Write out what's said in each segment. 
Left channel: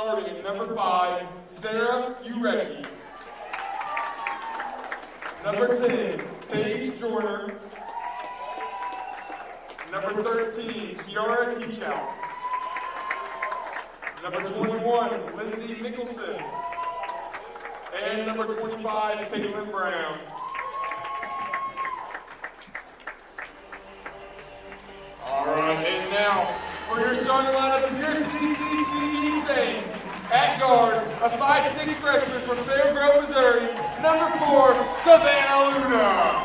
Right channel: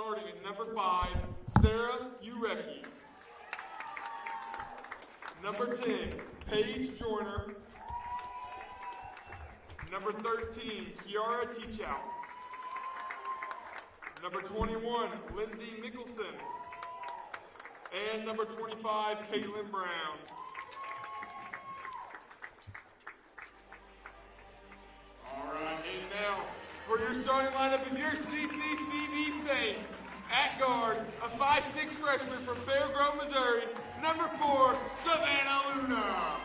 Starting at number 5, Sarah Urecki. Number 10, Paige Joyner. Number 13, Kiara Teachout. Number 21, Lindsay Mickelson. And number 25, Caitlin Brown. All right, and now for your starting lineup of your CCCB Saints. At guard, a 5'6" freshman from Fair Grove, Missouri, number 4, Savannah Luna.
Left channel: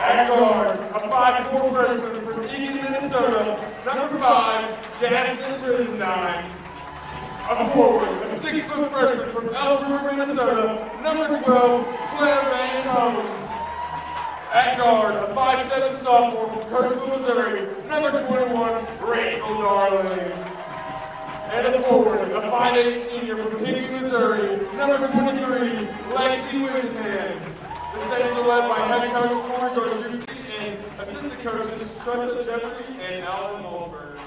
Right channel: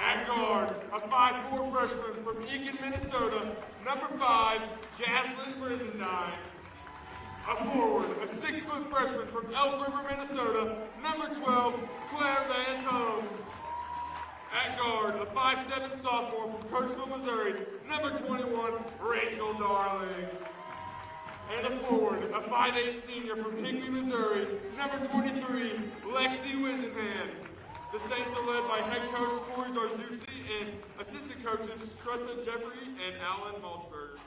At guard, a 5'4" freshman from Eagan, Minnesota, number 5, Jackson Brisendine. A forward, a 6-foot freshman from Elk River, Minnesota, number 12, Claire Van Tone. At guard, a 5'7" sophomore from Kirksville, Missouri, number 21, Rachel Darling. And a forward, a 5'8" senior from Hinckley, Missouri, number 23, Lexi Winsman. The Saints are led by head coach Corey George and assistant coaches Tressa Jeffrey and Alan Holzberg.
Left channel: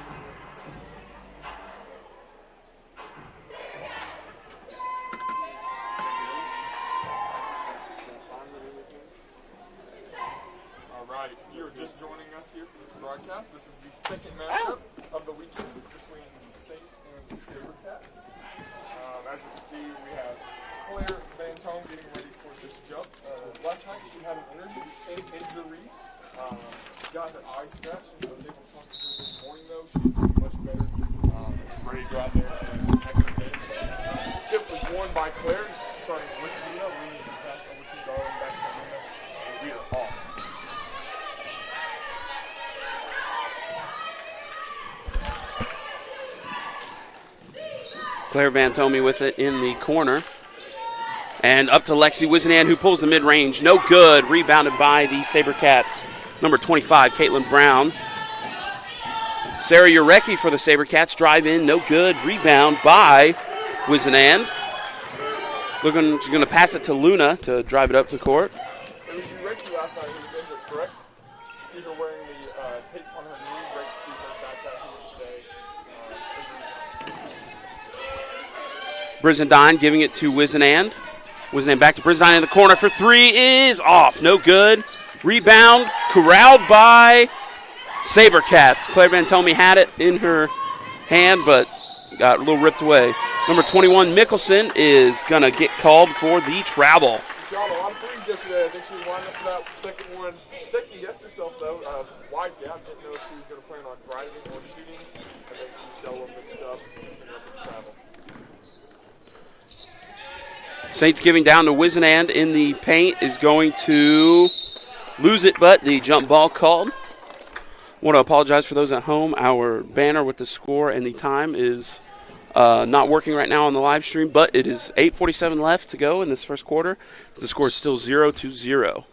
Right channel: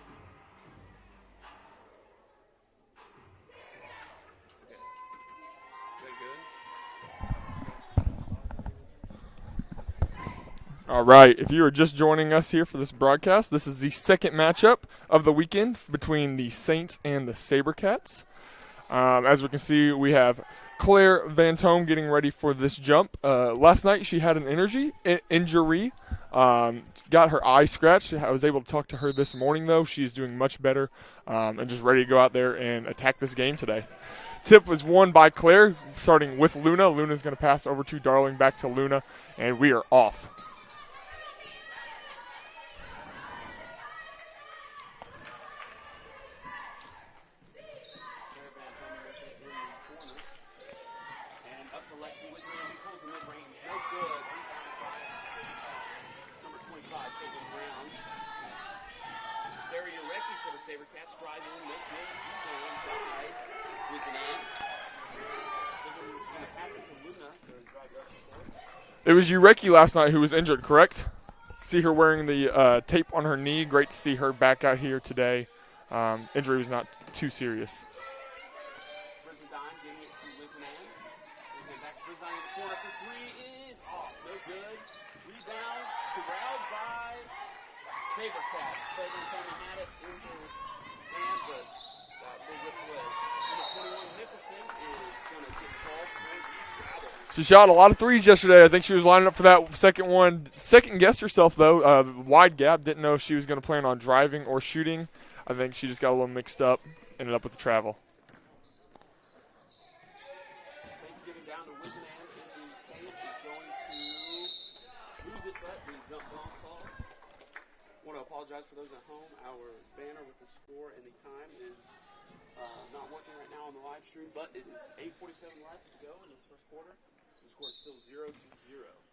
All right, if you are just joining us here for this broadcast, this is the second matchup of the weekend between the Saints and the SaberCats. As we can see, we have Claire Van Tome getting ready for this jump. Last night she had an injury, got her eye scratched. I was able to talk to her this morning, though. She is doing much better and just ready to go out there and attack this game today. Tip was won by Claire, starting with Luna. Luna's going to pass over to Darling, back to Luna, and we are off. Claire Van Tome with it in the corner. And up to Lexi Wisenan, who pulls the mid-range. No good. Rebounded by the SaberCats. Number 25, Caitlin Brown. Sarah Urecki for the SaberCats. Drive in. No good. Rebound by Wisenan. She's going to pass it to Luna to drive it up the court. It was Urecki last night who was injured, correct? See her wearing the tape on her knee. Great to see her back out here today. Injury was not too serious. Brizendine giving it to Wisenan. Wisenan back to Brizendine in the corner for three is off. No good. Rebound corralled by SaberCats. Claire Van Tome had it in her hand, but got a little ripped away. Number 21, Mickelson, is going to get called for the travel. She shot a lot of threes yesterday. I think she was lining up for that second one. Second-guessed herself, though. Wide gap. Didn't know if she was going to plan on driving or shooting. I think she just got a little mixed up. Ended up with the travel. Saints giving down to Wisenan in the paint is going to lose it, but the jump ball called. Want to apologize for those at home. Our banner with the score and the time is not working right now on the live stream, but it is 8:47 left to go in this first quarter. The score is still 0-0.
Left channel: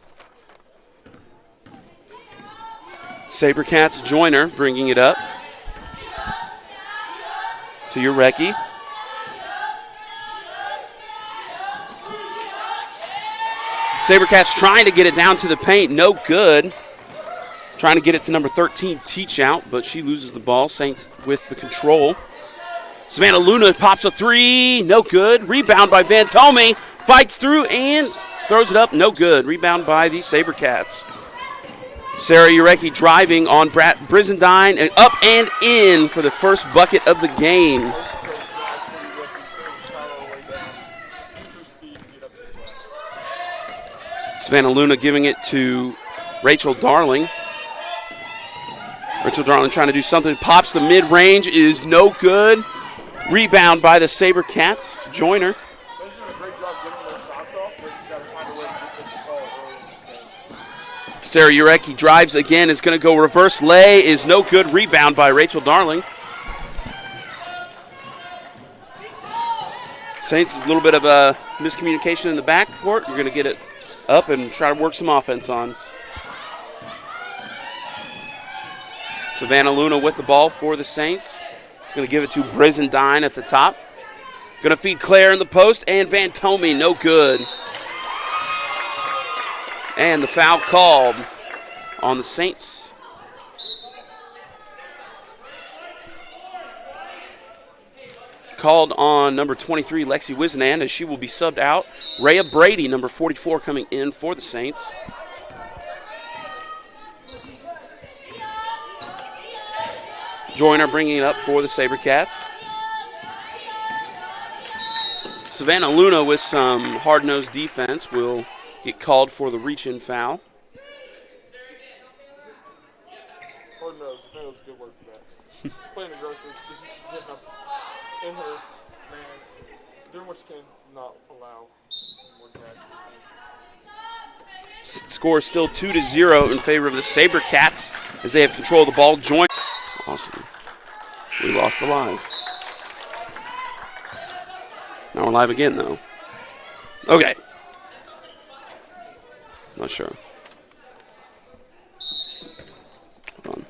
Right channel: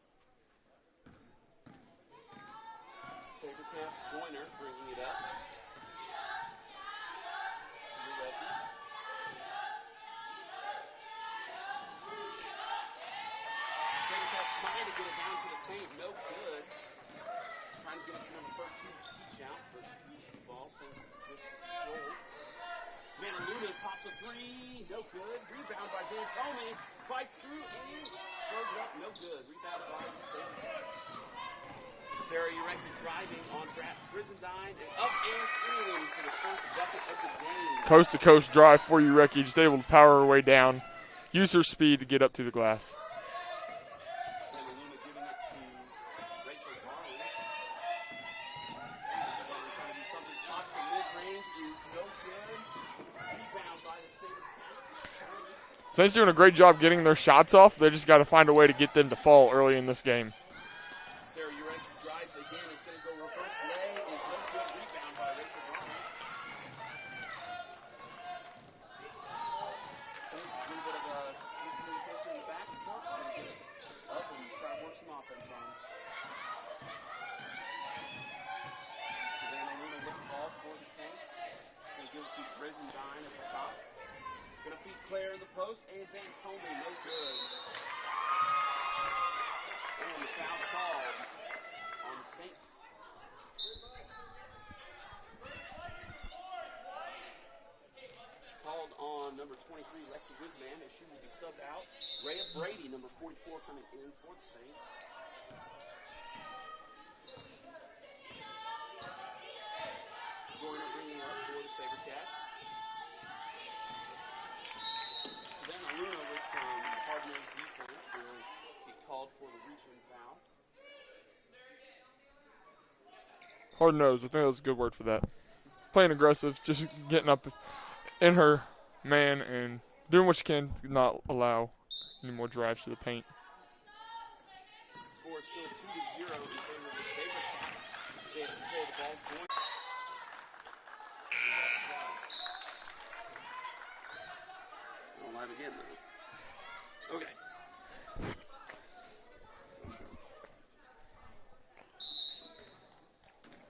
SaberCats Joyner bringing it up to Urecki. SaberCats trying to get it down to the paint. No good. Trying to get it to number 13, Teachout, but she loses the ball. Saints with the control. Savannah Luna pops a three. No good. Rebound by Van Tome. Fights through and throws it up. No good. Rebound by the SaberCats. Sarah Urecki driving on Brizendine and up and in for the first bucket of the game. Coast-to-coast drive for Urecki. Just able to power her way down. Use her speed to get up to the glass. Savannah Luna giving it to Rachel Darling. Rachel Darling trying to do something. Pops the mid-range. Is no good. Rebound by the SaberCats. Joyner. Saints doing a great job getting their shots off. They just got to find a way to get them to fall early in this game. Sarah Urecki drives again. Is going to go reverse lay. Is no good. Rebound by Rachel Darling. Saints, a little bit of a miscommunication in the backcourt. You're going to get it up and try to work some offense on. Savannah Luna with the ball for the Saints. He's going to give it to Brizendine at the top. Going to feed Claire in the post, and Van Tome, no good. And the foul called on the Saints. called on number 23, Lexi Wisenan, as she will be subbed out. Rhea Brady, number 44, coming in for the Saints. Joyner bringing it up for the SaberCats. Savannah Luna with some hard-nosed defense will get called for the reach-in foul. Hard-nosed, I think that was a good word for that. Playing aggressive, just getting up in her man and doing what she can to not allow any more drives to the paint. Score is still 2-0 in favor of the SaberCats as they have control of the ball. Awesome. We lost the live. Now we're live again, though. Okay. Not sure. Hold on.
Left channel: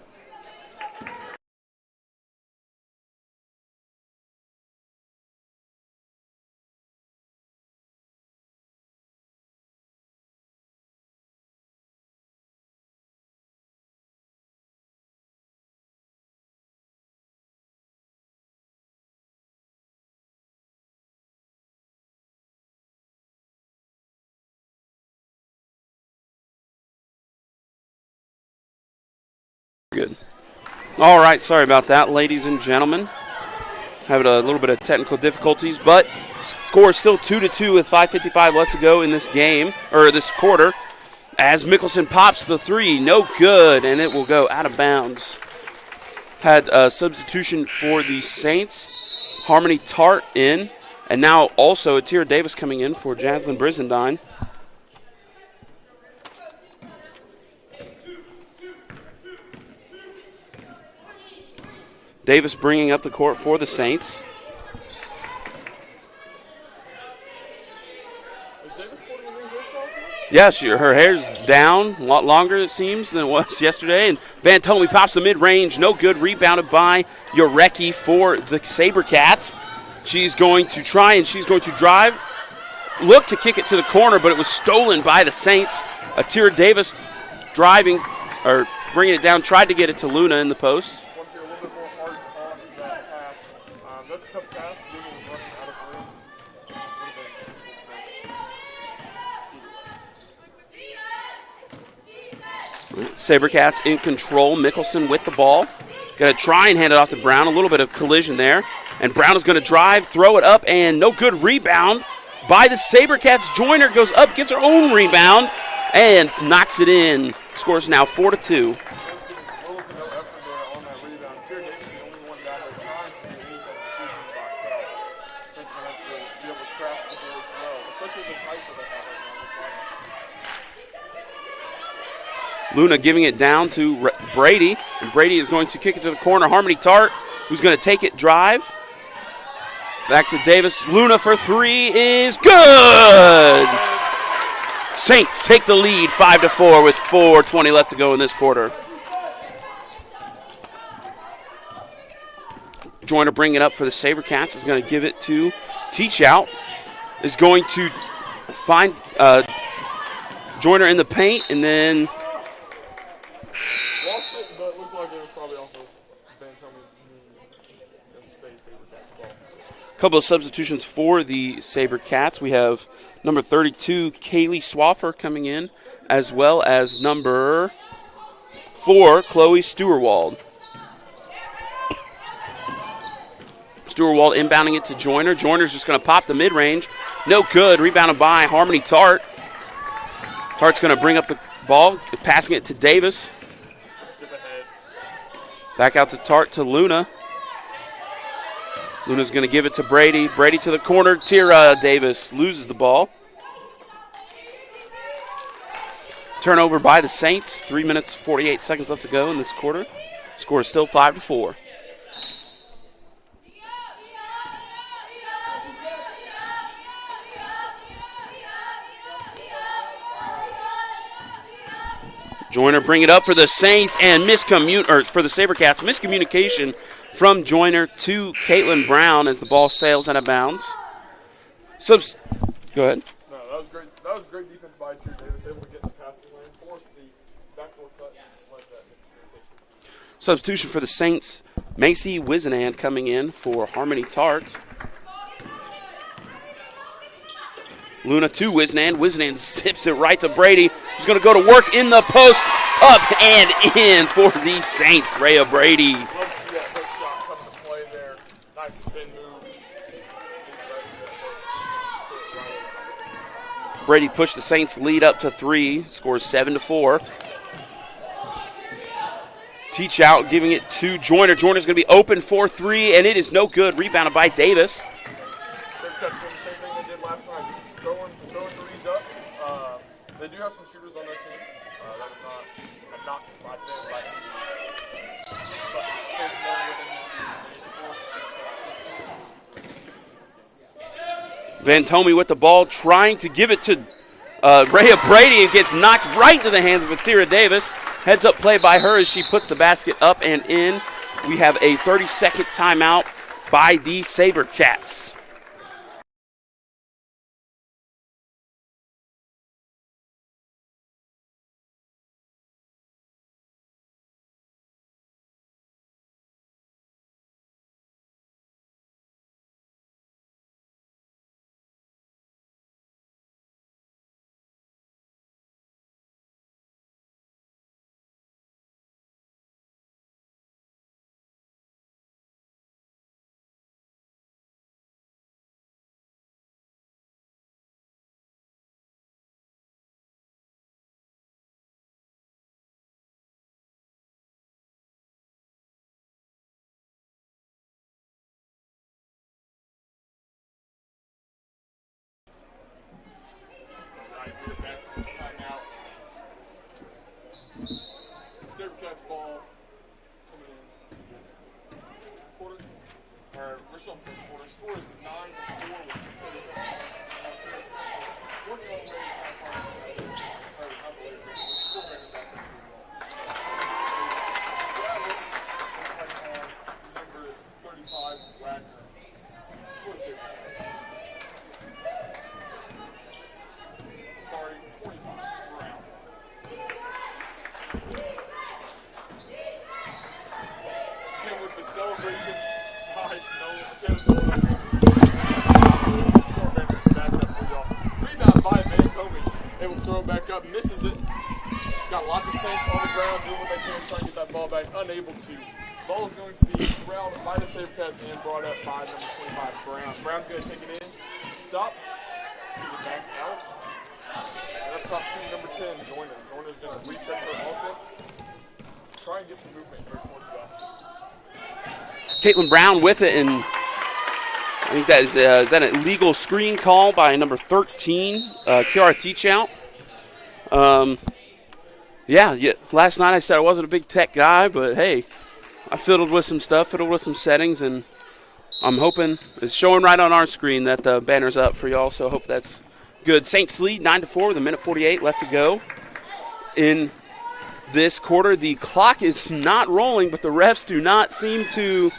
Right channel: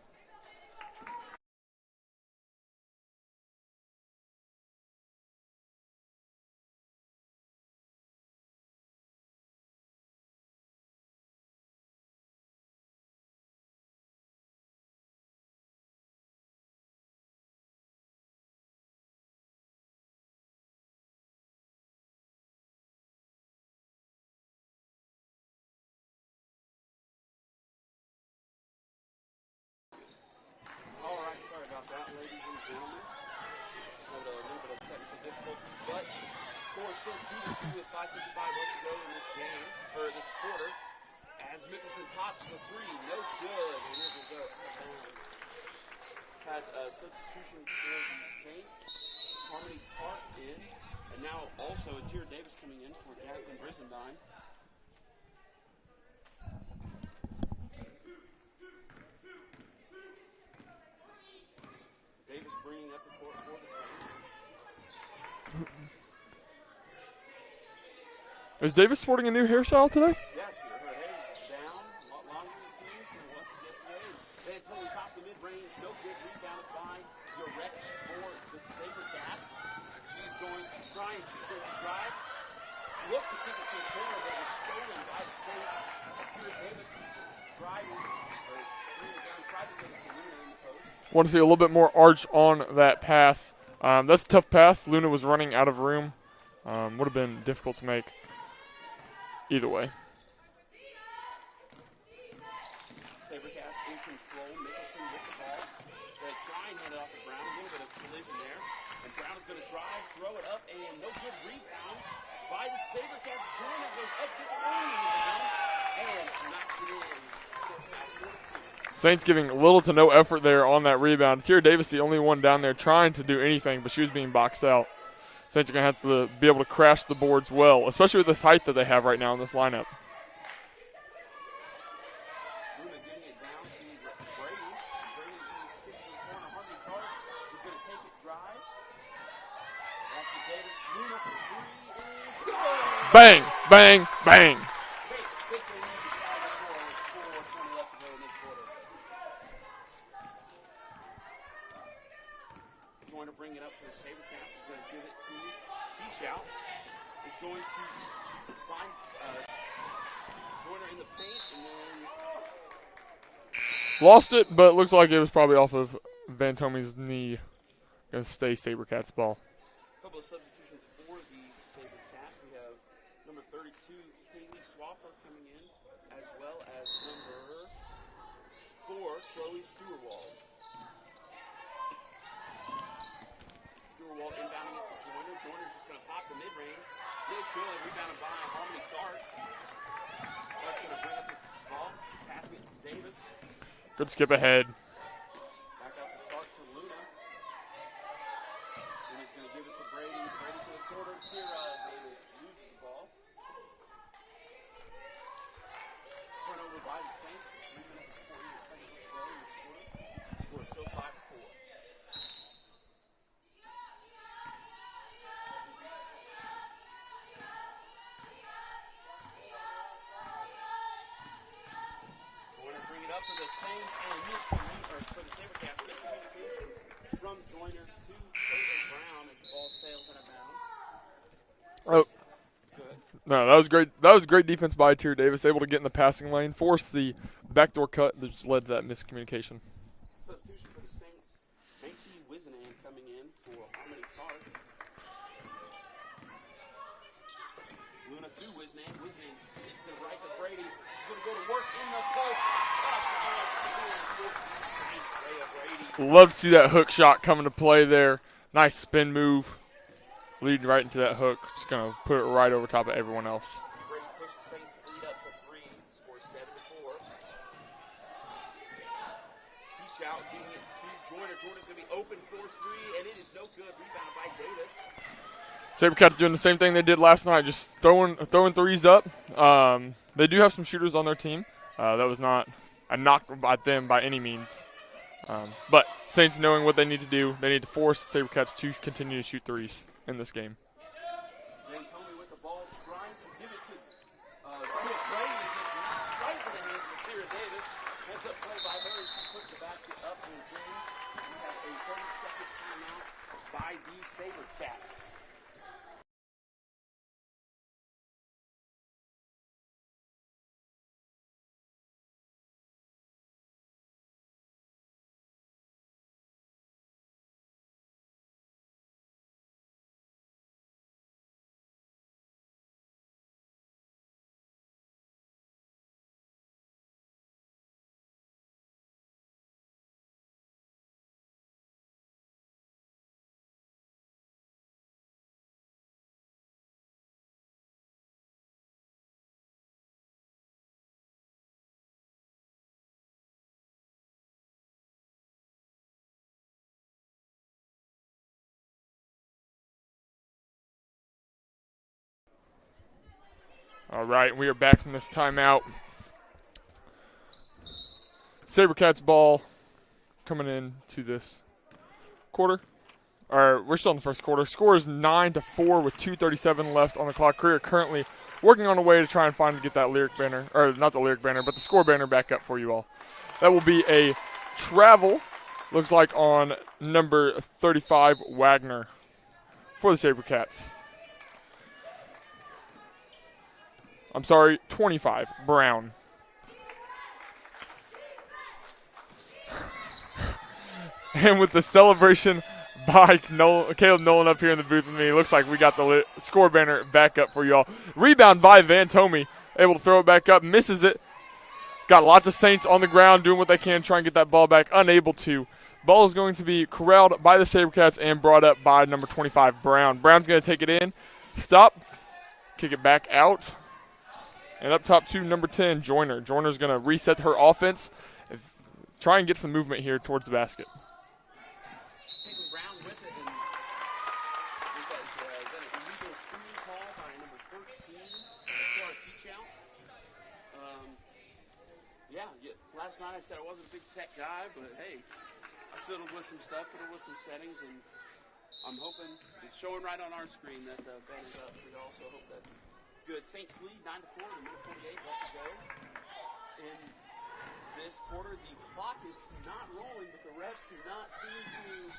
Good. All right, sorry about that, ladies and gentlemen. Having a little bit of technical difficulties, but score is still 2-2 with 5:55 left to go in this game, or this quarter, as Mickelson pops the three. No good, and it will go out of bounds. Had a substitution for the Saints. Harmony Tart in, and now also Atira Davis coming in for Jaslyn Brizendine. Davis bringing up the court for the Saints. Is Davis sporting a new hairstyle today? Yeah, her hair's down a lot longer, it seems, than it was yesterday. And Van Tome pops the mid-range. No good. Rebounded by Yorecki for the SaberCats. She's going to try and she's going to drive. Look to kick it to the corner, but it was stolen by the Saints. Atira Davis driving, or bringing it down, tried to get it to Luna in the post. Want to see a little bit more arch on that pass. That's a tough pass. Luna was running out of room. Would have been difficult to make either way. SaberCats in control. Mickelson with the ball. Going to try and hand it off to Brown. A little bit of collision there. And Brown is going to drive, throw it up, and no good. Rebound by the SaberCats. Joyner goes up, gets her own rebound, and knocks it in. Scores now 4-2. Saints giving little to no effort there on that rebound. Atira Davis, the only one down there trying to do anything, but she was being boxed out. Saints are going to have to be able to crash the boards well, especially with this height that they have right now in this lineup. Luna giving it down to Brady, and Brady is going to kick it to the corner. Harmony Tart, who's going to take it, drive. Back to Davis. Luna for three is good. Bang, bang, bang. Saints take the lead 5-4 with 4:20 left to go in this quarter. Joyner bringing it up for the SaberCats is going to give it to Teach Out. Is going to find Joyner in the paint and then lost it, but it looks like it was probably off of Van Tome's knee. Going to stay SaberCats ball. A couple of substitutions for the SaberCats. We have number 32, Kaylee Swaffer, coming in, as well as number 4, Chloe Stewarwald. Stewarwald inbounding it to Joyner. Joyner's just going to pop the mid-range. No good. Rebounded by Harmony Tart. Tart's going to bring up the ball, passing it to Davis. Good skip ahead. Back out to Tart to Luna. Luna's going to give it to Brady. Brady to the corner. Atira Davis loses the ball. Turnover by the Saints. 3 minutes, 48 seconds left to go in this quarter. Score is still 5-4. Joyner bring it up for the Saints and for the SaberCats. Miscommunication from Joyner to Caitlin Brown as the ball sails out of bounds. Go ahead. No, that was great. That was great defense by Atira Davis, able to get in the passing lane, force the backdoor cut that just led to that miscommunication. Substitution for the Saints, Macy Wisenan coming in for Harmony Tart. Luna to Wisnan. Wisnan zips it right to Brady, who's going to go to work in the post, up and in for the Saints. Rhea Brady. Love to see that hook shot coming to play there. Nice spin move. Leading right into that hook. Just going to put it right over top of everyone else. Brady pushed the Saints lead up to 3, scores 7-4. Teach out, giving it to Joyner. Joyner's going to be open for 3, and it is no good. Rebounded by Davis. SaberCats doing the same thing they did last night, just throwing threes up. They do have some shooters on their team. That was not a knock by them by any means. But Saints knowing what they need to do, they need to force SaberCats to continue to shoot threes in this game. Van Tomey with the ball, trying to give it to Rhea Brady, and gets knocked right into the hands of Atira Davis. Heads up play by her as she puts the basket up and in. We have a 30-second timeout by the SaberCats. All right, we are back from this timeout. SaberCats ball coming in to this quarter. We're still in the first quarter. Score is 9-4 with 2:37 left on the clock. Career currently working on a way to try and find and get that lyric banner, or not the lyric banner, but the score banner back up for you all. That will be a travel, looks like on number 35, Wagner, for the SaberCats. I'm sorry, 25, Brown. And with the celebration by Caleb Nolan up here in the booth with me, it looks like we got the score banner back up for y'all. Rebound by Van Tomey, able to throw it back up, misses it. Got lots of Saints on the ground doing what they can, trying to get that ball back, unable to. Ball is going to be corralled by the SaberCats and brought up by number 25, Brown. Brown's going to take it in, stop, kick it back out. And up top to number 10, Joyner. Joyner's going to reset her offense and try and get some movement here towards the basket. Caitlin Brown with it, and I think that is that an illegal screen call by number 13, Kiara Teachout. Yeah, last night I said I wasn't a big tech guy, but hey, I fiddled with some stuff, fiddled with some settings, and I'm hoping it's showing right on our screen that the banner's up for y'all, so I hope that's good. Saints lead 9-4 with a minute 48 left to go in this quarter. The clock is not rolling, but the refs do not seem to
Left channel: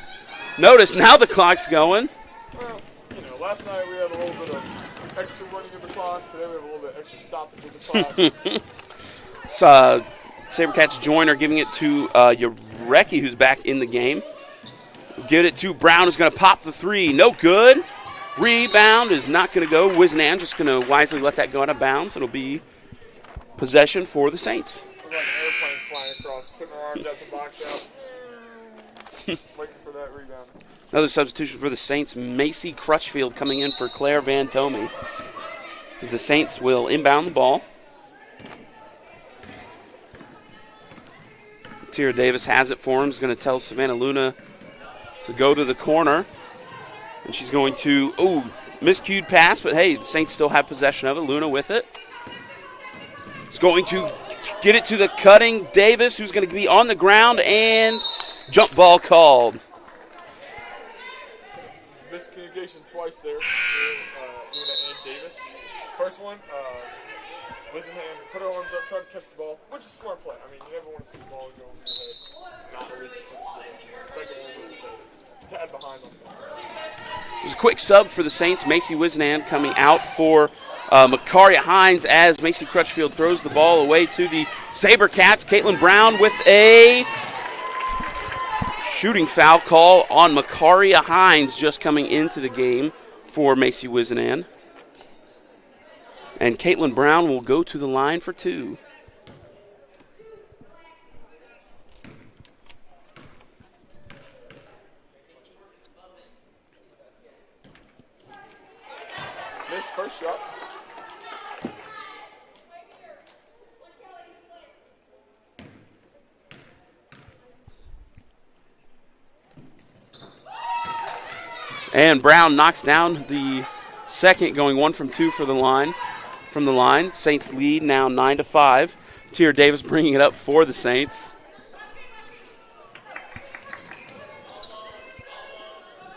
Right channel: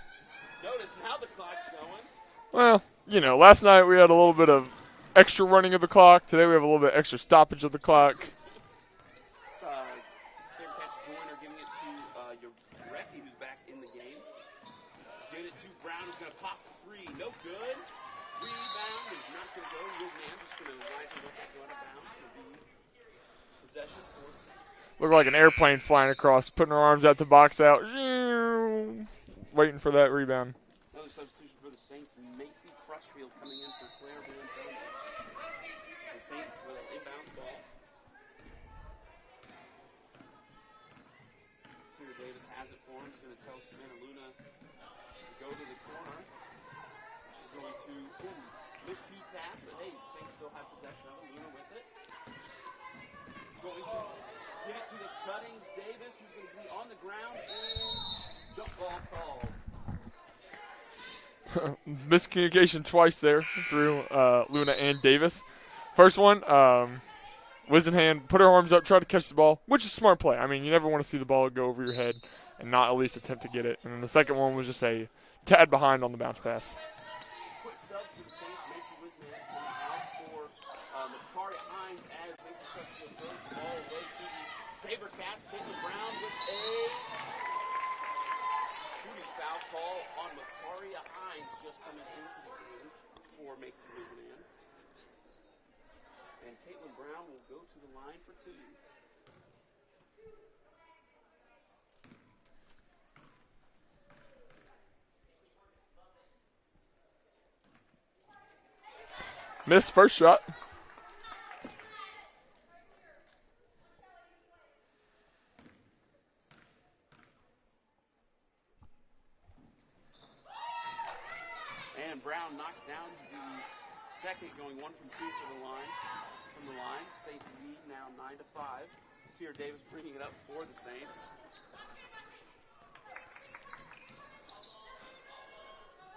notice. Now the clock's going. Well, you know, last night we had a little bit of extra running of the clock. Today we have a little bit extra stoppage of the clock. So, SaberCats Joyner giving it to Yarecki, who's back in the game. Give it to Brown, who's going to pop the three. No good. Rebound is not going to go. Wisnan just going to wisely let that go out of bounds. It'll be possession for the Saints. Look like an airplane flying across, putting her arms out to box out. Waiting for that rebound. Another substitution for the Saints. Macy Crutchfield coming in for Claire Van Tomey. As the Saints will inbound the ball. Tira Davis has it for him. He's going to tell Savannah Luna to go to the corner. And she's going to, miscued pass, but hey, the Saints still have possession of it. Luna with it. He's going to get it to the cutting Davis, who's going to be on the ground, and jump ball called. Miscommunication twice there through Luna and Davis. First one, Wisenhand put her arms up, tried to catch the ball, which is a smart play. I mean, you never want to see the ball go over your head and not at least attempt to get it. And then the second one was just a tad behind on the bounce pass. There's a quick sub for the Saints. Macy Wisnan coming out for Makaria Hines as Macy Crutchfield throws the ball away to the SaberCats. Caitlin Brown with a shooting foul call on Makaria Hines just coming into the game for Macy Wisnan. And Caitlin Brown will go to the line for 2. Missed first shot. And Brown knocks down the second, going 1 from 2 for the line. From the line, Saints lead now 9-5. Tier Davis bringing it up for the Saints.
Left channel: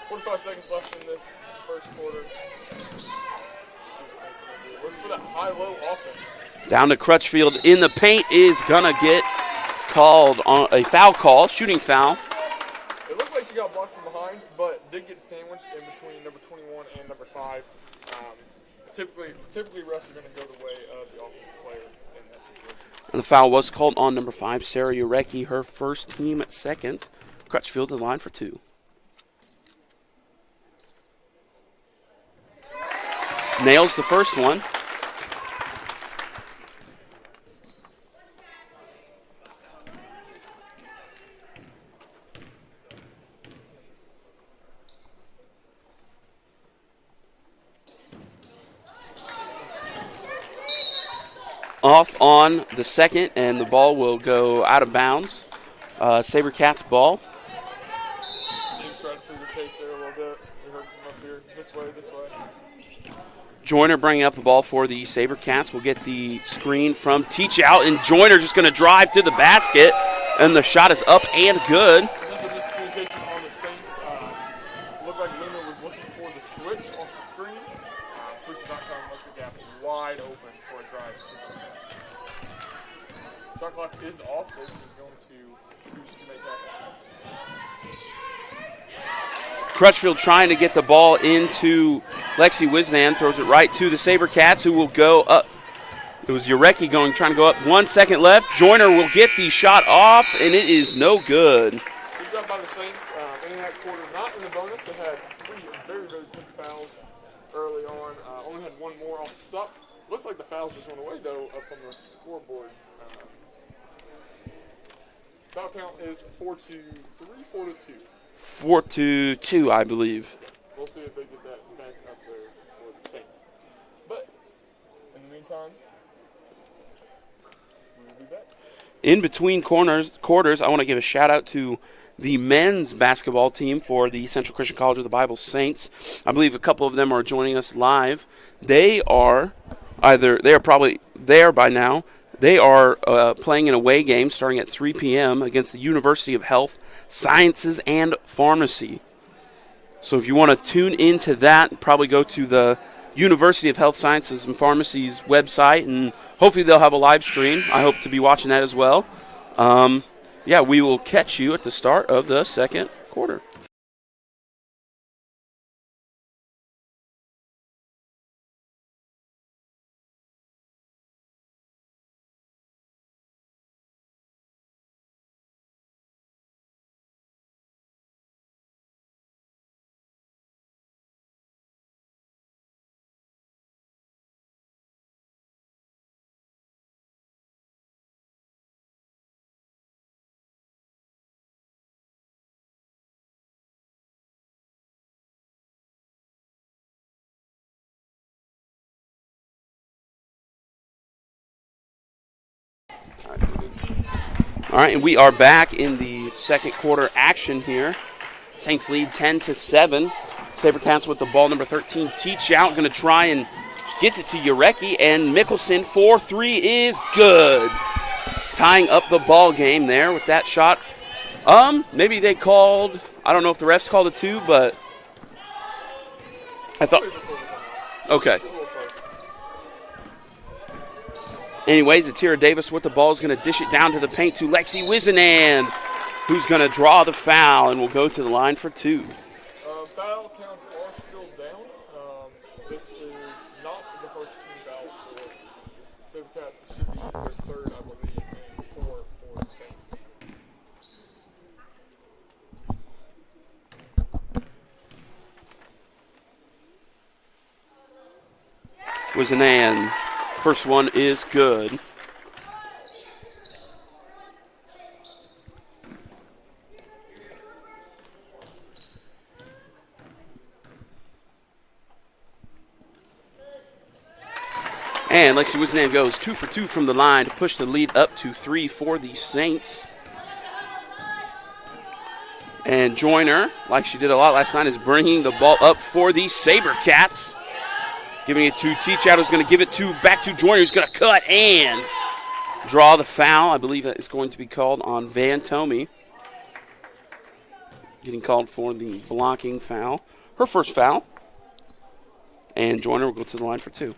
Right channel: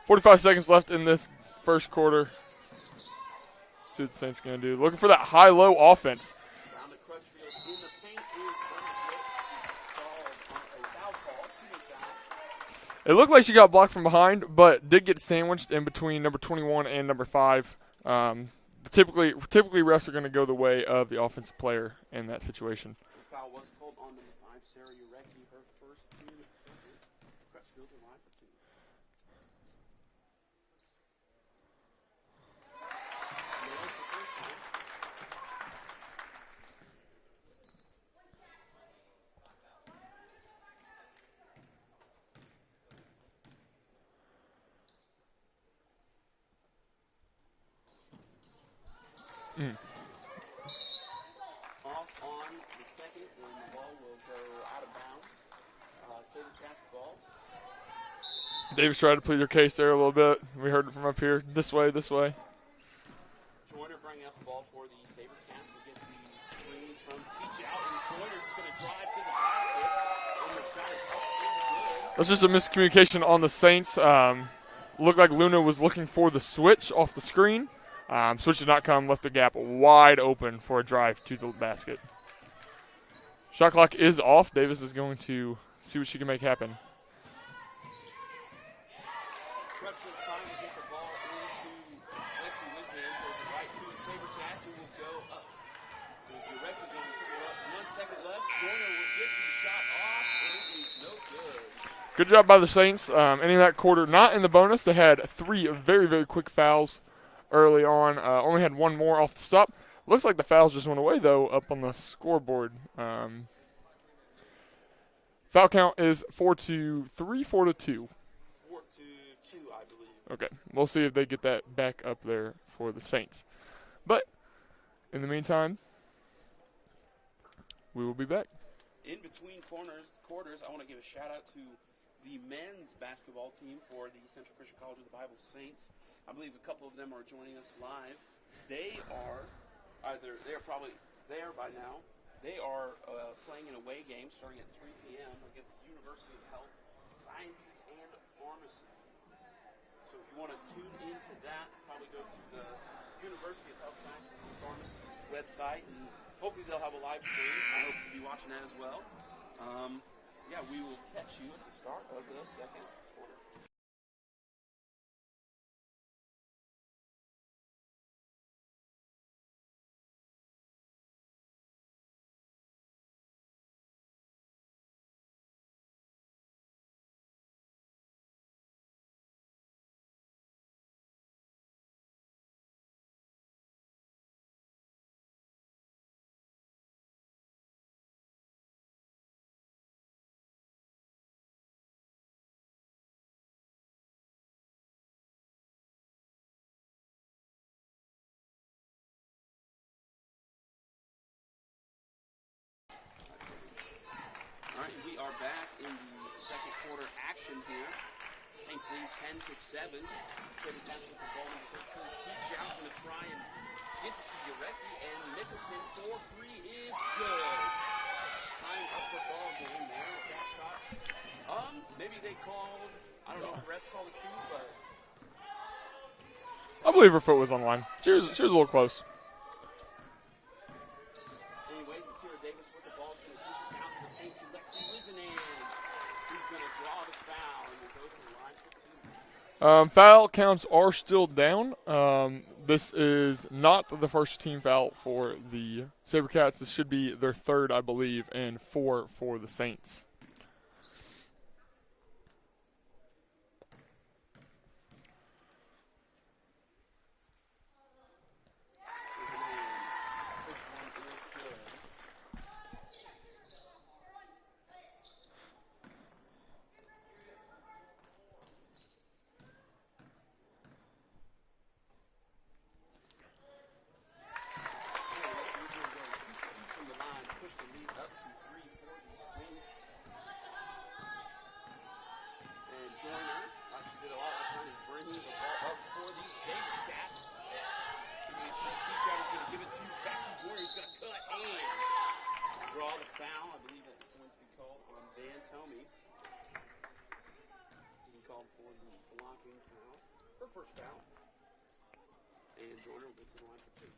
45 seconds left in this first quarter. Let's see what the Saints going to do. Looking for that high-low offense. Down to Crutchfield in the paint is going to get called on a foul call, shooting foul. It looked like she got blocked from behind, but did get sandwiched in between number 21 and number 5. Typically refs are going to go the way of the offensive player in that situation. And the foul was called on number 5, Sarah Urecki, her first team at second. Crutchfield in line for 2. Nails the first one. Off on the second, and the ball will go out of bounds. SaberCats ball. Davis tried to plead her case there a little bit. We heard it from up here. This way, this way. Joyner bringing up the ball for the SaberCats. We'll get the screen from Teach Out, and Joyner just going to drive to the basket, and the shot is up and good. That's just a miscommunication on the Saints. Looked like Luna was looking for the switch off the screen. Switch did not come, left the gap wide open for a drive to the basket. Shot clock is off. Davis is going to see what she can make happen. Crutchfield trying to get the ball into Lexi Wisnan, throws it right to the SaberCats, who will go up. It was Urecki trying to go up. 1 second left. Joyner will get the shot off, and it is no good. Good job by the Saints. Ending that quarter not in the bonus. They had 3 very, very quick fouls early on. Only had 1 more off the stop. Looks like the fouls just went away, though, up on the scoreboard. Foul count is 4-2. 4-2, I believe. Okay, we'll see if they get that back up there for the Saints. But in the meantime, we will be back. In between quarters, I want to give a shout-out to the men's basketball team for the Central Christian College of the Bible Saints. I believe a couple of them are joining us live. They are probably there by now. They are playing an away game starting at 3 p.m. against the University of Health, Sciences, and Pharmacy. So if you want to tune into that, probably go to the University of Health Sciences and Pharmacy's website, and hopefully they'll have a live stream. I hope to be watching that as well. We will catch you at the start of the second quarter. All right, and we are back in the second quarter action here. Saints lead 10-7. SaberCats with the ball, number 13. Teach Out, going to try and gets it to Urecki, and Mickelson 4-3 is good. Tying up the ball game there with that shot. Maybe they called, I don't know if the refs called it too, but I believe her foot was on line. She was a little close. Anyways, Atira Davis with the ball is going to dish it down to the paint to Lexi Wisenand, who's going to draw the foul and will go to the line for 2. Foul counts are still down. This is not the first team foul for the SaberCats. This should be their third, I believe, and 4 for the Saints. Wisenand First one is good. And Lexi Wisnan goes 2 for 2 from the line to push the lead up to 3 for the Saints. And Joyner, like she did a lot last night, is bringing the ball up for the SaberCats. Giving it to Teachout, who's going to give it back to Joyner, who's going to cut and draw the foul. I believe that is going to be called on Van Tomey. Getting called for the blocking foul. Her first foul. And Joyner will go to the line for 2.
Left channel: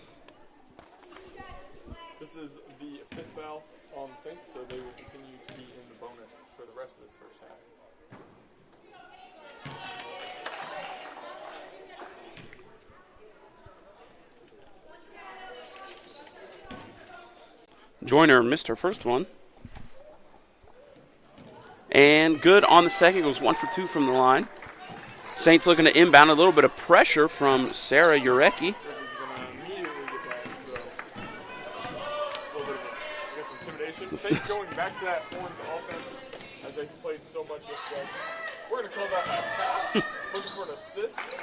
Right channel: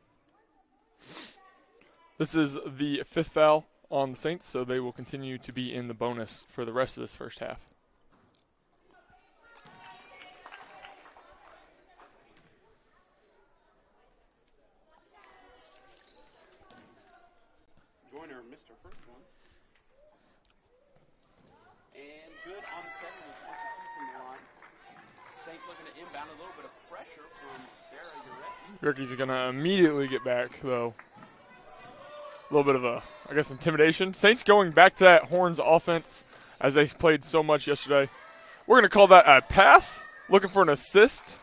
This is the 5th foul on the Saints, so they will continue to be in the bonus for the rest of this first half. Joyner missed her first one. And good on the second. Goes 1 for 2 from the line. Saints looking to inbound. A little bit of pressure from Sarah Urecki. Urecki's going to immediately get back, though. A little bit of intimidation. Saints going back to that Horns offense as they played so much yesterday. We're going to call that a pass. Looking for an assist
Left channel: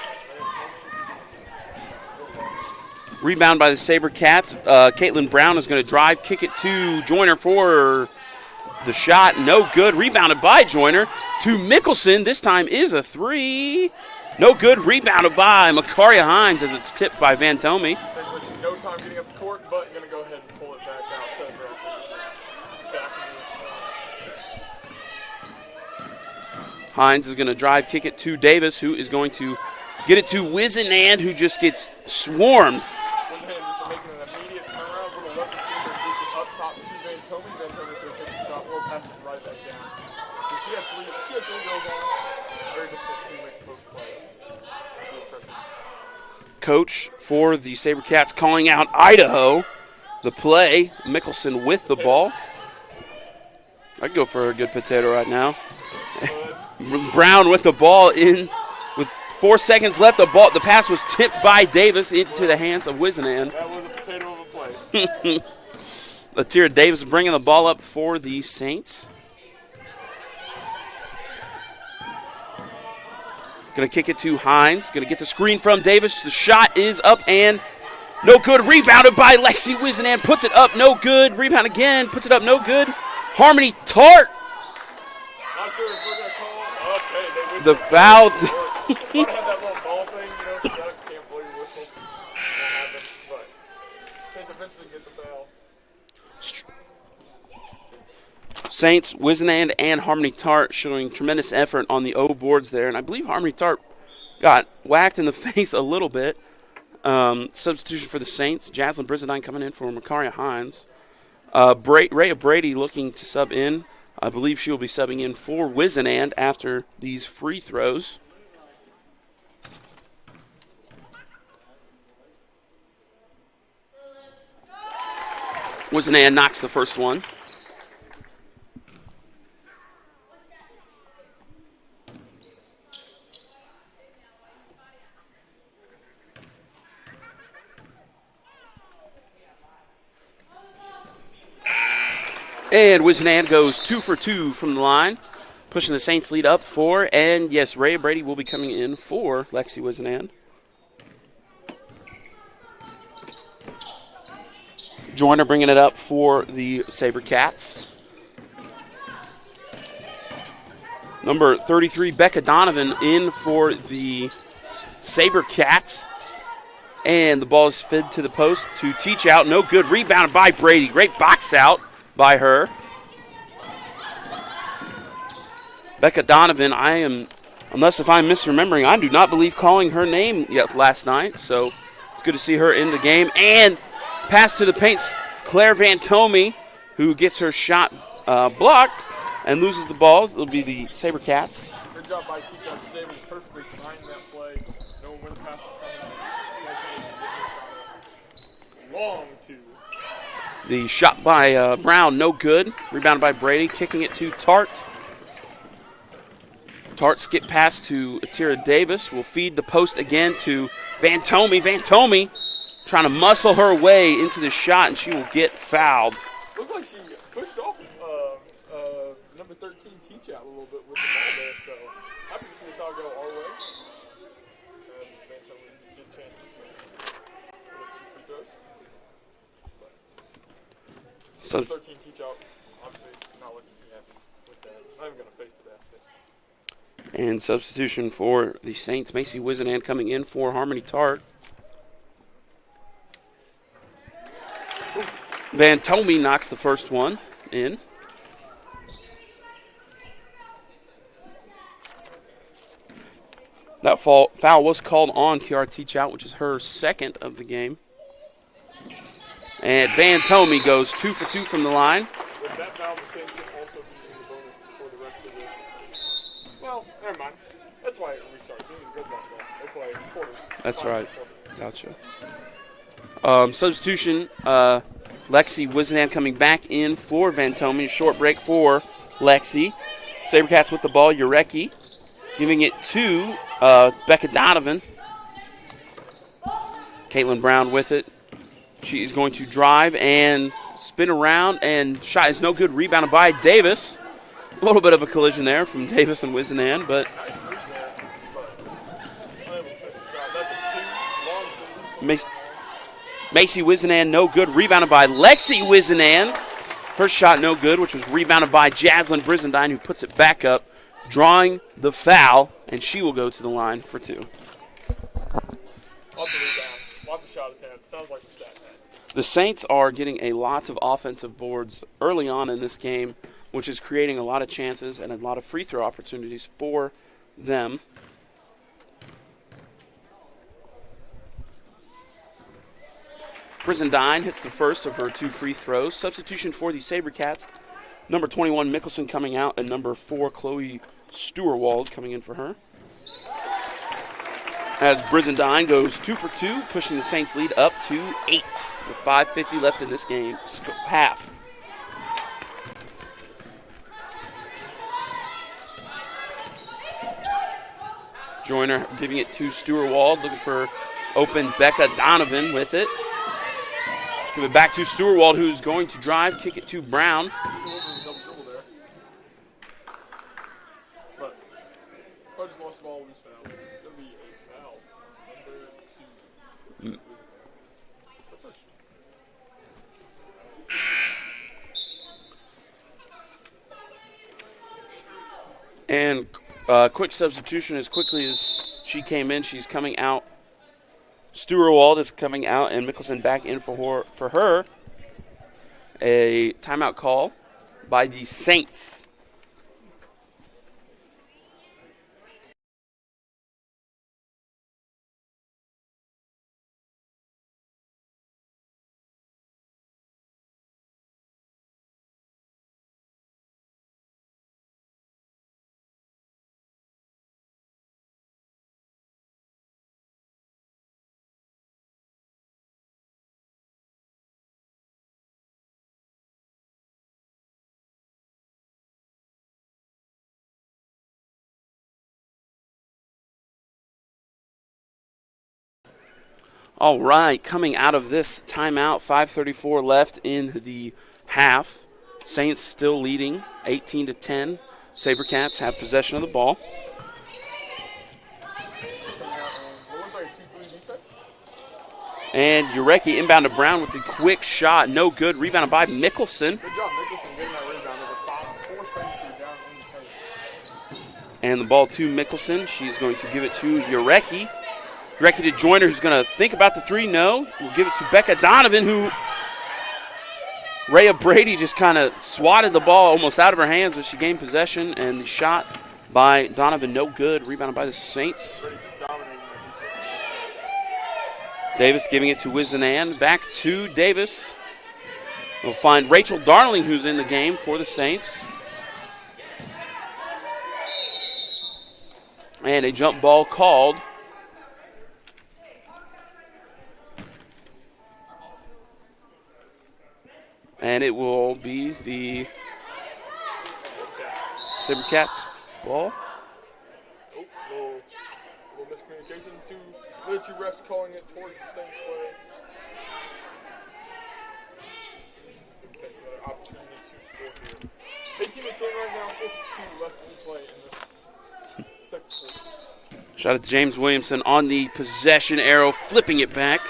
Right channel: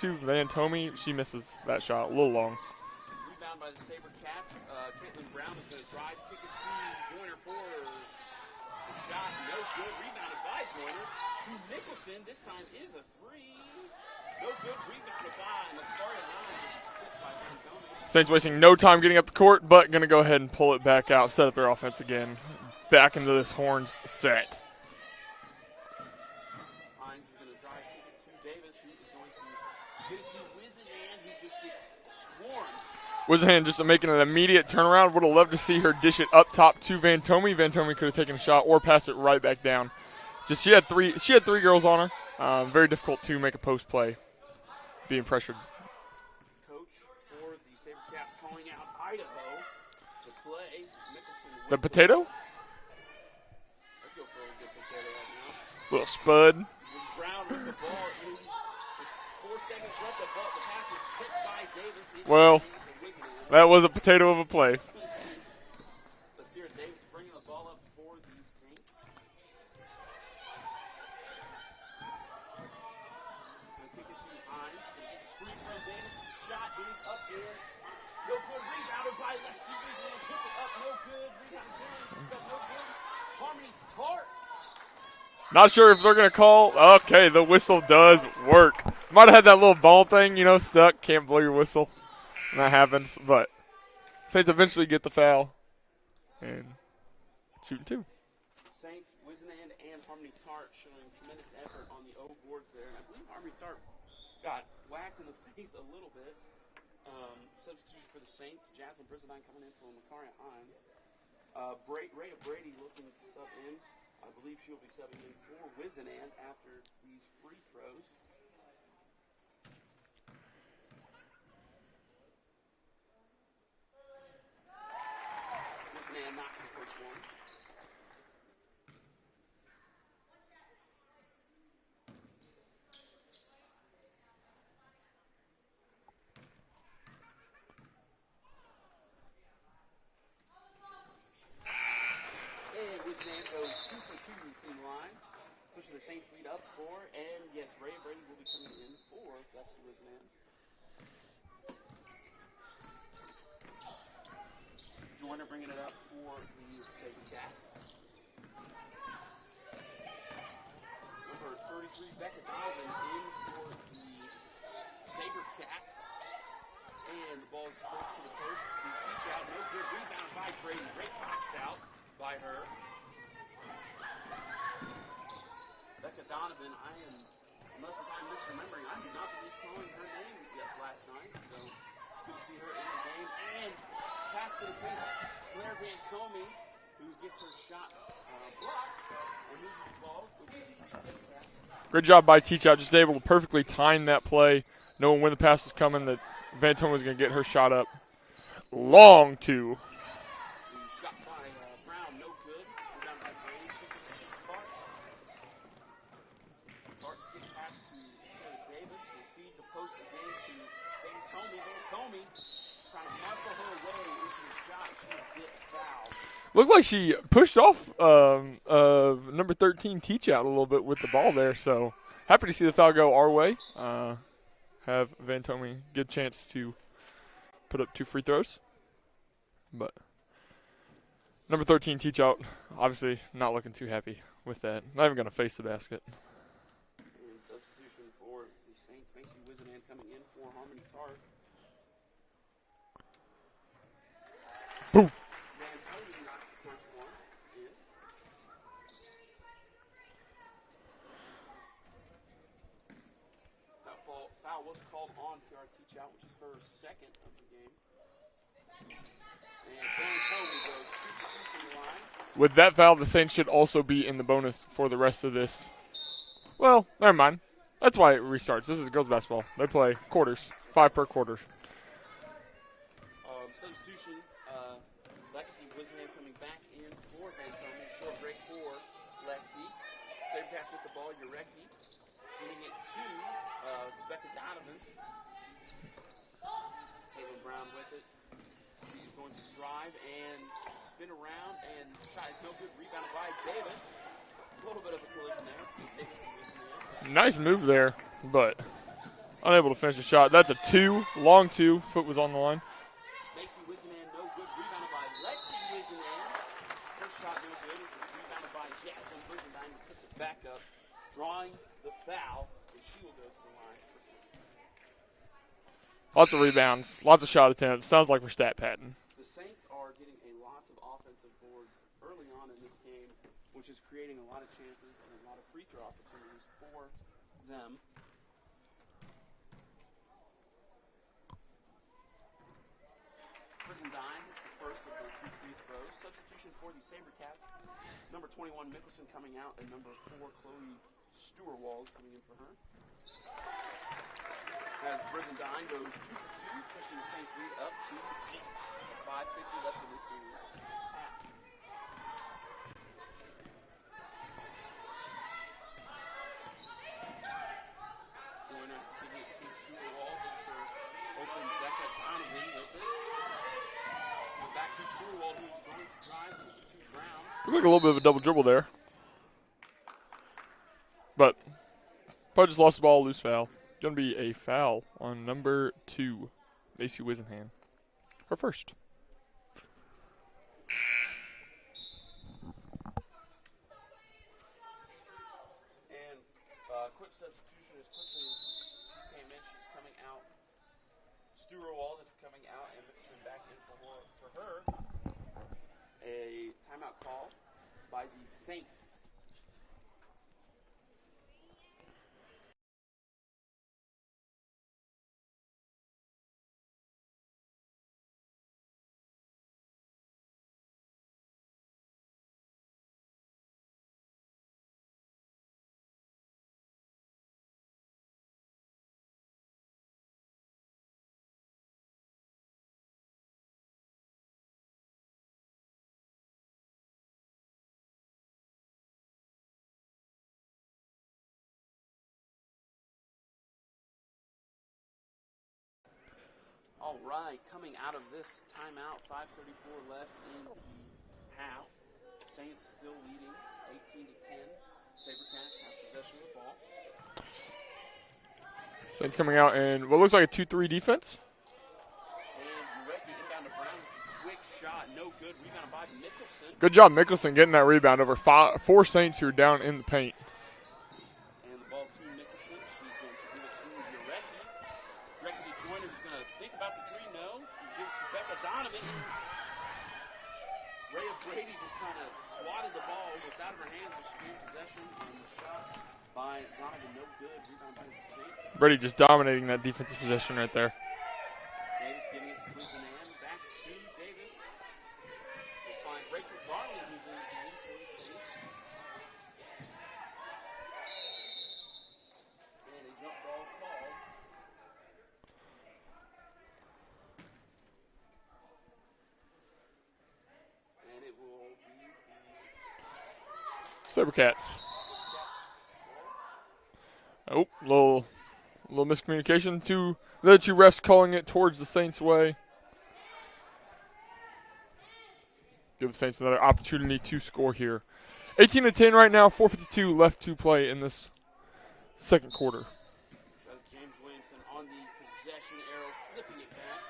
to Van Tomey. She misses that shot a little long. Rebound by the SaberCats. Caitlin Brown is going to drive, kick it to Joyner for the shot. No good. Rebounded by Joyner to Mickelson. This time is a 3. No good. Rebounded by Makaria Hines as it's tipped by Van Tomey. Saints wasting no time getting up the court, but going to go ahead and pull it back out, set up their offense again. Back into this Horns set. Hines is going to drive, kick it to Davis, who is going to get it to Wizenand, who just gets swarmed. Wizenand just making an immediate turnaround. Would have loved to see her dish it up top to Van Tomey. Van Tomey could have taken a shot or passed it right back down. She had three girls on her. Very difficult to make a post play, being pressured. Coach for the SaberCats calling out Idaho. The play, Mickelson with the ball. I'd go for a good potato right now. Little spud. Brown with the ball in with 4 seconds left. The pass was tipped by Davis into the hands of Wizenan. That was a potato of a play. Latira Davis bringing the ball up for the Saints. Going to kick it to Hines. Going to get the screen from Davis. The shot is up and no good. Rebounded by Lexi Wizenan. Puts it up. No good. Rebound again. Puts it up. No good. Harmony Tart. Not sure if they're going to call. Okay, the whistle does work. Might have had that little ball thing, stuck. Can't blow your whistle. That happens. But Saints eventually get the foul. Shoot 2. Saints, Wizenand, and Harmony Tart showing tremendous effort on the O boards there. And I believe Harmony Tart got whacked in the face a little bit. Substitution for the Saints. Jaslyn Brizendine coming in for Makaria Hines. Rhea Brady looking to sub in. I believe she will be subbing in for Wizenand after these free throws. Wizenand knocks the first one. And Wizenand goes 2 for 2 from the line, pushing the Saints lead up 4. And yes, Rhea Brady will be coming in for Lexi Wizenand. Joyner bringing it up for the SaberCats. Number 33, Becca Donovan, in for the SaberCats. And the ball is fed to the post to Teachout. No good. Rebounded by Brady. Great box out by her. Becca Donovan, unless if I'm misremembering, I do not believe calling her name yet last night. So it's good to see her in the game. And pass to the paint, Claire Van Tomey, who gets her shot blocked and loses the ball. It'll be the SaberCats. Great job by Teachout, just able to perfectly time that play, knowing when the pass is coming, that Van Tomey's going to get her shot up. Long 2. The shot by Brown, no good. Rebounded by Brady, kicking it to Tart. Tart skip pass to Atira Davis. Will feed the post again to Van Tomey. Van Tomey trying to muscle her way into the shot, and she will get fouled. Looked like she pushed off number 13 teach out a little bit with the ball there. So happy to see the foul go our way. Have Van Tomey get a chance to put up 2 free throws. But number 13 teach out, obviously not looking too happy with that. Not even going to face the basket. And substitution for the Saints, Macy Wizenan coming in for Harmony Tart. Boom. Van Tomey knocks the first one in. That foul was called on Kiara Teachout, which is her second of the game. And Van Tomey goes 2 for 2 from the line. With that foul, the Saints should also be in the bonus for the rest of this. Well, never mind. That's why it restarts. This is girls basketball. They play quarters. That's 5 right. per quarter. Gotcha. Substitution, Lexi Wizenan coming back in for Van Tomey. Short break for Lexi. Sabercats with the ball. Urecki giving it to Becca Donovan. Caitlin Brown with it. She is going to drive and spin around, and shot is no good. Rebounded by Davis. A little bit of a collision there from Davis and Wizenan, but nice move there, but unable to finish the shot. That's a 2, long 2. Foot was on the line. Macy Wizenan, no good. Rebounded by Lexi Wizenan. Her shot no good, which was rebounded by Jaslyn Brizendine, who puts it back up, drawing the foul, and she will go to the line for 2. Lots of rebounds, lots of shot attempts. Sounds like we're stat padding. The Saints are getting a lot of offensive boards early on in this game, which is creating a lot of chances and a lot of free throw opportunities for them. Brizendine hits the first of her 2 free throws. Substitution for the Sabercats. Number 21, Mickelson coming out, and number 4, Chloe Stewarwald coming in for her. As Brizendine goes 2 for 2, pushing the Saints lead up to 8 with 5:50 left in this game, half. Joyner giving it to Stewarwald, looking for open Becca Donovan with it. Give it back to Stewarwald, who's going to drive, kick it to Brown. Look, a little bit of a double dribble there. But probably just lost the ball, loose foul. Going to be a foul on number 2, Macy Wizenham. Her first. And quick substitution as quickly as she came in. She's coming out. Stewarwald is coming out, and Mickelson back in for her. A timeout call by the Saints. All right, coming out of this timeout, 5:34 left in the half. Saints still leading 18-10. Sabercats have possession of the ball. Saints coming out in what looks like a 2-3 defense. And Urecki inbound to Brown with the quick shot. No good. Rebounded by Mickelson. Good job, Mickelson, getting that rebound over 4 Saints who are down in the paint. And the ball to Mickelson. She's going to give it to Urecki. Urecki to Joyner, who's going to think about the 3. No. We'll give it to Becca Donovan, who Rhea Brady just kind of swatted the ball almost out of her hands when she gained possession. And the shot by Donovan, no good. Rebounded by the Saints. Brady just dominating that defensive possession right there. Davis giving it to Wizenan. Back to Davis. We'll find Rachel Darling, who's in the game for the Saints. And a jump ball called. And it will be the Sabercats ball. Oh, little miscommunication. The 2 refs calling it towards the Saints' way. Give the Saints another opportunity to score here. 18-10 right now, 4:52 left to play in this second quarter. Shot at James Williamson on the possession arrow, flipping it back.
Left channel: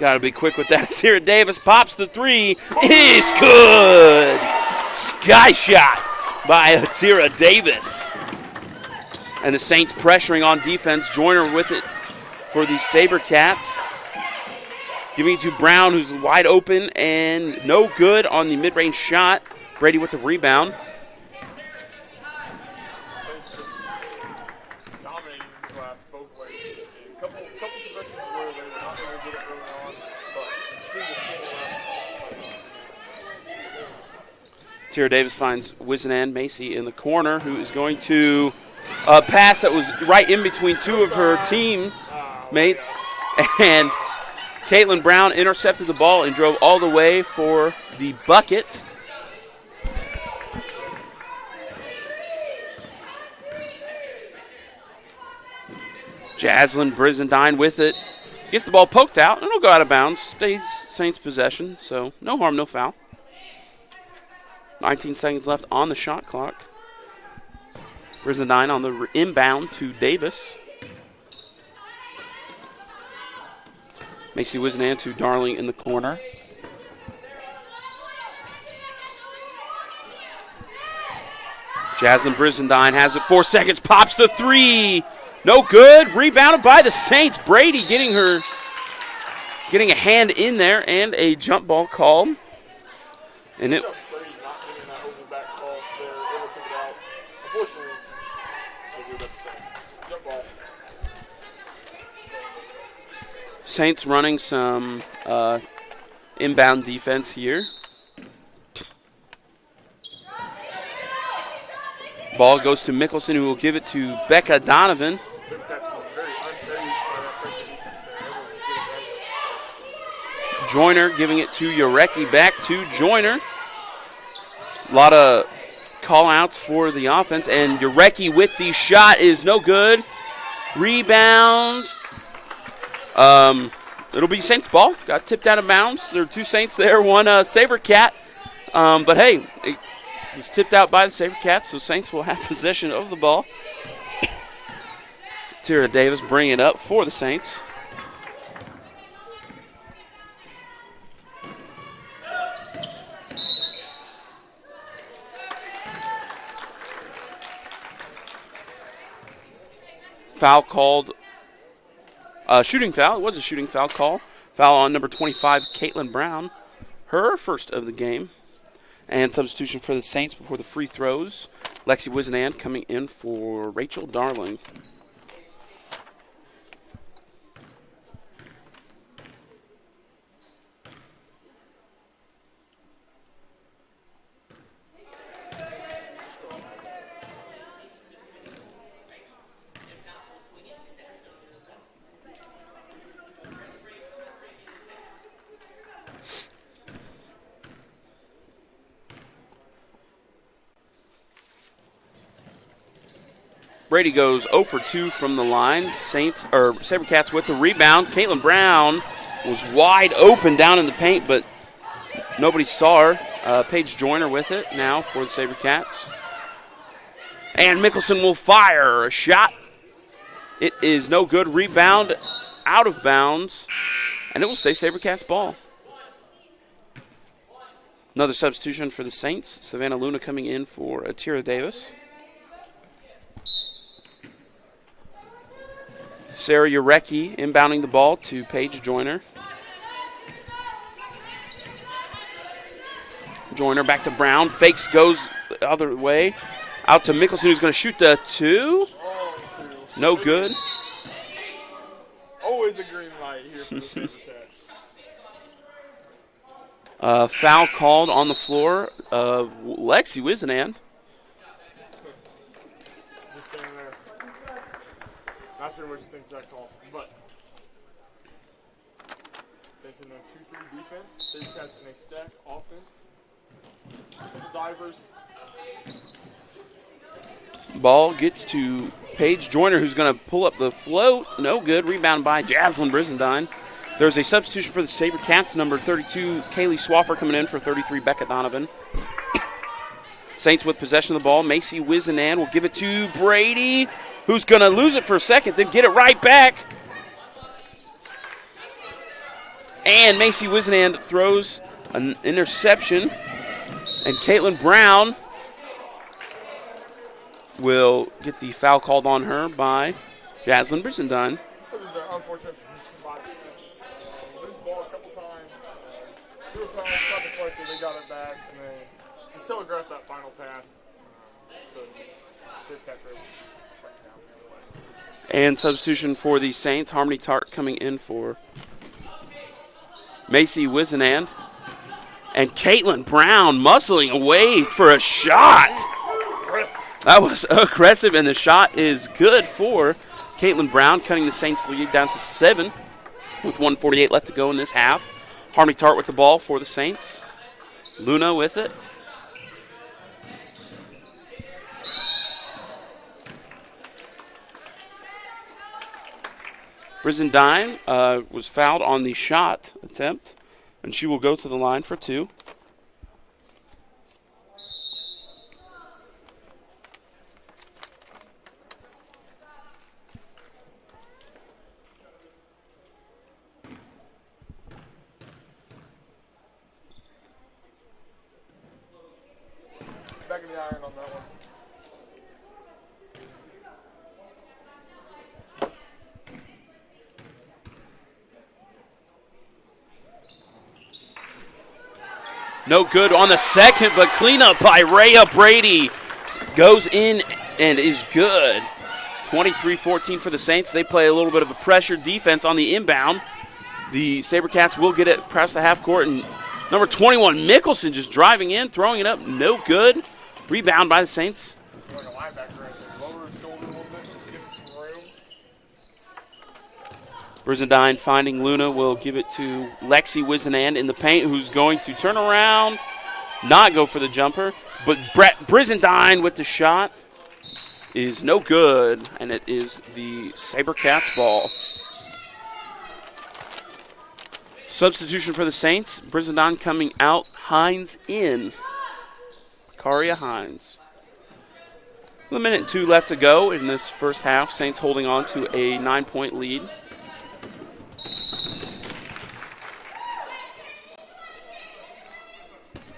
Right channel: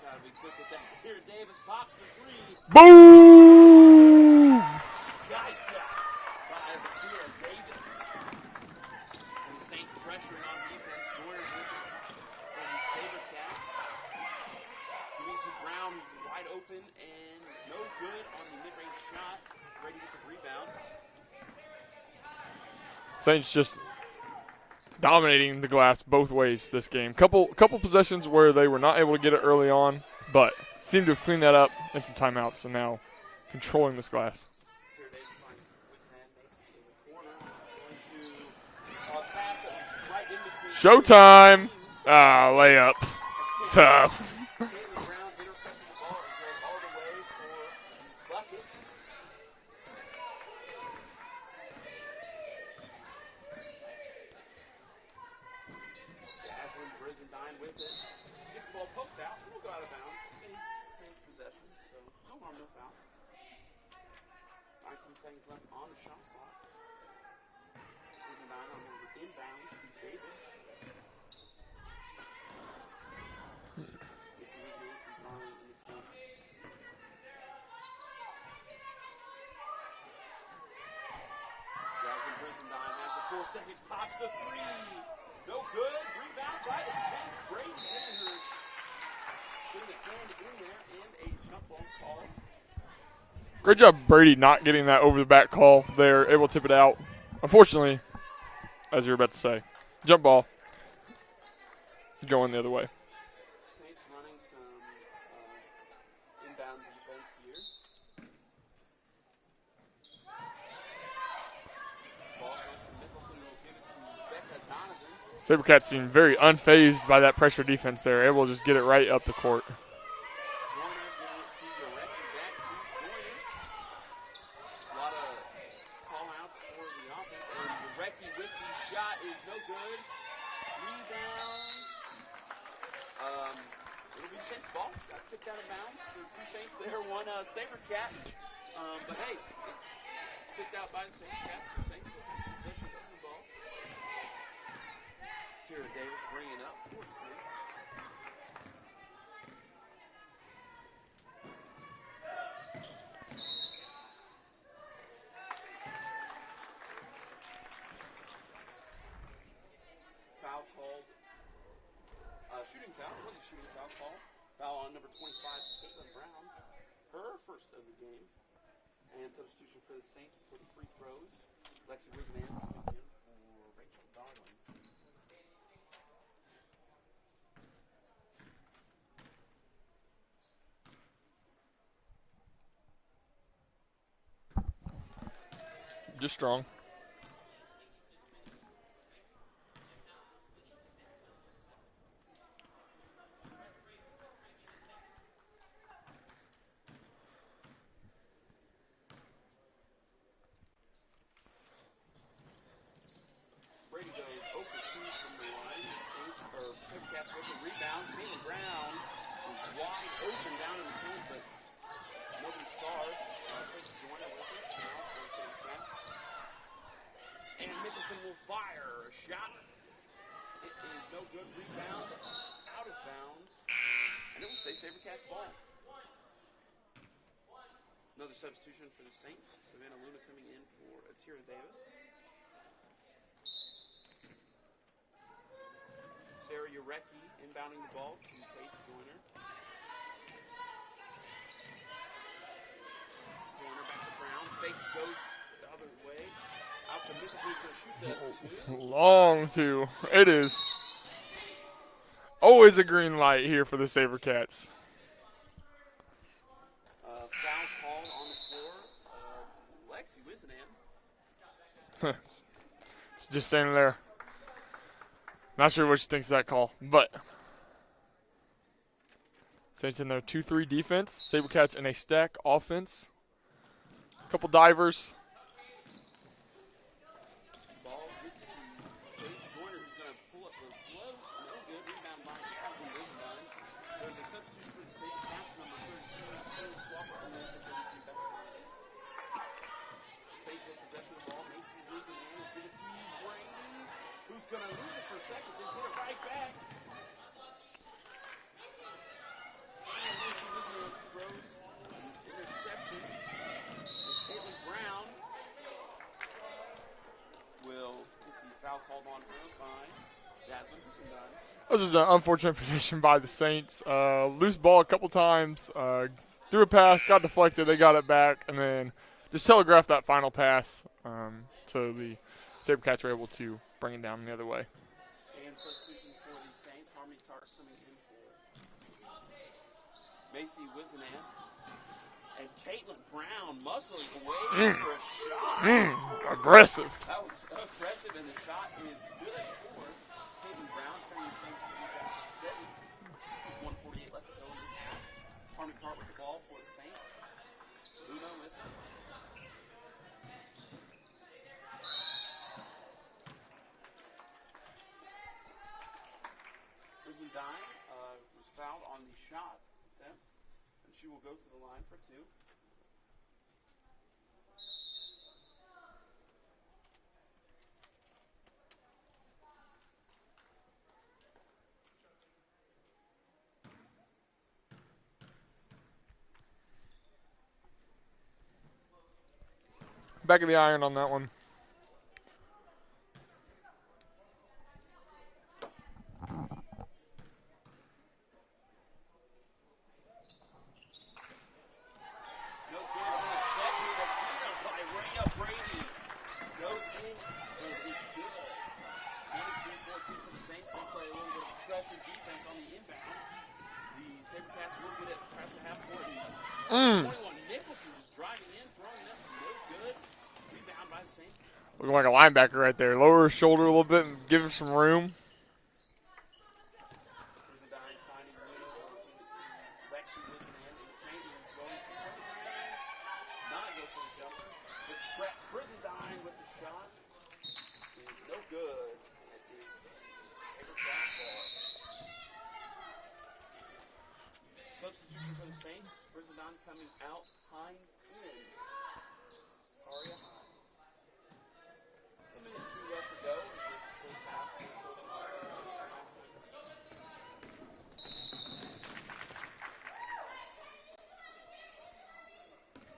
Got to be quick with that. Tira Davis pops the three. He's good. Sky shot by Tira Davis. And the Saints pressuring on defense. Joyner with it for the SaberCats. Giving it to Brown, who's wide open and no good on the mid-range shot. Brady with the rebound. Saints just dominating the glass both ways this game. Couple possessions where they were not able to get it early on, but seemed to have cleaned that up in some timeouts, and now controlling this glass. Tira Davis finds Wizenan Macy in the corner, who is going to pass that was right in between two of her team mates. Layup. And Caitlin Brown intercepted the ball and drove all the way for the bucket. Jaslyn Brizendine with it. Gets the ball poked out, and it'll go out of bounds. Stays Saints possession, so no harm, no foul. 19 seconds left on the shot clock. Brizendine on the inbound to Davis. Macy Wizenan to Darling in the corner. Jaslyn Brizendine has it, 4 seconds, pops the three. No good. Rebounded by the Saints. Brady getting a hand in there and a jump ball called. Great job, Brady, not getting that over the back call there. Able to tip it out. Unfortunately, as you were about to say, jump ball going the other way. Saints running some inbound defense here. Ball goes to Mickelson, who will give it to Becca Donovan. SaberCats seem very unfazed by that pressure defense there. Able to just get it right up the court. Joyner giving it to Yarecki, back to Joyner. A lot of call-outs for the offense, and Yarecki with the shot is no good. Rebound. It'll be Saints ball. Got tipped out of bounds. There are two Saints there, one SaberCat. But hey, it's tipped out by the SaberCats, so Saints will have possession of the ball. Tira Davis bringing it up for the Saints. Foul called. Shooting foul. It was a shooting foul call. Foul on number 25, Caitlin Brown. Her first of the game. And substitution for the Saints before the free throws. Lexi Wizenan coming in for Rachel Darling. Just strong. Brady goes 0 for 2 from the line. SaberCats with the rebound. Caitlin Brown was wide open down in the paint, but nobody saw her. Paige Joyner with it now for the SaberCats. And Mickelson will fire a shot. It is no good. Rebound out of bounds, and it will stay SaberCats ball. Another substitution for the Saints. Savannah Luna coming in for Tira Davis. Sarah Yarecki inbounding the ball to Paige Joyner. Joyner back to Brown. Fakes, goes the other way. Out to Mickelson, who's going to shoot the two. Long two. No It good. is always a green light here for the SaberCats. Foul called on the floor of Lexi Wizenan. Just standing there. Not sure what she thinks of that call, but Saints in their 2-3 defense. SaberCats in a stack offense. A couple divers. Ball gets to Paige Joyner, who's going to pull up the float. No good. Rebound by Jaslyn Brizendine. There's a substitution for the SaberCats, number 32, Kaylee Swaffer coming in for 33, Becca Donovan. Saints with possession of the ball. Macy Wizenan will give it to Brady, who's going to lose it for a second, then get it right back. And Macy Wizenan throws an interception. And Caitlin Brown will get the foul called on her by Jaslyn Brizendine. That was just an unfortunate position by the Saints. Loose ball a couple times. Threw a pass, got deflected, they got it back, and then just telegraphed that final pass so the SaberCats were able to bring it down the other way. And substitution for the Saints, Harmony Tart coming in for Macy Wizenan. And Caitlin Brown muscling away for a shot. Aggressive. That was aggressive, and the shot is good for Caitlin Brown, cutting the Saints' lead down to 7 with 1:48 left to go in this half. Harmony Tart with the ball for the Saints. Luna with it. Brizendine was fouled on the shot attempt, and she will go to the line for 2. Back of the iron on that one. No good on the second, but cleanup by Rhea Brady goes in and is good. 23-14 for the Saints. They play a little bit of a pressure defense on the inbound. The SaberCats will get it across the half court, and number 21, Mickelson, just driving in, throwing it up, no good. Rebound by the Saints. Looking like a linebacker right there. Lower her shoulder a little bit, give her some room. Brizendine finding Luna will give it to Lexi Wizenan in the paint, who's going to turn around, not go for the jumper. But Brizendine with the shot is no good, and it is the SaberCats ball. Substitution for the Saints. Brizendine coming out, Hines in. Karia Hines. 1 minute and 2 left to go in this first half. Saints holding on to a 9-point lead.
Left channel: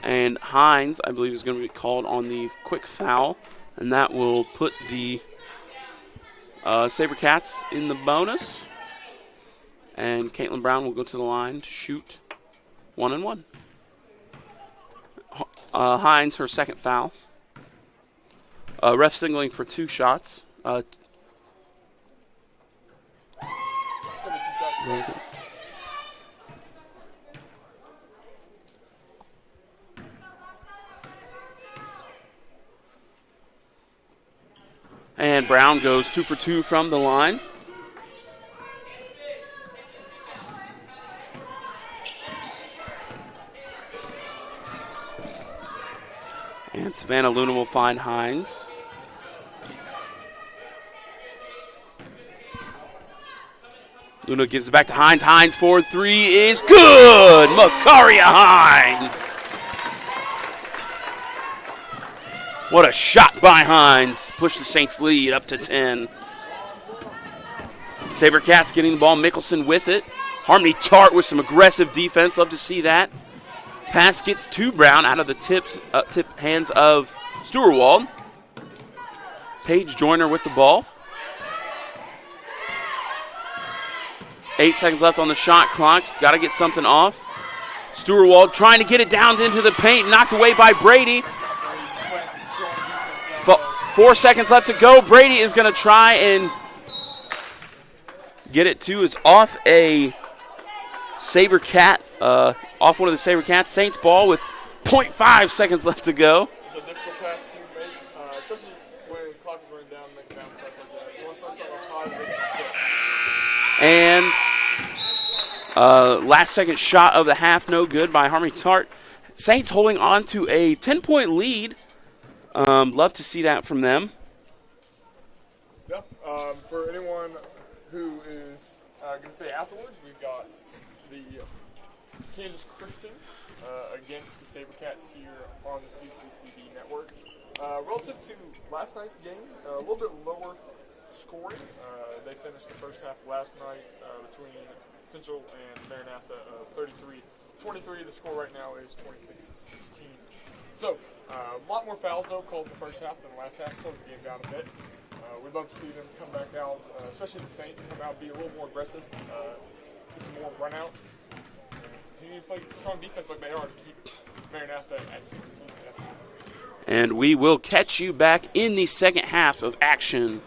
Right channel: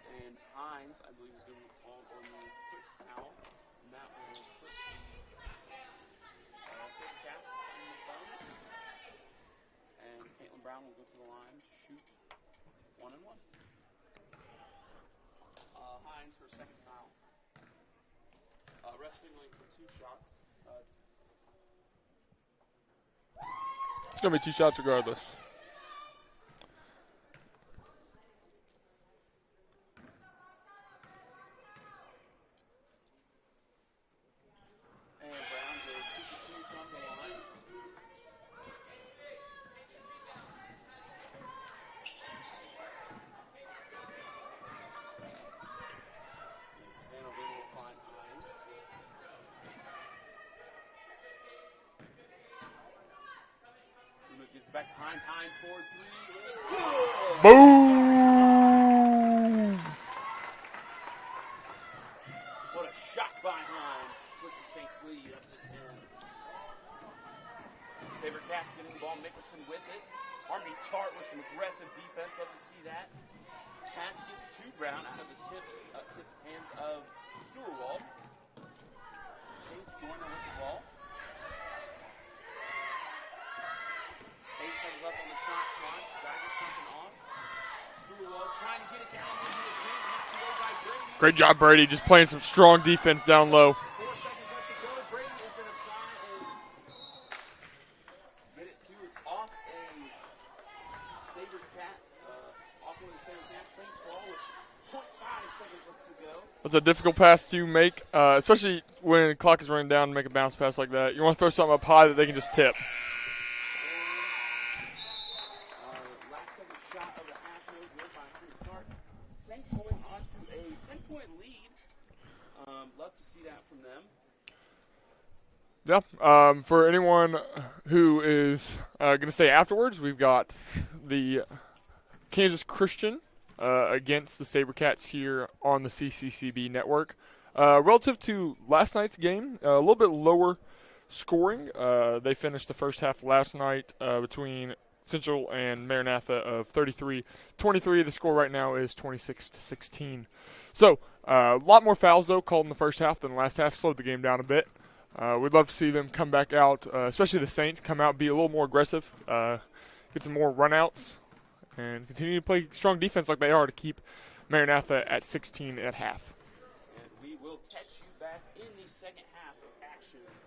And Hines, I believe, is going to be called on the quick foul, and that will put the SaberCats in the bonus. And Caitlin Brown will go to the line to shoot 1-1. Hines, her second foul. Ref signaling for 2 shots. It's going to be 2 shots regardless. And Brown goes 2 for 2 from the line. And Savannah Luna will find Hines. Luna gives it back to Hines. Hines for 3 is good. Makaria Hines. What a shot by Hines. Push the Saints lead up to 10. SaberCats getting the ball. Mickelson with it. Harmony Tart with some aggressive defense. Love to see that. Pass gets to Brown out of the tip hands of Stewart. Paige Joyner with the ball. 8 seconds left on the shot clock. Got to get something off. Stewart trying to get it down into the paint. Knocked away by Brady. Great job, Brady. Just playing some strong defense down low. 4 seconds left to go. Brady is going to try and get it to. Is off a SaberCat. Off one of the SaberCats. Saints ball with 0.5 seconds left to go. That's a difficult pass to make, especially when the clock is running down and make a bounce pass like that. You want to throw something up high that they can just tip. And last second shot of the half, no good by Harmony Tart. Saints holding on to a 10-point lead. Love to see that from them. Yeah, for anyone who is Going to say afterwards, we've got the Kansas Christian against the SaberCats here on the CCCB network. Relative to last night's game, a little bit lower scoring. They finished the first half last night between Central and Maranatha of 33-23. The score right now is 26-16. So a lot more fouls, though, called in the first half than the last half. Slowed the game down a bit. We'd love to see them come back out, especially the Saints, come out, be a little more aggressive, get some more runouts, and continue to play strong defense like they are to keep Maranatha at 16 at half. And we will catch you back in the second half of action.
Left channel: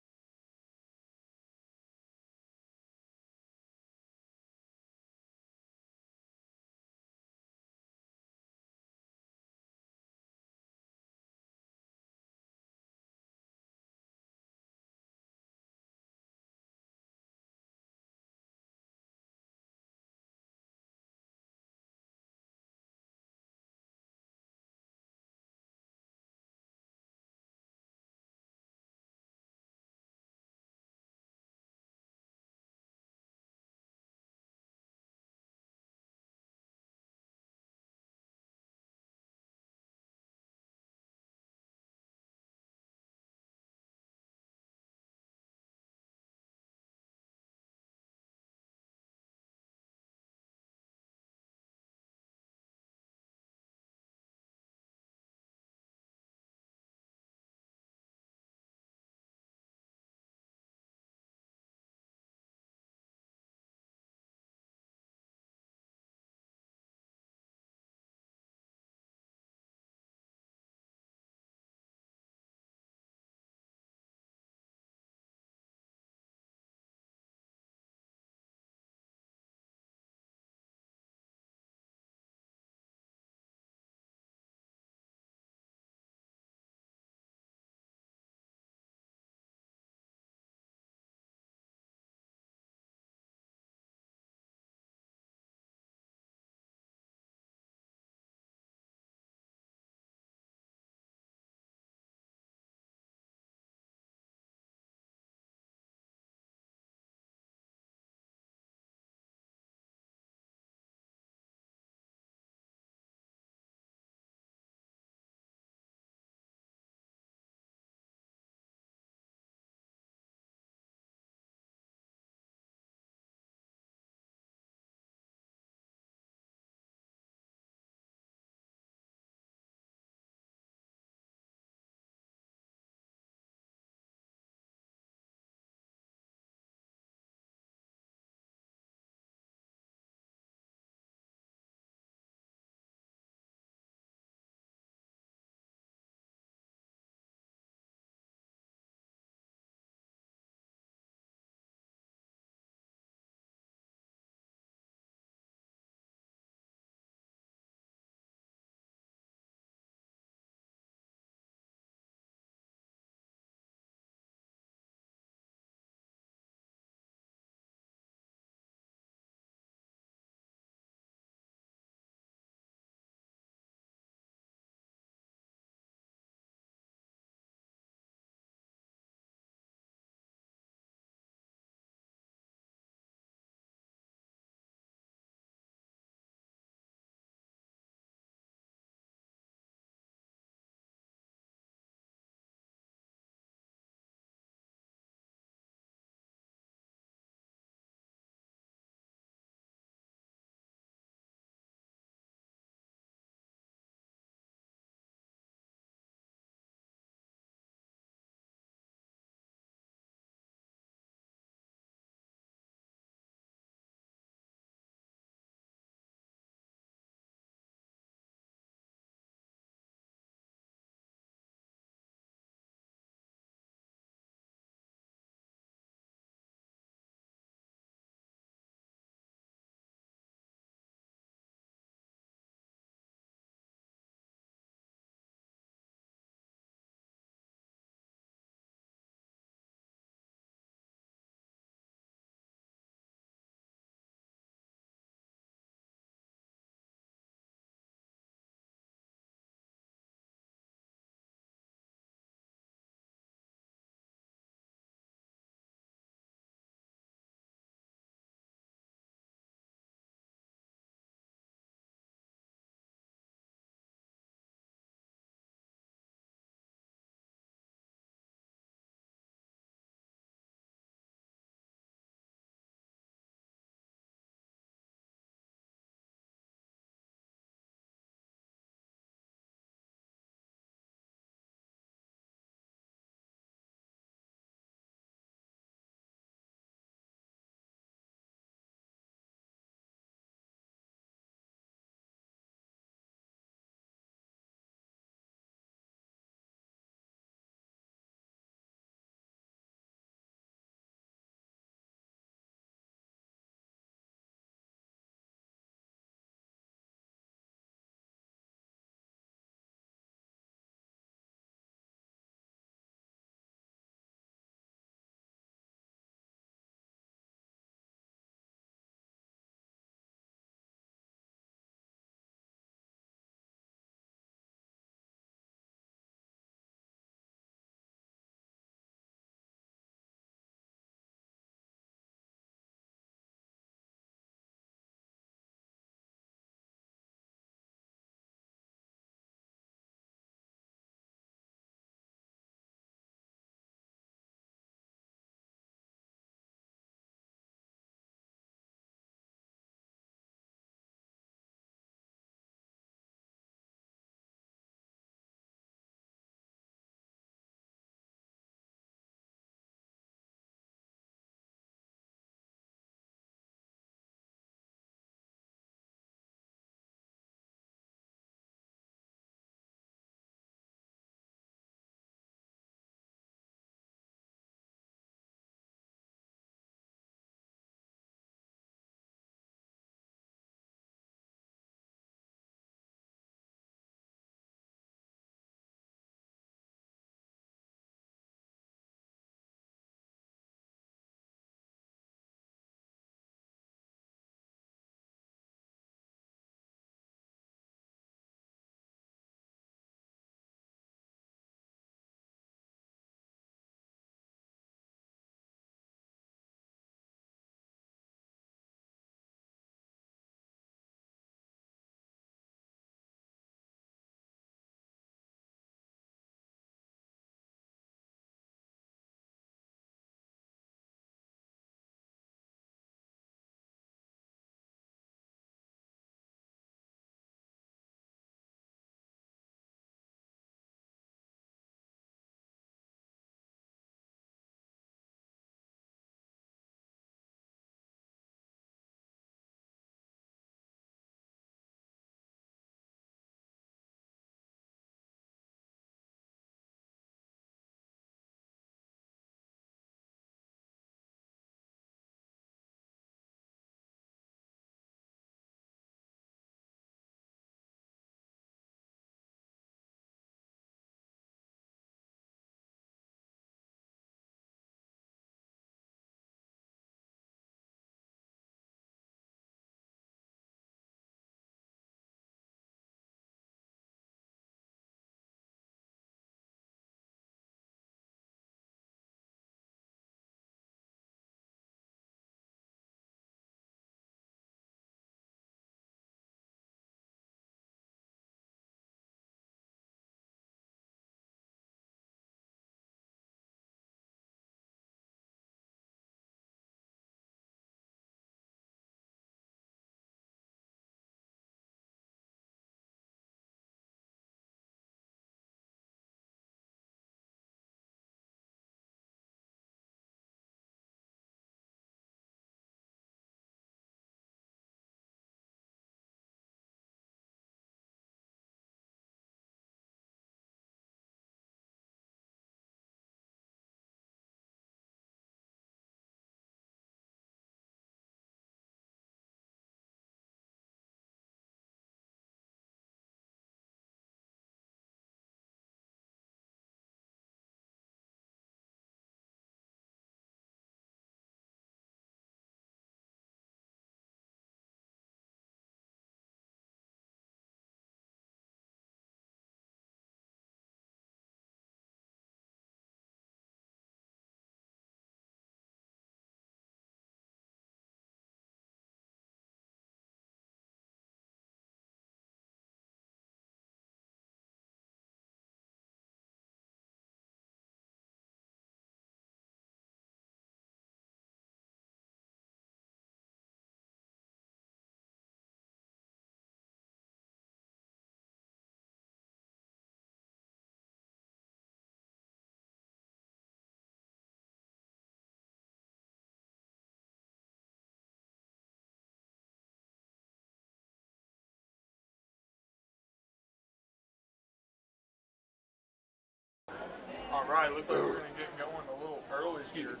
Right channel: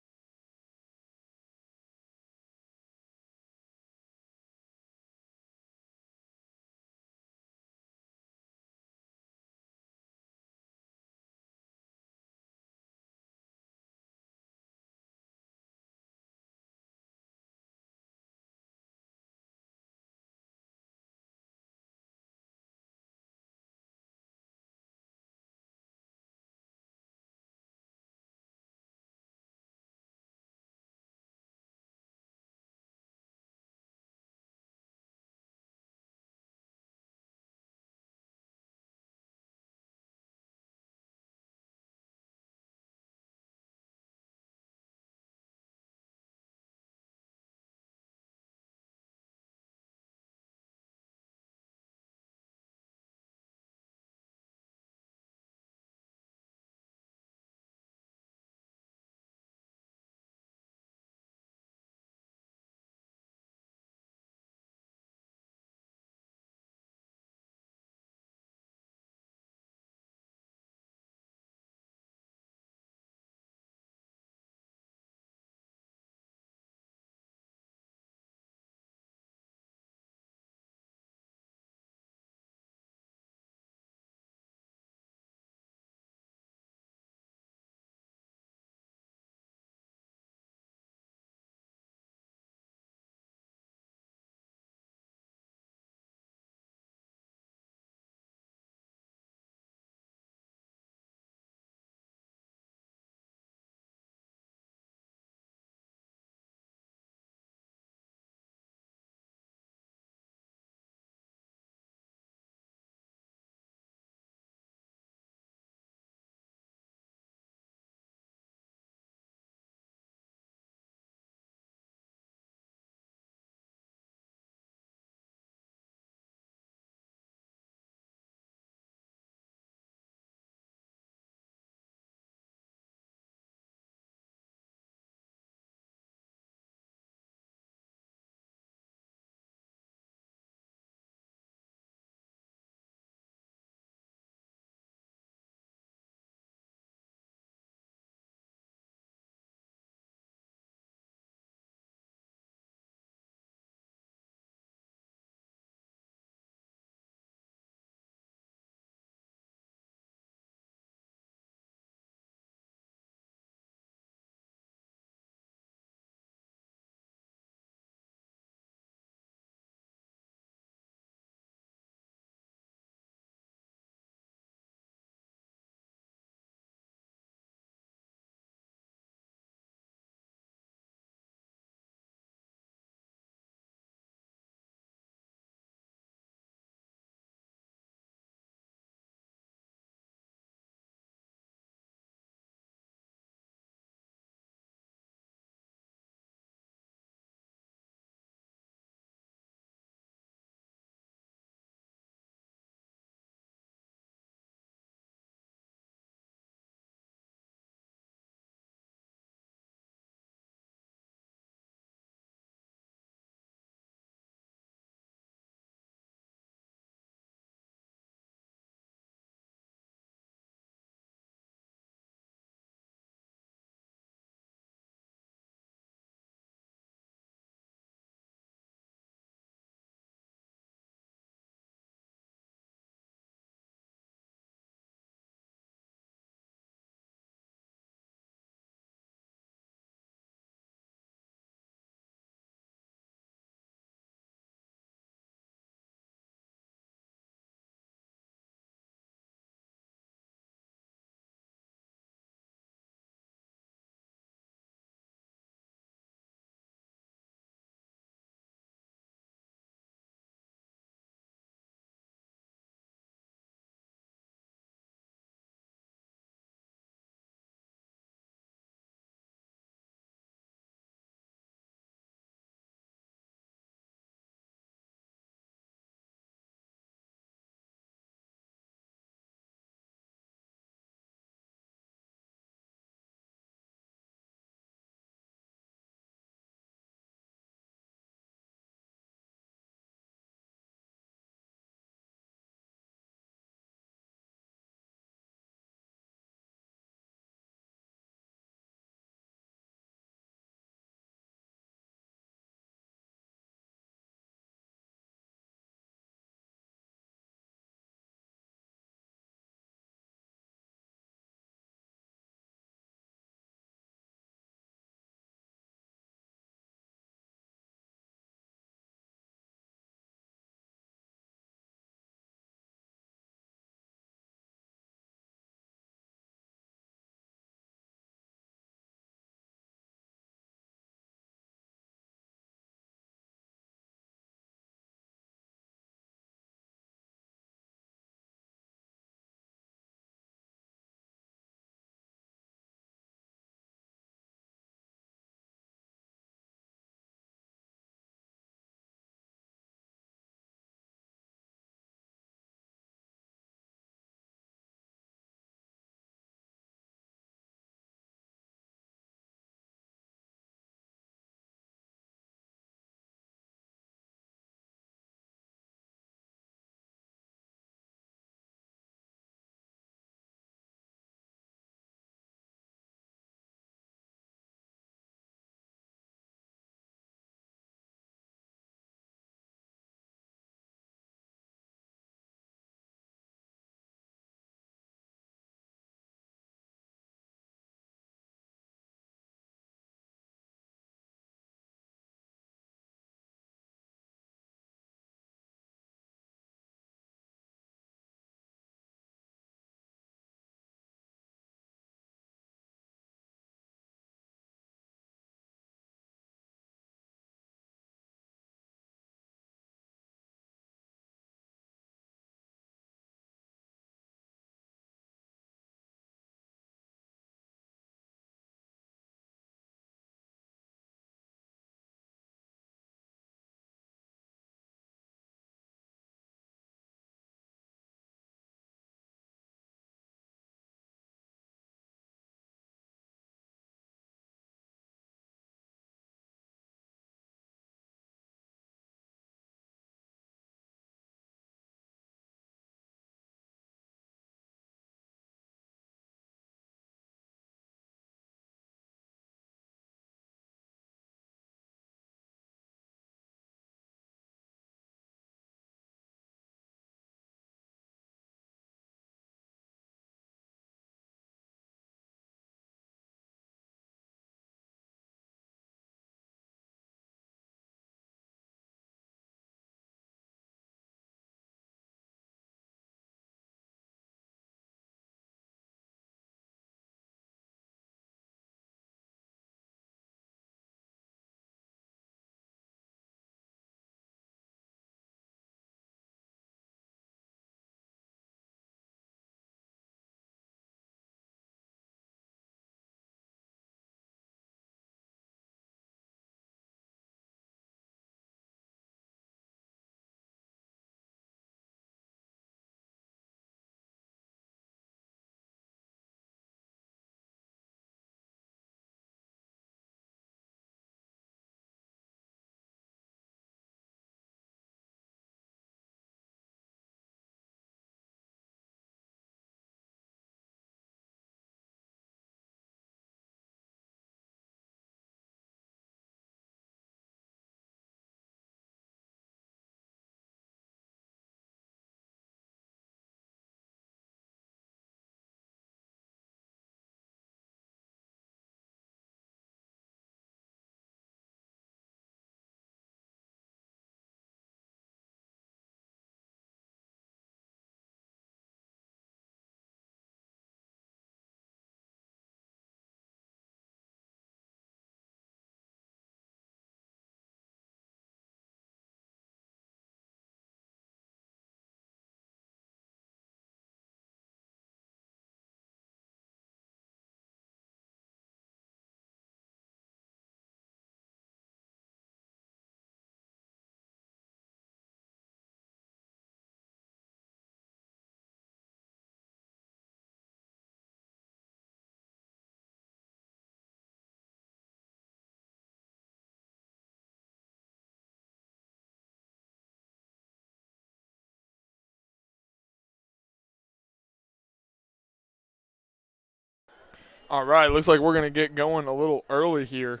All right, looks like we're going to get going a little early here.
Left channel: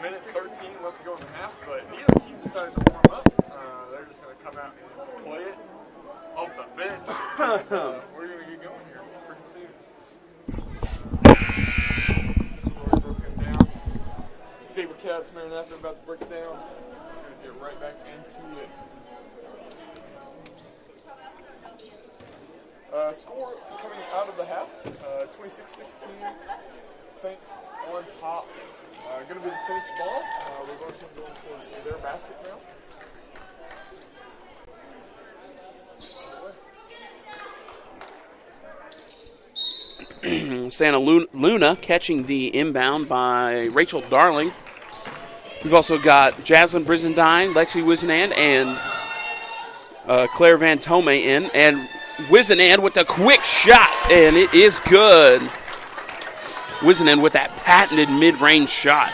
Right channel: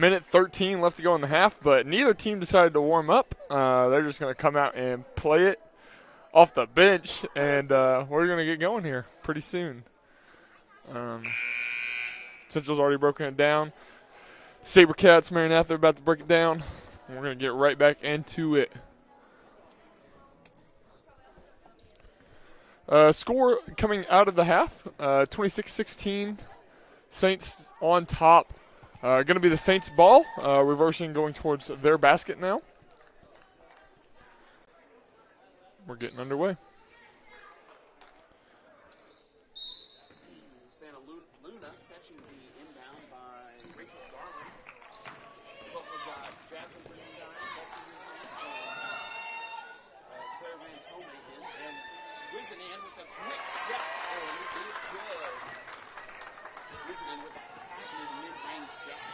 Minute 13 left to go in the half, but neither team decided to warm up. They're just going to come out and play it off the bench, and we're going to get going here pretty soon. Central's already broken it down. SaberCats, Maranatha are about to break it down. We're going to get right back into it. Score coming out of the half, 26-16. Saints on top. Going to be the Saints' ball, reversing, going towards their basket now. We're getting underway. Santa Luna catching the inbound by Rachel Darling. We've also got Jaslyn Brizendine, Lexi Wisenand, and Claire Van Tome in. And Wisenand with a quick shot, and it is good. Wisenand with that patented mid-range shot.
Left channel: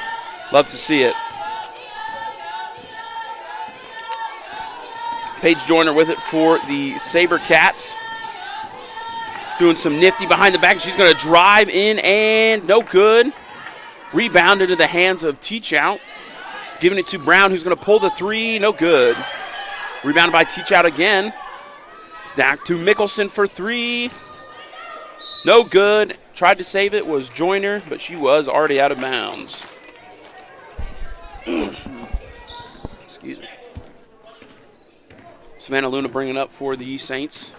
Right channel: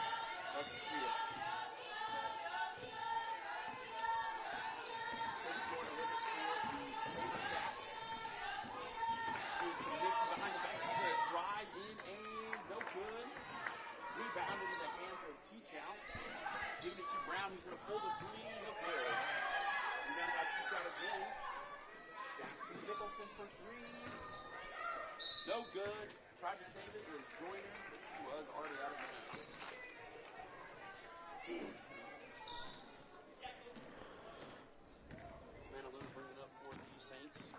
Love to see it. Paige Joyner with it for the SaberCats. Doing some nifty behind the back. She's going to drive in, and no good. Rebound into the hands of Teach Out. Giving it to Brown, who's going to pull the three. No good. Rebounded by Teach Out again. Back to Mickelson for three. No good. Tried to save it, was Joyner, but she was already out of bounds. Excuse me. Savannah Luna bringing up for the Saints.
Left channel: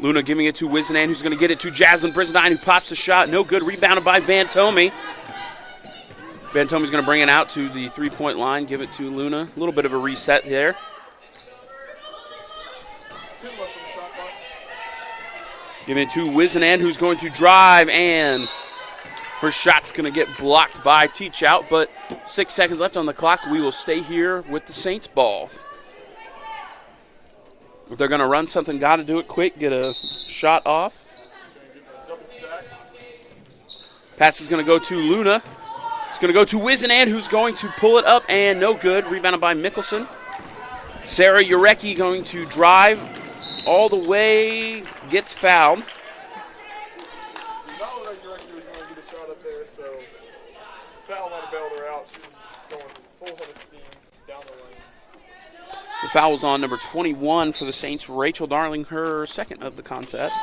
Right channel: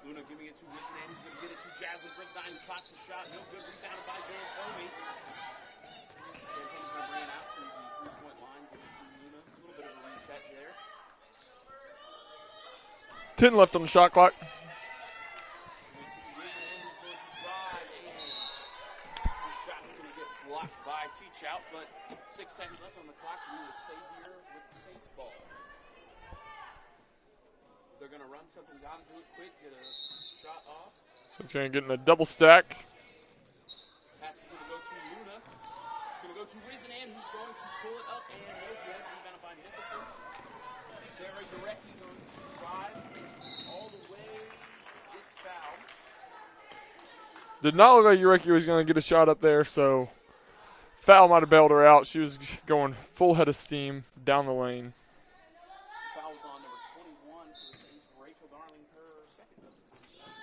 Luna giving it to Wisenand, who's going to get it to Jaslyn Brizendine, who pops the shot. No good. Rebounded by Van Tome. Van Tome's going to bring it out to the three-point line, give it to Luna. A little bit of a reset there. 10 left on the shot clock. Giving it to Wisenand, who's going to drive, and her shot's going to get blocked by Teach Out, but 6 seconds left on the clock. We will stay here with the Saints ball. If they're going to run something, got to do it quick, get a shot off. Saints going to get in a double stack. Pass is going to go to Luna. It's going to go to Wisenand, who's going to pull it up, and no good. Rebounded by Mickelson. Sarah Urecki going to drive all the way, gets fouled. Did not look like Urecki was going to get a shot up there, so foul might have bailed her out. She was going full head of steam down the lane. The foul was on number 21 for the Saints, Rachel Darling, her second of the contest.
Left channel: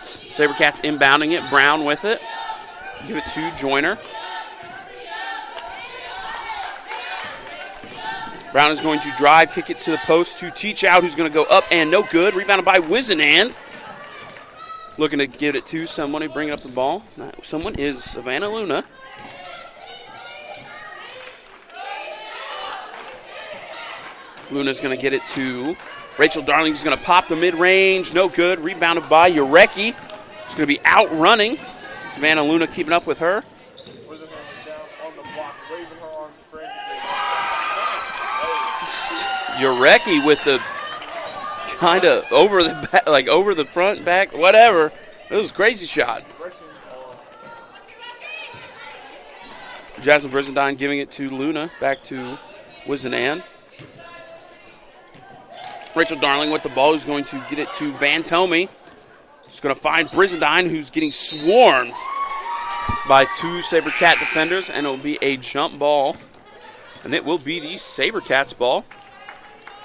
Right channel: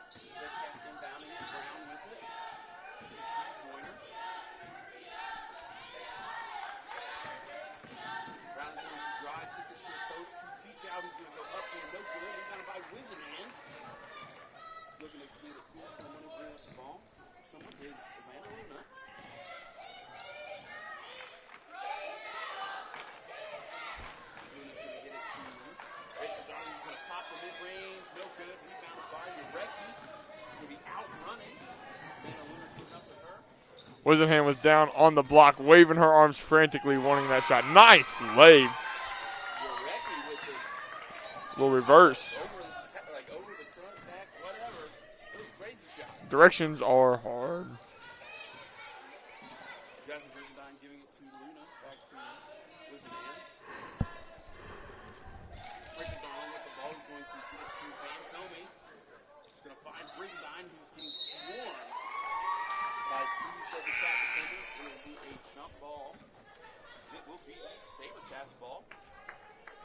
SaberCats inbounding it. Brown with it. Give it to Joyner. Brown is going to drive, kick it to the post to Teach Out, who's going to go up and no good. Rebounded by Wisenand. Looking to get it to someone bringing up the ball. Someone is Savannah Luna. Luna's going to get it to Rachel Darling, who's going to pop the mid-range. No good. Rebounded by Urecki. It's going to be outrunning. Savannah Luna keeping up with her. Wisenand was down on the block, waving her arms frantically, wanting that shot. Nice leg. Urecki with the kind of over the back, like over the front, back, whatever. It was a crazy shot. Directions are hard. Jaslyn Brizendine giving it to Luna. Back to Wisenand. Rachel Darling with the ball, who's going to get it to Van Tome. She's going to find Brizendine, who's getting swarmed by two SaberCat defenders, and it'll be a jump ball. And it will be the SaberCats ball.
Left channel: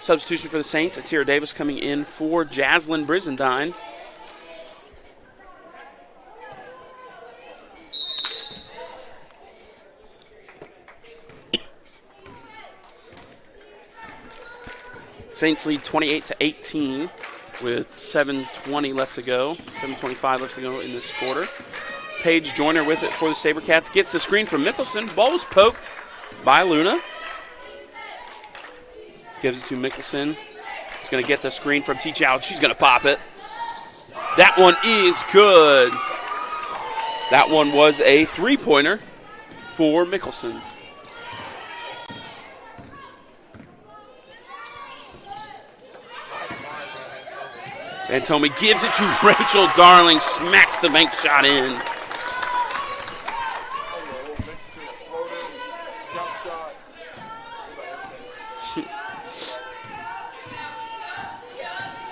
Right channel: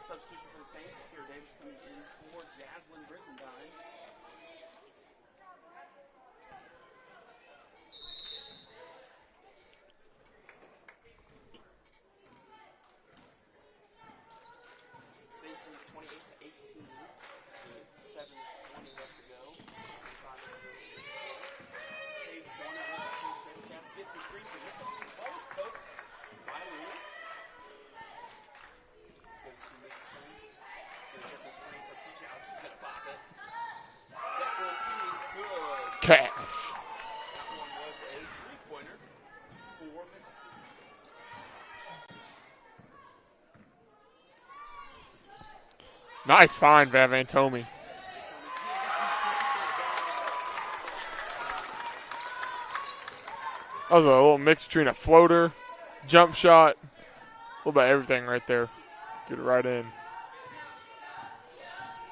Substitution for the Saints, Atira Davis coming in for Jaslyn Brizendine. Saints lead 28-18 with 7:20 left to go, 7:25 left to go in this quarter. Paige Joyner with it for the SaberCats. Gets the screen from Mickelson. Ball was poked by Luna. Gives it to Mickelson. He's going to get the screen from Teach Out. She's going to pop it. That one is good. That one was a three-pointer for Mickelson. Nice find by Van Tome. Van Tome gives it to Rachel Darling. Smacks the bank shot in. That was a little mix between a floater, jump shot, a little bit of everything right there. Get it right in.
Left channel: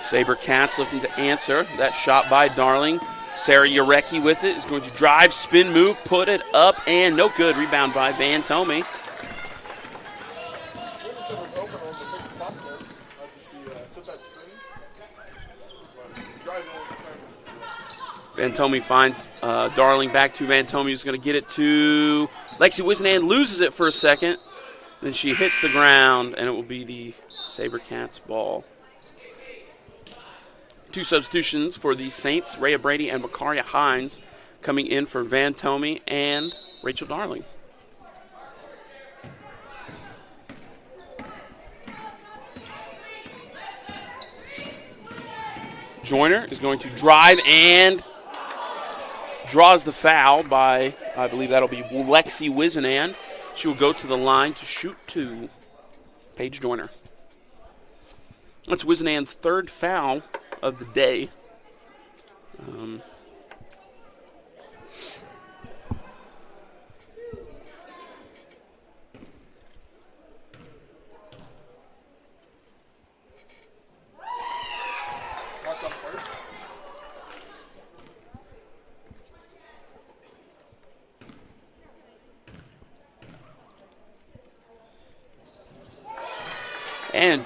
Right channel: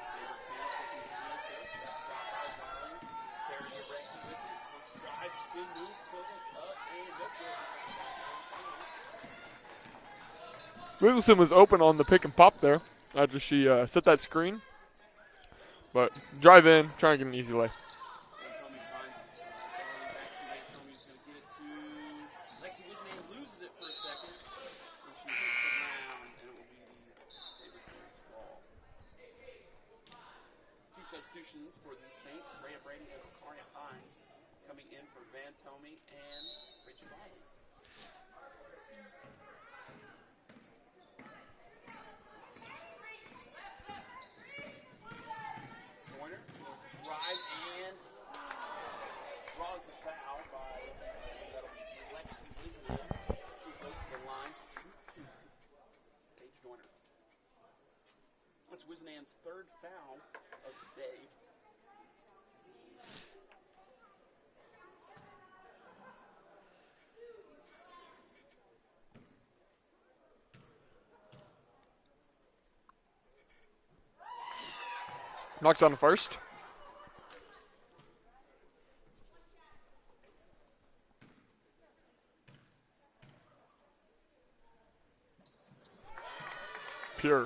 SaberCats looking to answer that shot by Darling. Sarah Urecki with it is going to drive, spin move, put it up, and no good. Rebound by Van Tomey. Mickelson was open on the pick and pop there after she set that screen. But drive in, try and get an easy lay. Van Tomey finds Darling back to Van Tomey, who's going to get it to Lexi Wisenan, loses it for a second. Then she hits the ground, and it will be the SaberCats ball. 2 substitutions for the Saints, Rhea Brady and Makaria Hines, coming in for Van Tomey and Rachel Darling. Joyner is going to drive and draws the foul by, I believe that'll be Lexi Wisenan. She will go to the line to shoot 2. Paige Joyner. That's Wisenan's 3rd foul of the day. Knocks on the first. And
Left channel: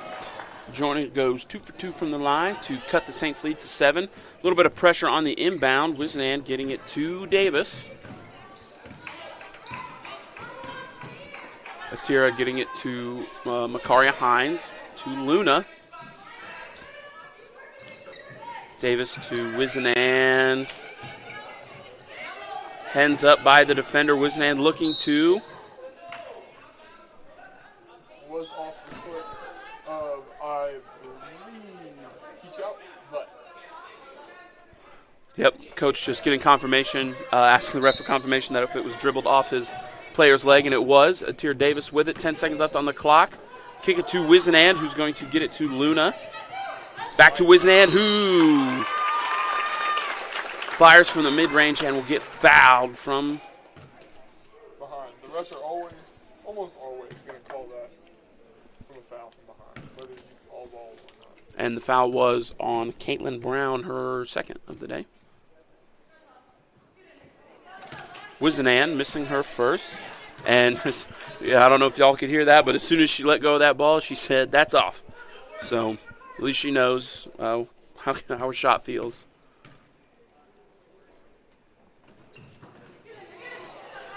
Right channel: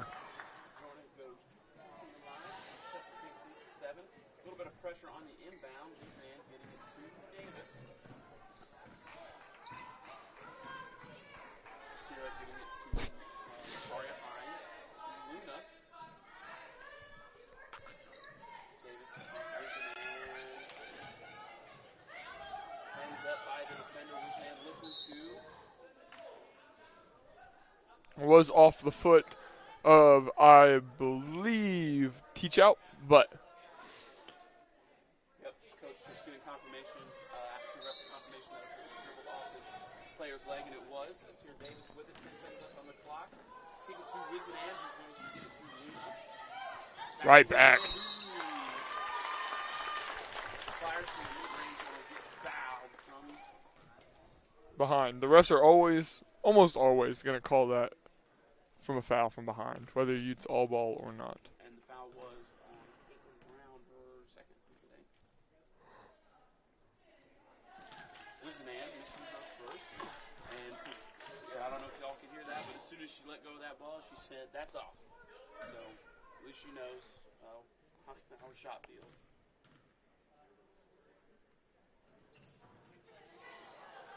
Joyner goes 2 for 2 from the line to cut the Saints lead to 7. A little bit of pressure on the inbound. Wisenan getting it to Davis. Atira getting it to Makaria Hines, to Luna. Davis to Wisenan. Hands up by the defender. Wisenan looking to. Was off the foot of, I believe, teach out, but. Yep, coach just getting confirmation, asking the ref for confirmation that if it was dribbled off his player's leg, and it was. Atira Davis with it, 10 seconds left on the clock. Kick it to Wisenan, who's going to get it to Luna. Back to Wisenan, who fires from the mid-range and will get fouled from behind. The refs are always, almost always, going to call that from a foul from behind, whether it's all ball or not. And the foul was on Caitlin Brown, her 2nd of the day. Wisenan missing her first. And yeah, I don't know if y'all could hear that, but as soon as she let go of that ball, she said, "That's off." So at least she knows how her shot feels.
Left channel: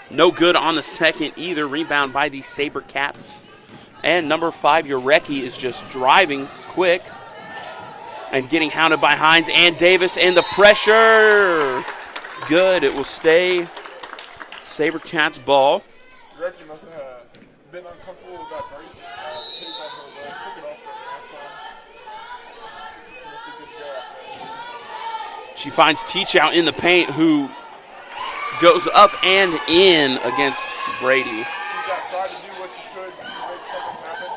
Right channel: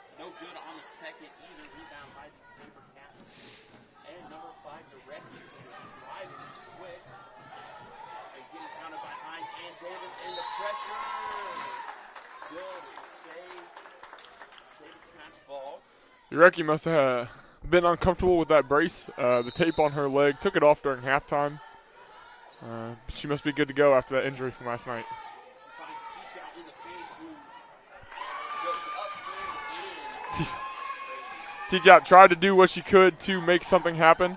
No good on the second either. Rebound by the SaberCats. And number 5, Urecki, is just driving quick and getting hounded by Hines and Davis. And the pressure, good. It will stay SaberCats ball. Urecki must have been uncomfortable with that brace. The tape on her leg, took it off during halftime. She must be good to go after that injury from last night. She finds Teach out in the paint, who goes up and in against Brady. Teach out tried to do what she could to make something happen.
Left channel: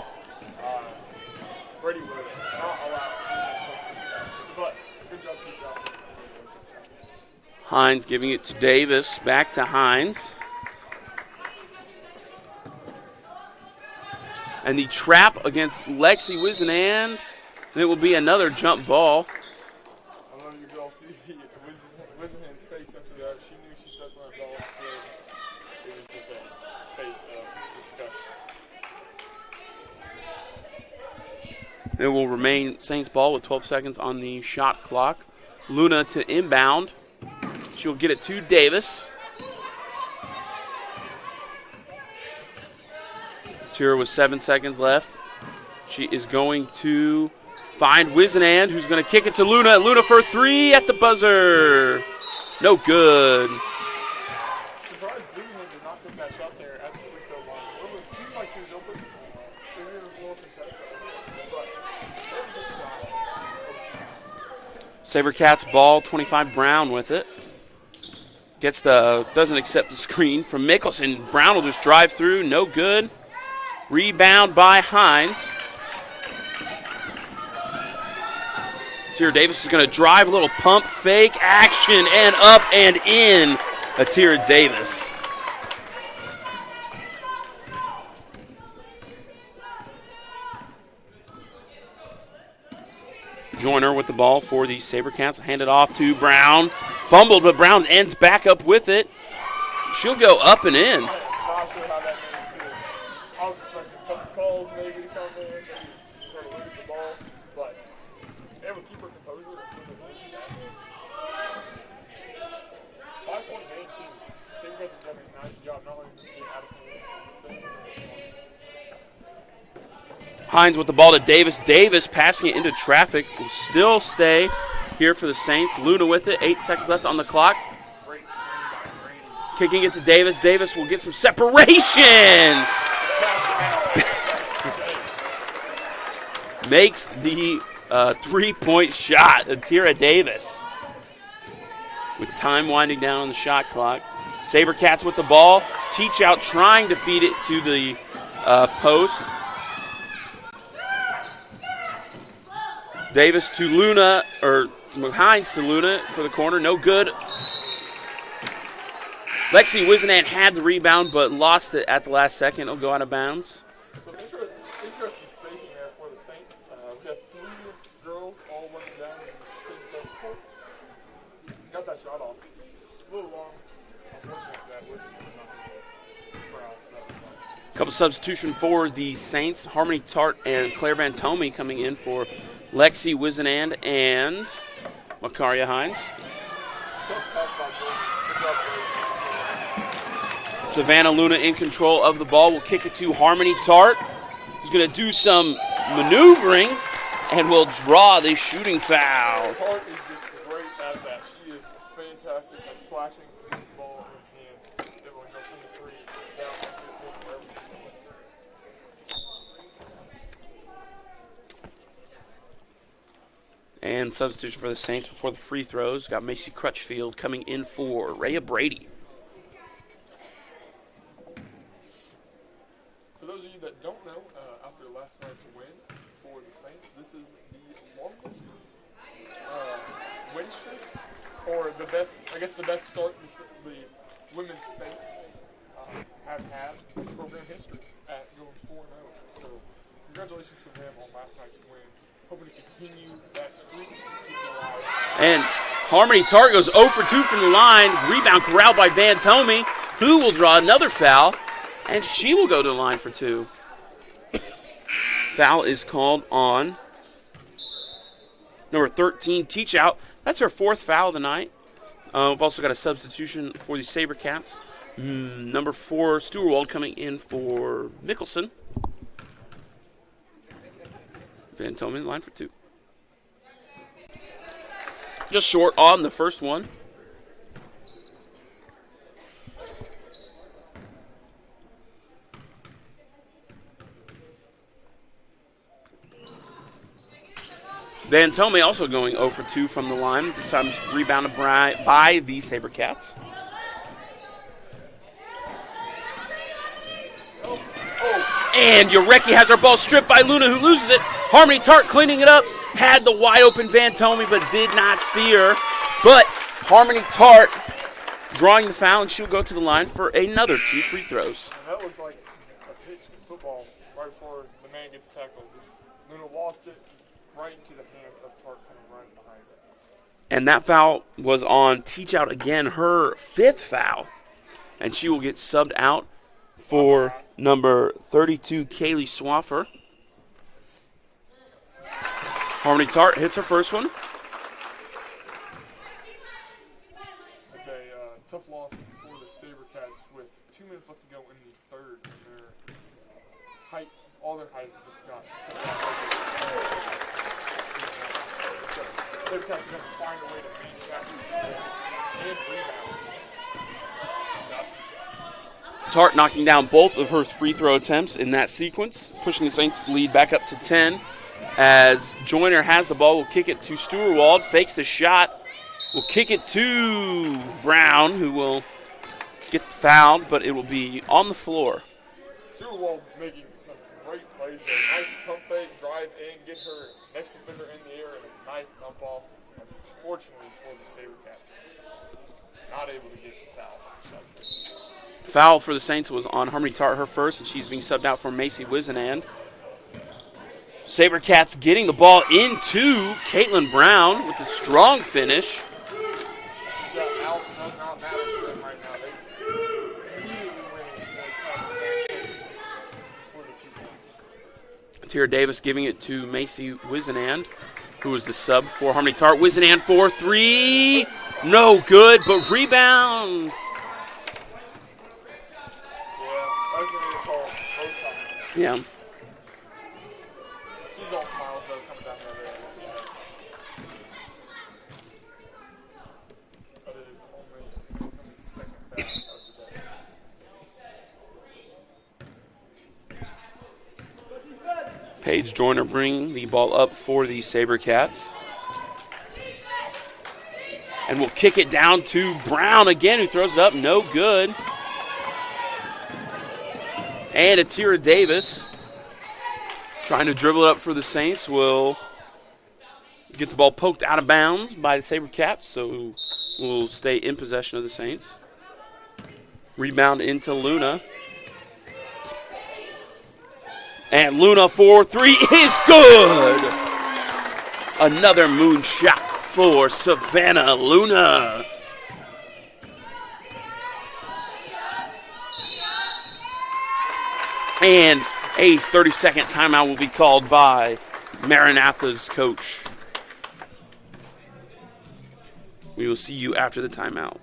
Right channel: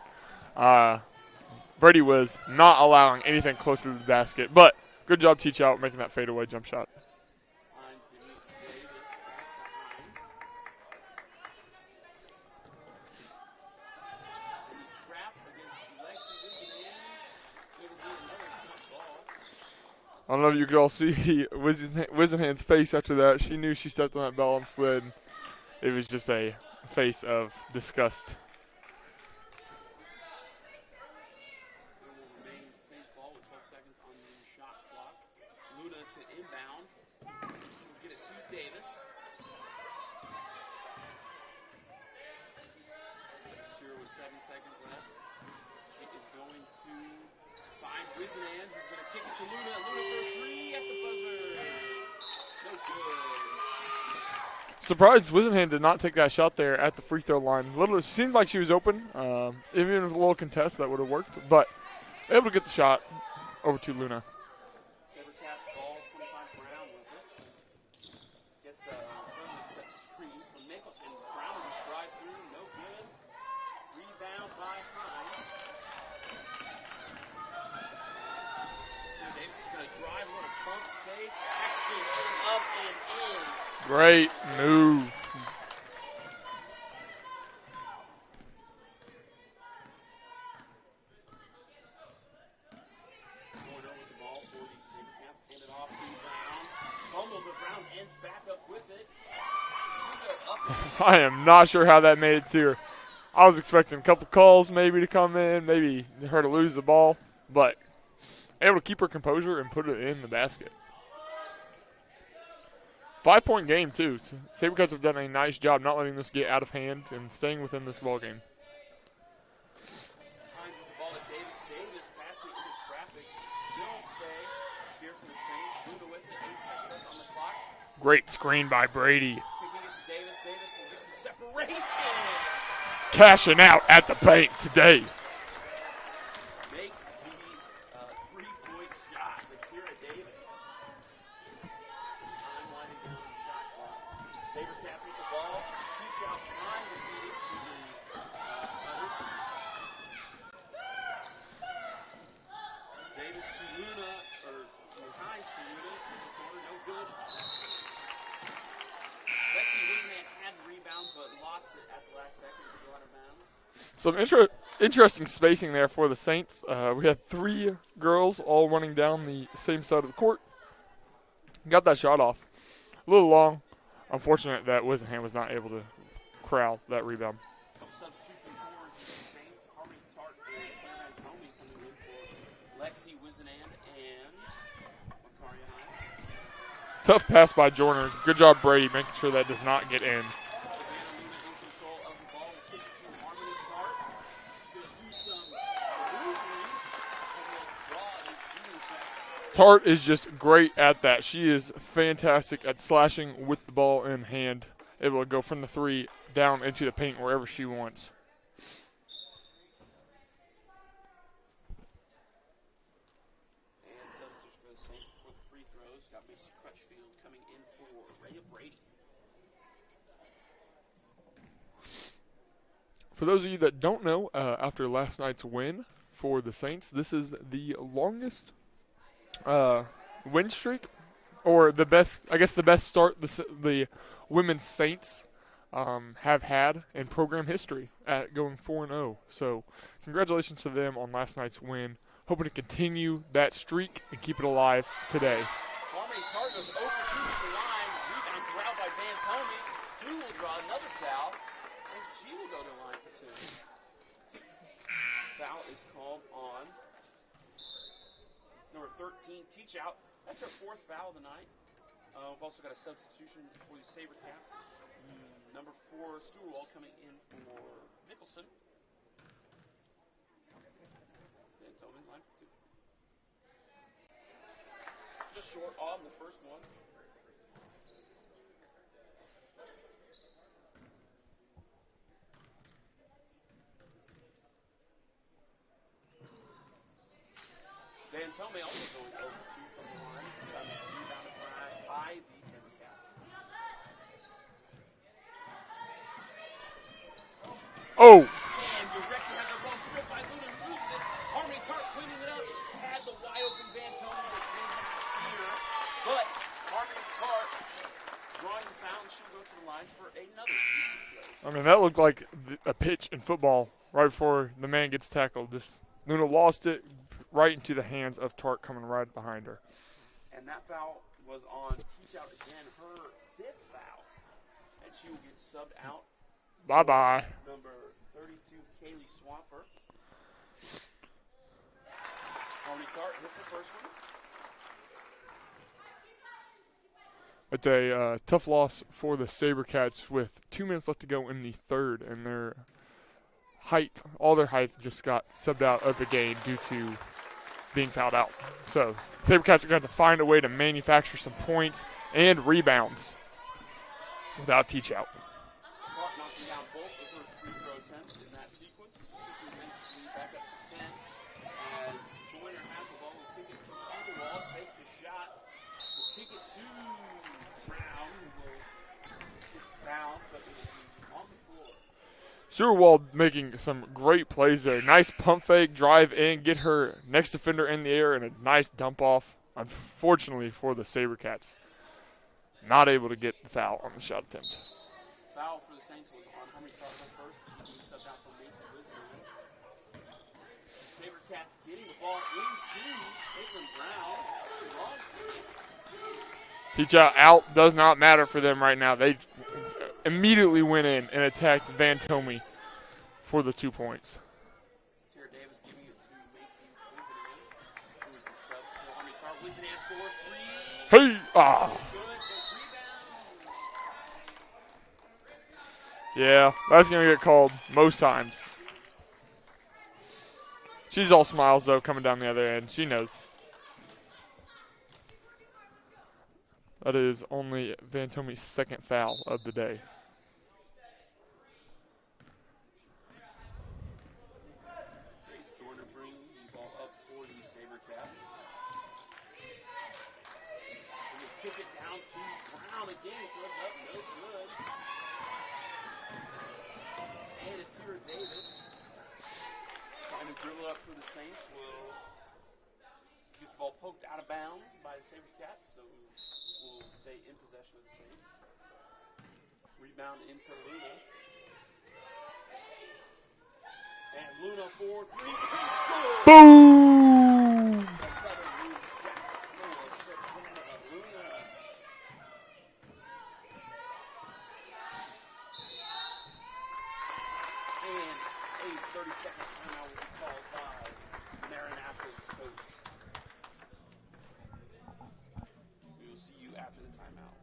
Brady was not allowing anything close to the basket, but good job Teach out making that fadeaway jump shot. Hines giving it to Davis, back to Hines. And the trap against Lexi Wisenan. It will be another jump ball. I don't know if you could all see Wisenhan's face after that. She knew she stepped on that ball and slid. It was just a face of disgust. It will remain Saints ball with 12 seconds on the shot clock. Luna to inbound. She'll get it to Davis. Tira with 7 seconds left. She is going to find Wisenan, who's going to kick it to Luna. Luna for 3 at the buzzer. No good. Surprised Wisenhan did not take that shot there at the free throw line. It seemed like she was open. Even with a little contest, that would have worked. But able to get the shot over to Luna. SaberCats ball, 25 Brown with it. Doesn't accept the screen from Mickelson. Brown will just drive through, no good. Rebound by Hines. Atira Davis is going to drive, a little pump fake action, and up and in. Right Atira Davis. Joyner with the ball for the SaberCats. Hand it off to Brown. Fumbled, but Brown ends back up with it. She'll go up and in. I am not sure how that made it to her. I was expecting a couple calls maybe to come in, maybe her to lose the ball, but able to keep her composure and put it in the basket. 5-point game, too. SaberCats have done a nice job not letting this get out of hand and staying within this ball game. Hines with the ball to Davis. Davis passing it into traffic. Will still stay here for the Saints. Luna with it. 8 seconds left on the clock. Great screen by Brady. Kicking it to Davis. Davis will get some separation. Cashing out at the paint today. Makes the 3-point shot. Atira Davis. With time winding down on the shot clock. SaberCats with the ball. Teach out trying to feed it to the post. Davis to Luna, or Hines to Luna for the corner. No good. Lexi Wisenant had the rebound, but lost it at the last second. It'll go out of bounds. Some interesting spacing there for the Saints. We had 3 girls all running down the same side of the court. Got that shot off. A little long. Unfortunate that Wisenant was not able to corral that rebound. Couple substitution for the Saints. Harmony Tart and Claire Van Tomey coming in for Lexi Wisenand and Makaria Hines. Tough pass by Joyner. Good job, Brady, making sure that does not get in. Savannah Luna in control of the ball. Will kick it to Harmony Tart. He's going to do some maneuvering and will draw the shooting foul. Tart is just great at that. She is fantastic at slashing with the ball in hand. Able to go from the 3 down into the paint wherever she wants. And substitution for the Saints before the free throws. Got Macy Crutchfield coming in for Rhea Brady. For those of you that don't know, after last night's win for the Saints, this is the longest win streak, or the best, I guess the best start the women's Saints have had in program history at going 4-0. So congratulations to them on last night's win. Hoping to continue that streak and keep it alive today. And Harmony Tart goes 0 for 2 from the line. Rebound corralled by Van Tomey, who will draw another foul, and she will go to the line for 2. Foul is called on number 13, Teach Out. That's her 4th foul of the night. We've also got a substitution for the SaberCats. Number 4, Stewart coming in for Mickelson. Van Tomey line for 2. Just short on the first one. Van Tomey also going 0 for 2 from the line. This time rebounded by the SaberCats. Oh, and Urecki has her ball stripped by Luna, who loses it. Harmony Tart cleaning it up. Had the wide open Van Tomey, but did not see her. But Harmony Tart drawing the foul, and she'll go to the line for another 2 free throws. I mean, that looked like a pitch in football right before the man gets tackled. Luna lost it right into the hands of Tart coming right behind her. And that foul was on Teach Out again, her 5th foul. And she will get subbed out for number 32, Kaylee Swaffer. Harmony Tart hits her first one. It's a tough loss for the SaberCats with 2 minutes left to go in the 3rd, and their height, all their height just got subbed out of the game due to being fouled out. So SaberCats are going to have to find a way to manufacture some points and rebounds without Teach Out. Tart knocking down both of her free throw attempts in that sequence, pushing the Saints lead back up to 10. As Joyner has the ball, will kick it to Stewart, fakes the shot, will kick it to Brown, who will get fouled, but it will be on the floor. Stewart making some great plays there. Nice pump fake, drive in, get her next defender in the air, and a nice dump off. Unfortunately for the SaberCats, not able to get the foul on the shot attempt. Foul for the Saints was on Harmony Tart, her first, and she's being subbed out for Macy Wisenand. SaberCats getting the ball into Caitlin Brown with a strong finish. Teach out does not matter for them right now. They immediately went in and attacked Van Tomey for the 2 points. Tira Davis giving it to Macy Wisenand, who was the sub for Harmony Tart. Wisenand for three. Hey. No good, but rebound. Yeah, that's going to get called most times. Yeah. She's all smiles, though, coming down the other end. She knows. That is only Van Tomey's second foul of the day. Paige Joyner bringing the ball up for the SaberCats. And we'll kick it down to Brown again, who throws it up. No good. And Atira Davis, trying to dribble it up for the Saints, will get the ball poked out of bounds by the SaberCats, so we'll stay in possession of the Saints. Rebound into Luna. And Luna for three is good. Boom. Another moon shot for Savannah Luna. And a 30-second timeout will be called by Maranatha's coach. We will see you after the timeout.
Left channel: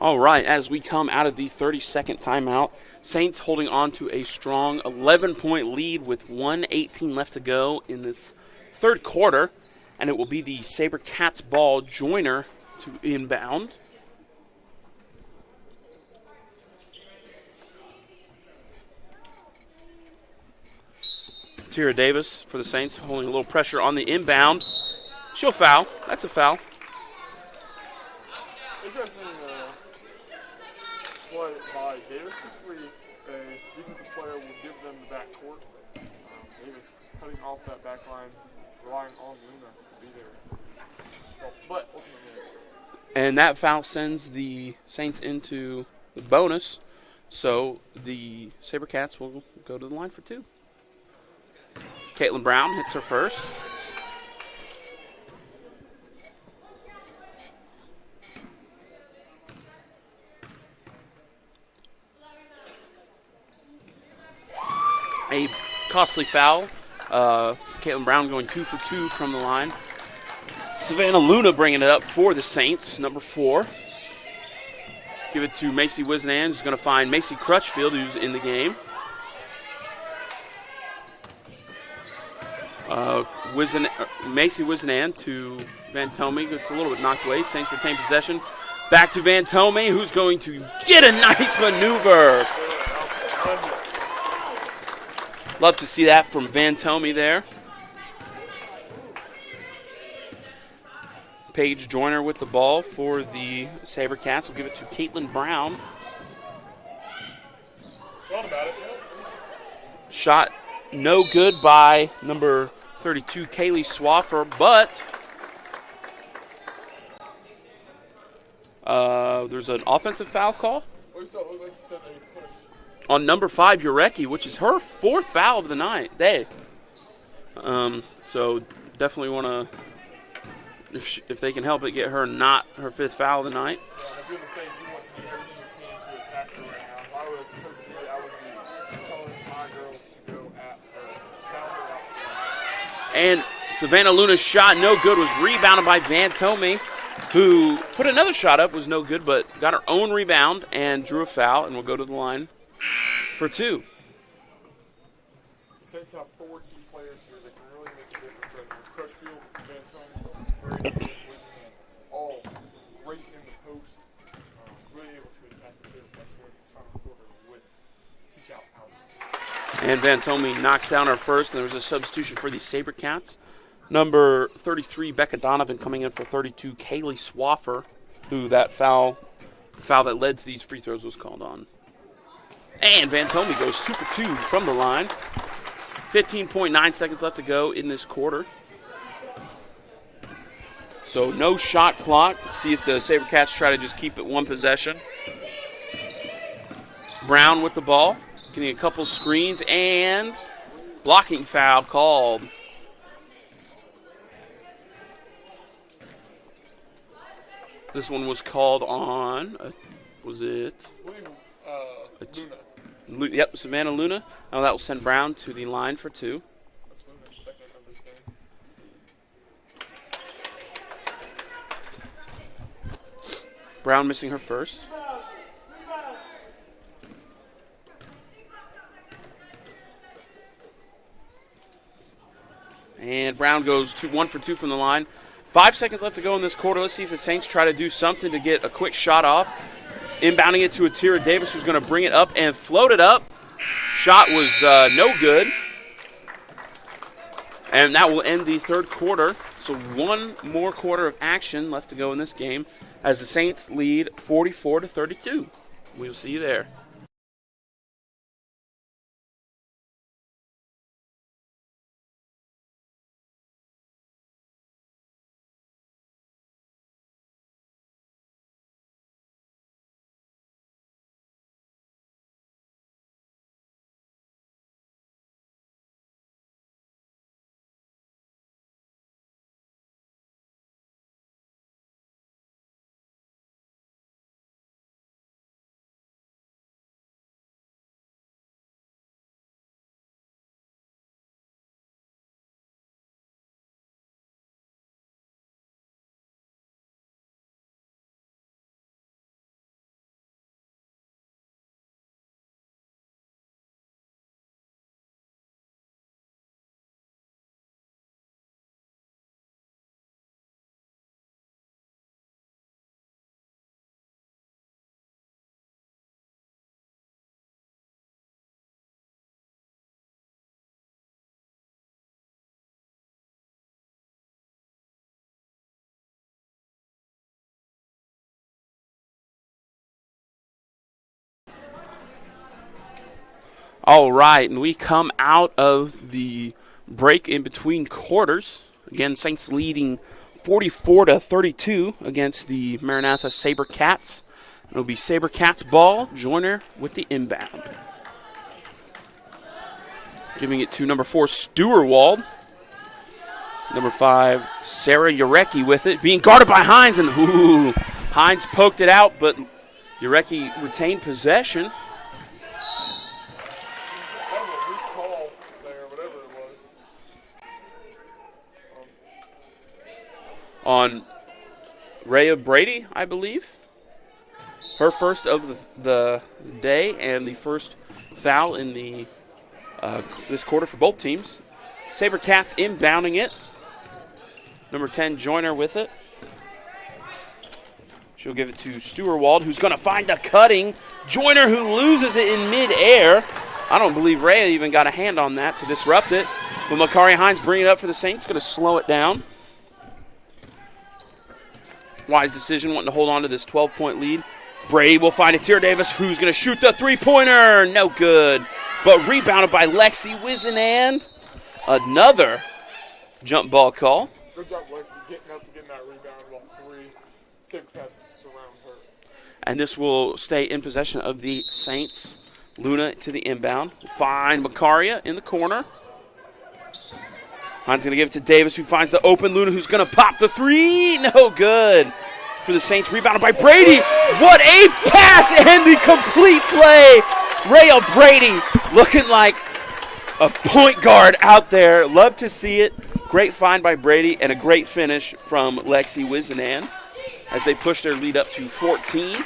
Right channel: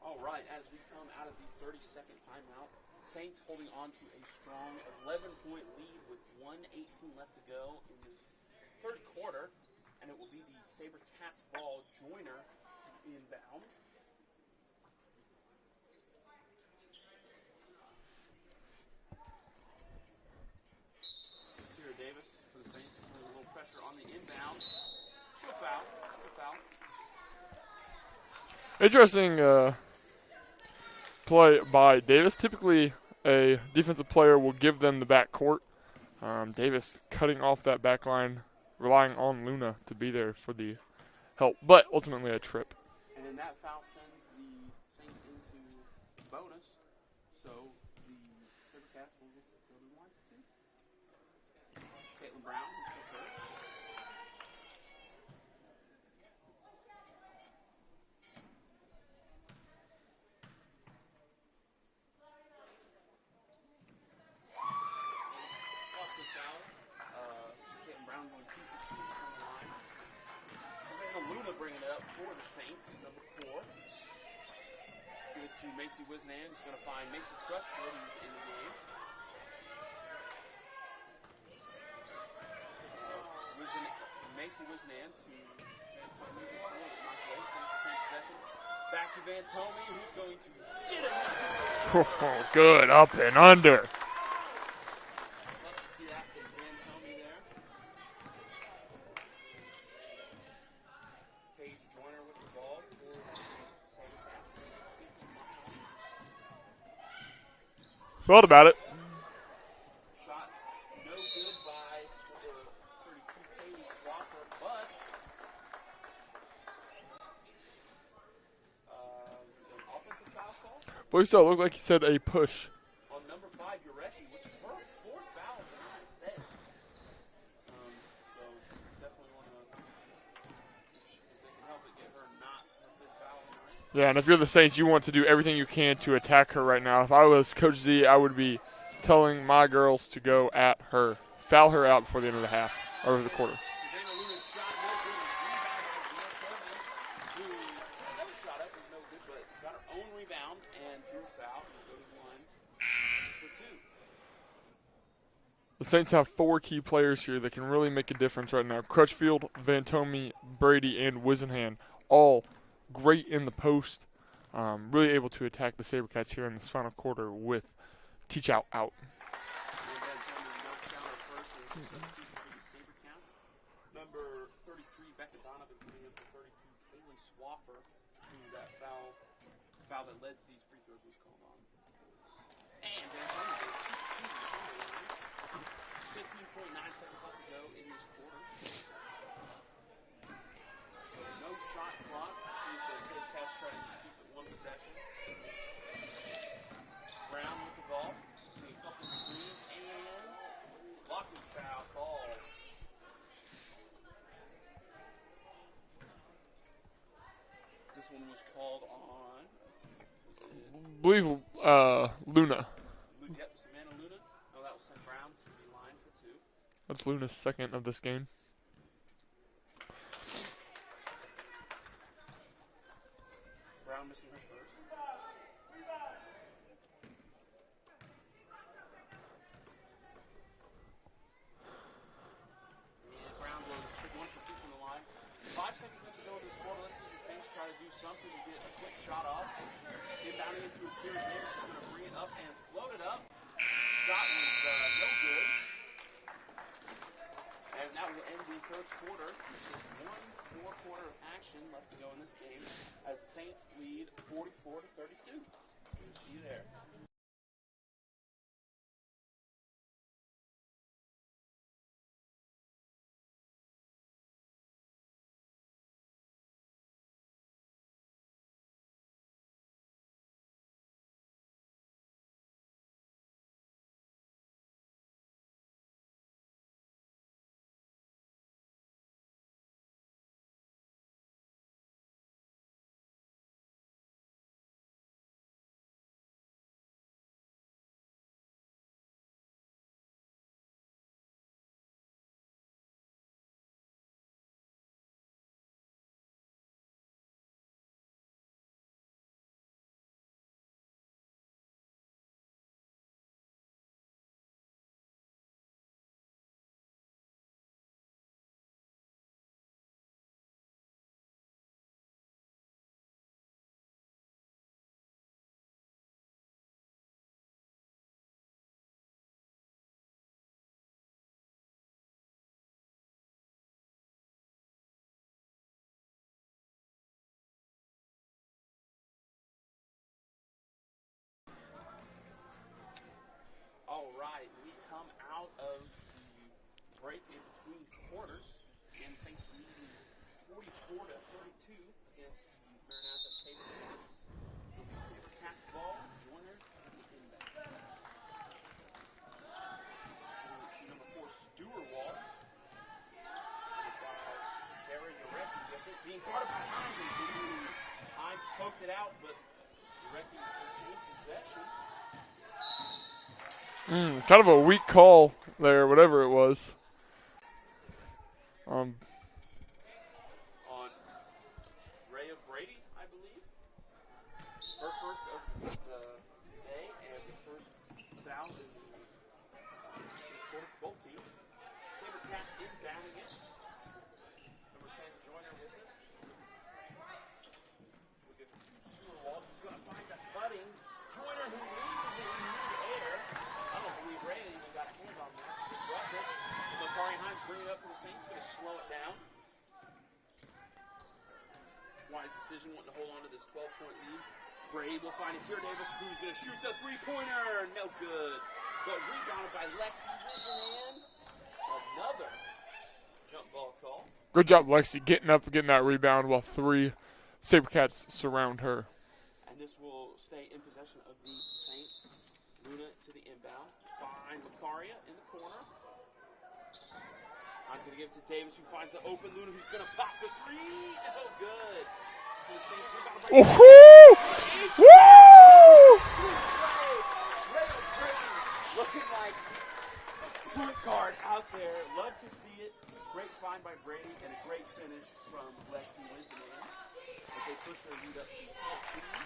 All right, as we come out of the 30-second timeout, Saints holding on to a strong 11-point lead with 1:18 left to go in this third quarter, and it will be the SaberCats ball. Joyner to inbound. Tira Davis for the Saints holding a little pressure on the inbound. She'll foul. That's a foul. Interesting play by Davis. Typically, a defensive player will give them the back court. Davis cutting off that back line, relying on Luna to be there for the help, but ultimately a trip. And that foul sends the Saints into the bonus, so the SaberCats will go to the line for two. Caitlin Brown hits her first. A costly foul. Caitlin Brown going 2 for 2 from the line. Savannah Luna bringing it up for the Saints, number 4. Give it to Macy Wisenand, who's going to find Macy Crutchfield, who's in the game. Macy Wisenand to Van Tomey. Gets a little bit knocked away. Saints retain possession. Back to Van Tomey, who's going to get a nice maneuver. Good up and under. Love to see that from Van Tomey there. Paige Joyner with the ball for the SaberCats. We'll give it to Caitlin Brown. Thought about it. Shot no good by number 32, Kaylee Swaffer, but there's an offensive foul call. Boy, so it looked like he said a push. On number 5, Urecki, which is her 4th foul of the day. So definitely want to, if they can help it, get her not her 5th foul of the night. Yeah, and if you're the Saints, you want to do everything you can to attack her right now. If I was Coach Z, I would be telling my girls to go at her, foul her out for the end of the half. And Savannah Luna's shot, no good, was rebounded by Van Tomey, who put another shot up, was no good, but got her own rebound and drew a foul, and will go to the line for 2. The Saints have 4 key players here that can really make a difference right now. Crutchfield, Vantomi, Brady, and Wisenhand, all great in the post. Really able to attack the SaberCats here in this final quarter with Teach Out. And Vantomi knocks down our first, and there was a substitution for the SaberCats. Number 33, Becca Donovan, coming in for 32, Kaylee Swaffer, who that foul that led to these free throws was called on. And Vantomi goes 2 for 2 from the line. 15.9 seconds left to go in this quarter. So no shot clock. Let's see if the SaberCats try to just keep it one possession. Brown with the ball, getting a couple screens, and blocking foul called. This one was called on, was it? I believe Luna. Yep, Savannah Luna. Now that will send Brown to the line for 2. That's Luna's second of this game. Brown missing her first. And Brown goes 1 for 2 from the line. 5 seconds left to go in this quarter. Let's see if the Saints try to do something to get a quick shot off. Inbounding it to Atira Davis, who's going to bring it up and float it up. Shot was no good. And that will end the third quarter. So one more quarter of action left to go in this game as the Saints lead 44-32. We'll see you there. All right, and we come out of the break in between quarters. Again, Saints leading 44-32 against the Maranatha SaberCats. It'll be SaberCats ball. Joyner with the inbound. Giving it to number 4, Stewart-Wald. Number 5, Sarah Urecki with it. Being guarded by Hines, and Hines poked it out, but Urecki retained possession. Kind of a weak call there, whatever it was. On Rhea Brady, I believe. Her first of the day and the first foul in the this quarter for both teams. SaberCats inbounding it. Number 10, Joyner with it. She'll give it to Stewart-Wald, who's going to find a cutting. Joyner, who loses it in midair. I don't believe Rhea even got a hand on that to disrupt it. But Makari Hines bringing it up for the Saints, going to slow it down. Wise decision, wanting to hold on to this 12-point lead. Brady will find Atira Davis, who's going to shoot the three-pointer. No good. But rebounded by Lexi Wisenand. Another jump ball call. Good job, Lexi, getting up and getting that rebound while 3 SaberCats surround her. And this will stay in possession of the Saints. Luna to the inbound. Find Macaria in the corner. Hines going to give it to Davis, who finds the open Luna, who's going to pop the 3. No good for the Saints. Rebounded by Brady. What a pass and the complete play. Rhea Brady looking like a point guard out there. Love to see it. Great find by Brady and a great finish from Lexi Wisenand as they push their lead up to 14.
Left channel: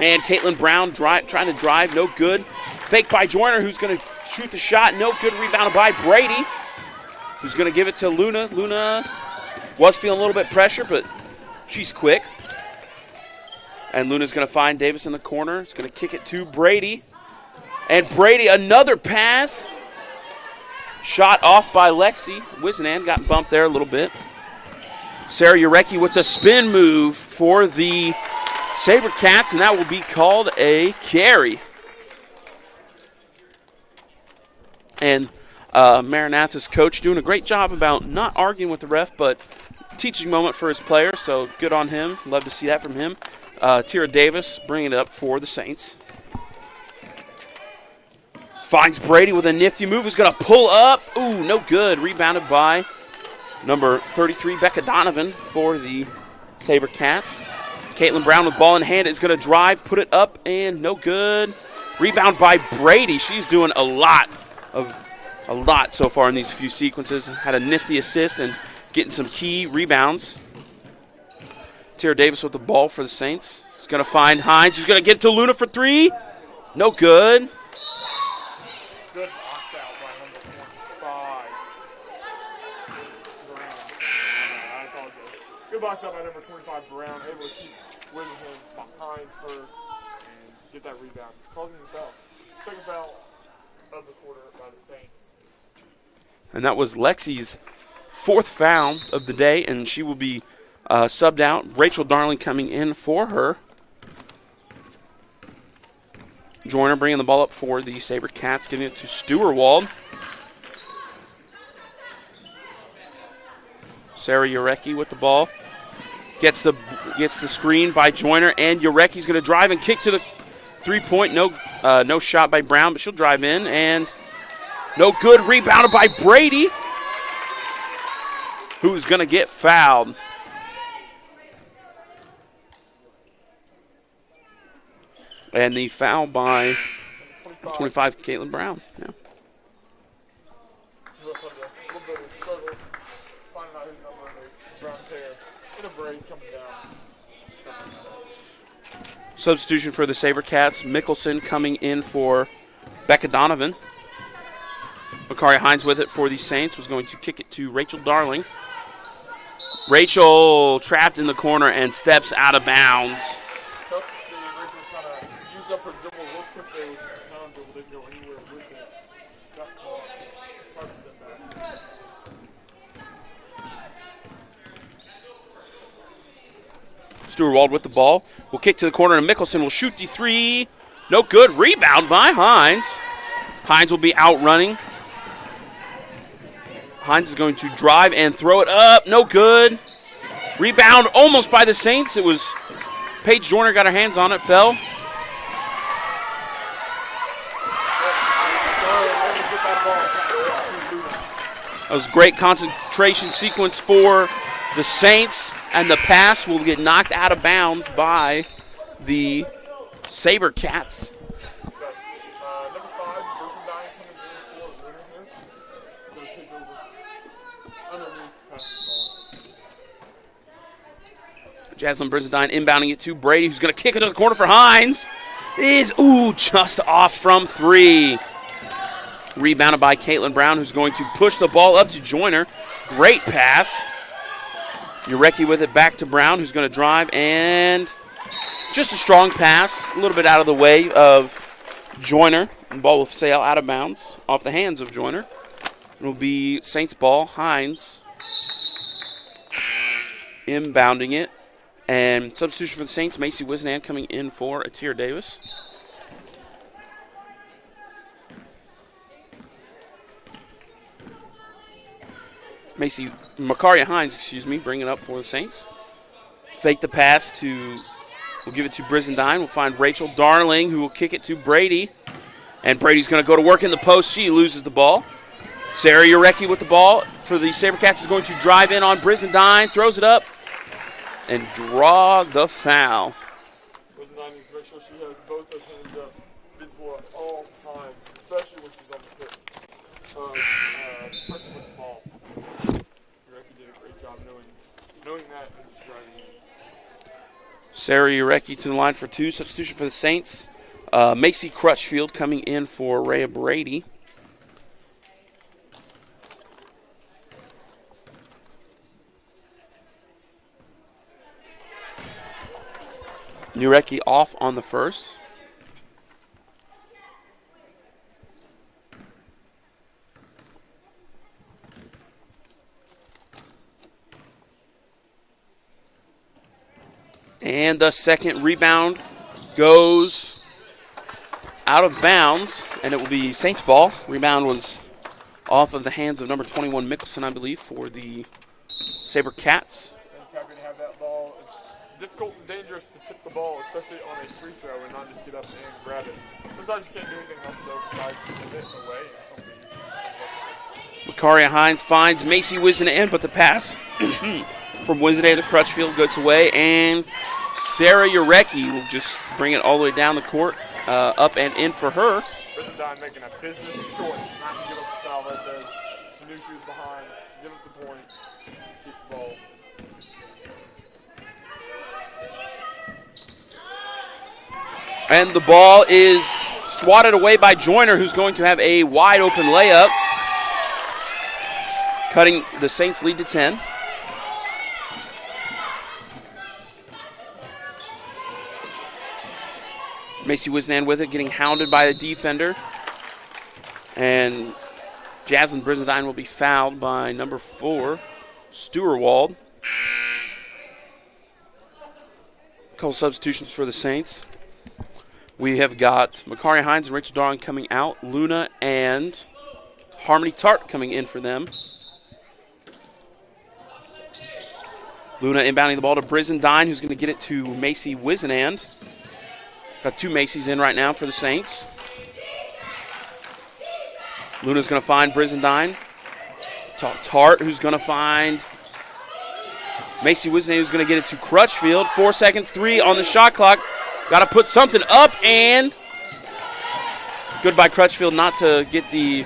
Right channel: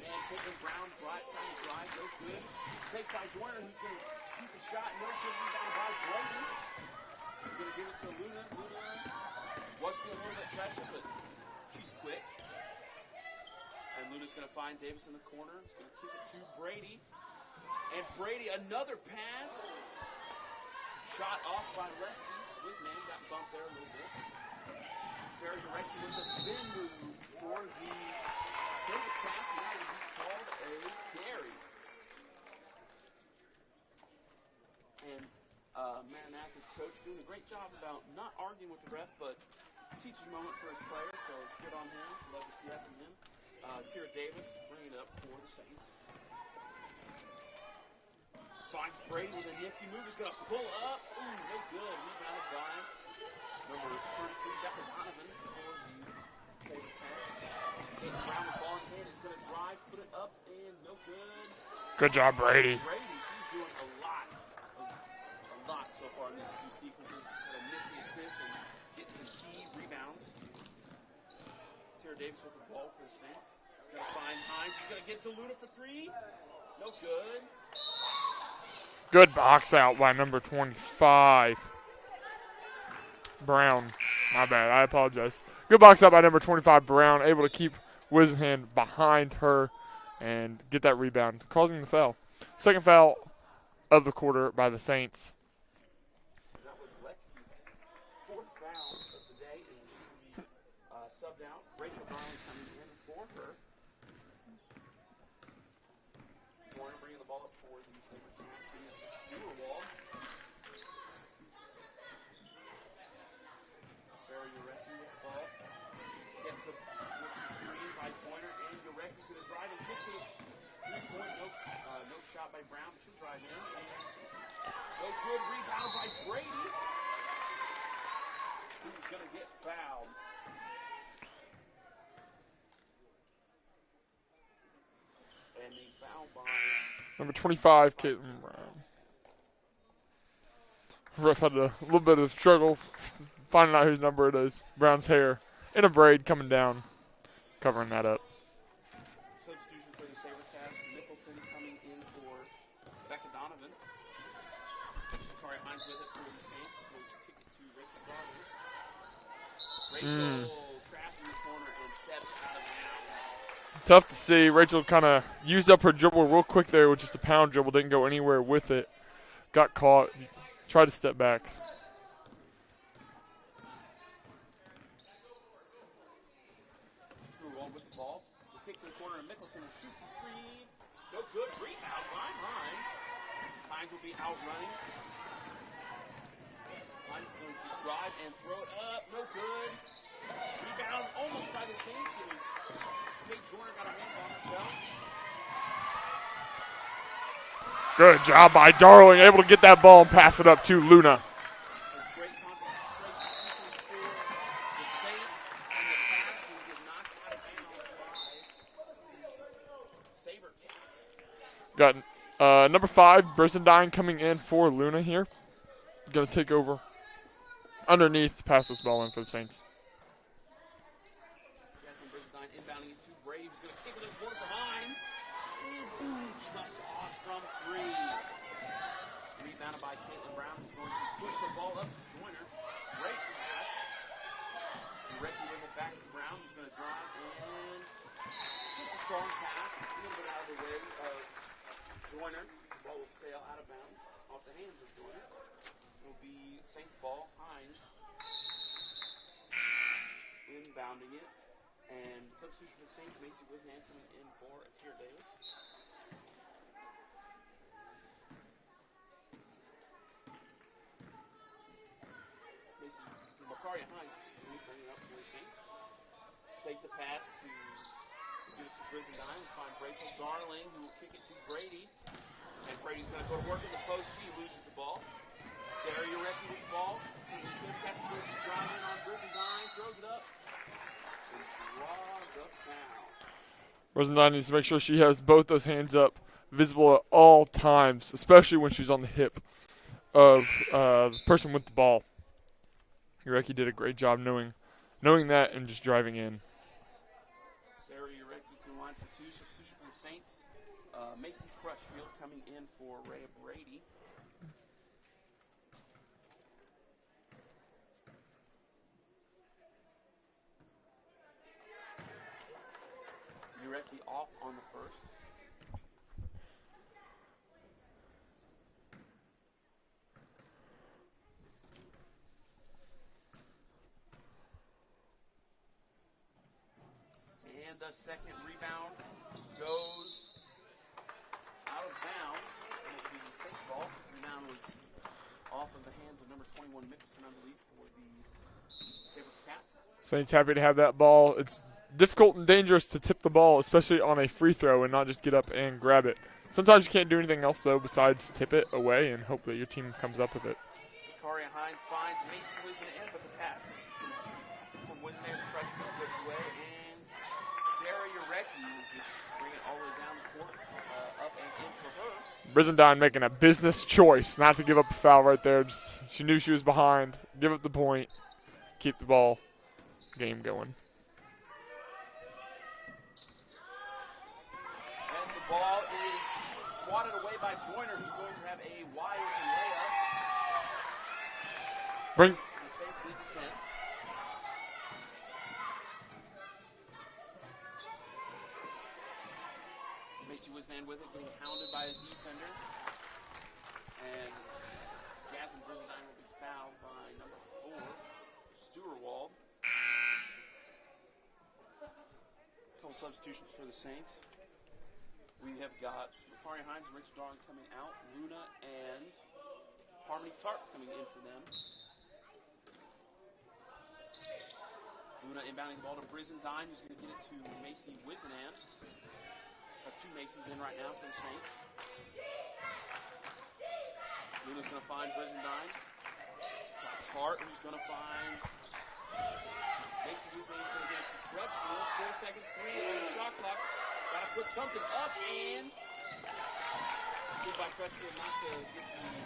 And Caitlin Brown trying to drive, no good. Fake by Joyner, who's going to shoot the shot. No good. Rebounded by Brady, who's going to give it to Luna. Luna was feeling a little bit pressure, but she's quick. And Luna's going to find Davis in the corner. It's going to kick it to Brady. And Brady, another pass. Shot off by Lexi. Wisnan got bumped there a little bit. Sarah Urecki with the spin move for the SaberCats, and that will be called a carry. And Maranatha's coach doing a great job about not arguing with the ref, but teaching moment for his players, so good on him. Love to see that from him. Tira Davis bringing it up for the Saints. Finds Brady with a nifty move. He's going to pull up. Ooh, no good. Rebounded by number 33, Becca Donovan, for the SaberCats. Caitlin Brown with ball in hand is going to drive, put it up, and no good. Rebound by Brady. She's doing a lot so far in these few sequences. Had a nifty assist and getting some key rebounds. Tira Davis with the ball for the Saints. He's going to find Hines. He's going to get to Luna for three. No good. Good box out by number 25, Brown. My bad, I apologize. Good box out by number 25, Brown, able to keep Wisenhand behind her and get that rebound, causing the foul. Second foul of the quarter by the Saints. And that was Lexi's fourth foul of the day, and she will be subbed out. Rachel Darling coming in for her. Joyner bringing the ball up for the SaberCats, giving it to Stewart-Wald. Sarah Urecki with the ball. Gets the screen by Joyner, and Urecki's going to drive and kick to the three-point. No shot by Brown, but she'll drive in, and no good. Rebounded by Brady, who's going to get fouled. And the foul by number 25, Caitlin Brown. Yeah. Ref had a little bit of struggle finding out whose number it is. Brown's hair in a braid coming down, covering that up. Substitution for the SaberCats. Mickelson coming in for Becca Donovan. Bakari Hines with it for the Saints was going to kick it to Rachel Darling. Rachel trapped in the corner and steps out of bounds. Tough to see. Rachel kind of used up her dribble real quick there with just a pound dribble. Didn't go anywhere with it. Got caught. Tried to step back. Stewart-Wald with the ball. Will kick to the corner, and Mickelson will shoot the three. No good. Rebound by Hines. Hines will be out running. Hines is going to drive and throw it up. No good. Rebound almost by the Saints. It was Paige Joyner got her hands on it, fell. Good job by Darling, able to get that ball and pass it up to Luna. That was a great concentration sequence for the Saints, and the pass will get knocked out of bounds by the SaberCats. Got number 5, Brisendine, coming in for Luna here. Going to take over underneath, pass this ball in for the Saints. Jaslyn Brisendine inbounding it to Brady, who's going to kick it to the corner for Hines. Just off from three. Rebounded by Caitlin Brown, who's going to push the ball up to Joyner. Great pass. Urecki with it back to Brown, who's going to drive, and just a strong pass, a little bit out of the way of Joyner. The ball will sail out of bounds off the hands of Joyner. It will be Saints ball. Hines inbounding it. And substitution for the Saints, Macy Wisnan coming in for Tira Davis. Makaria Hines, bringing it up for the Saints. Fake the pass we'll give it to Brisendine. We'll find Rachel Darling, who will kick it to Brady. And Brady's going to go to work in the post. She loses the ball. Sarah Urecki with the ball for the SaberCats is going to drive in on Brisendine, throws it up, and draw the foul. Brisendine needs to make sure she has both those hands up, visible at all times, especially when she's on the hip of the person with the ball. Urecki did a great job knowing that and just driving in. Sarah Urecki to the line for two. Substitution for the Saints. Macy Crutchfield coming in for Rhea Brady. Nurecki off on the first. And the second rebound goes out of bounds, and it will be Saints ball. Rebound was off of the hands of number 21 Mickelson, I believe, for the SaberCats. Saints happy to have that ball. It's difficult and dangerous to tip the ball, especially on a free throw, and not just get up and grab it. Sometimes you can't do anything else, though, besides tip it away and hope that your team comes up with it. Makaria Hines finds Macy Wisenan, but the pass from Wisenan to Crutchfield goes away, and Sarah Urecki will just bring it all the way down the court, up and in for her. Brizendine making a business choice not to give up the foul right there. She knew she was behind. Give up the point. Keep the ball game going. And the ball is swatted away by Joyner, who's going to have a wide open layup, cutting the Saints lead to 10. Macy Wisenan with it, getting hounded by the defender. And Jaslyn Brizendine will be fouled by number 4, Stewart-Wald. A couple substitutions for the Saints. We have got Makaria Hines and Rachel Darling coming out. Luna and Harmony Tart coming in for them. Luna inbounding the ball to Brizendine, who's going to get it to Macy Wisenan. Got 2 Macy's in right now for the Saints. Luna's going to find Brizendine. Tart, who's going to find Macy Wisenan, who's going to get it to Crutchfield. 4 seconds, 3 on the shot clock. Got to put something up, and good by Crutchfield not to get the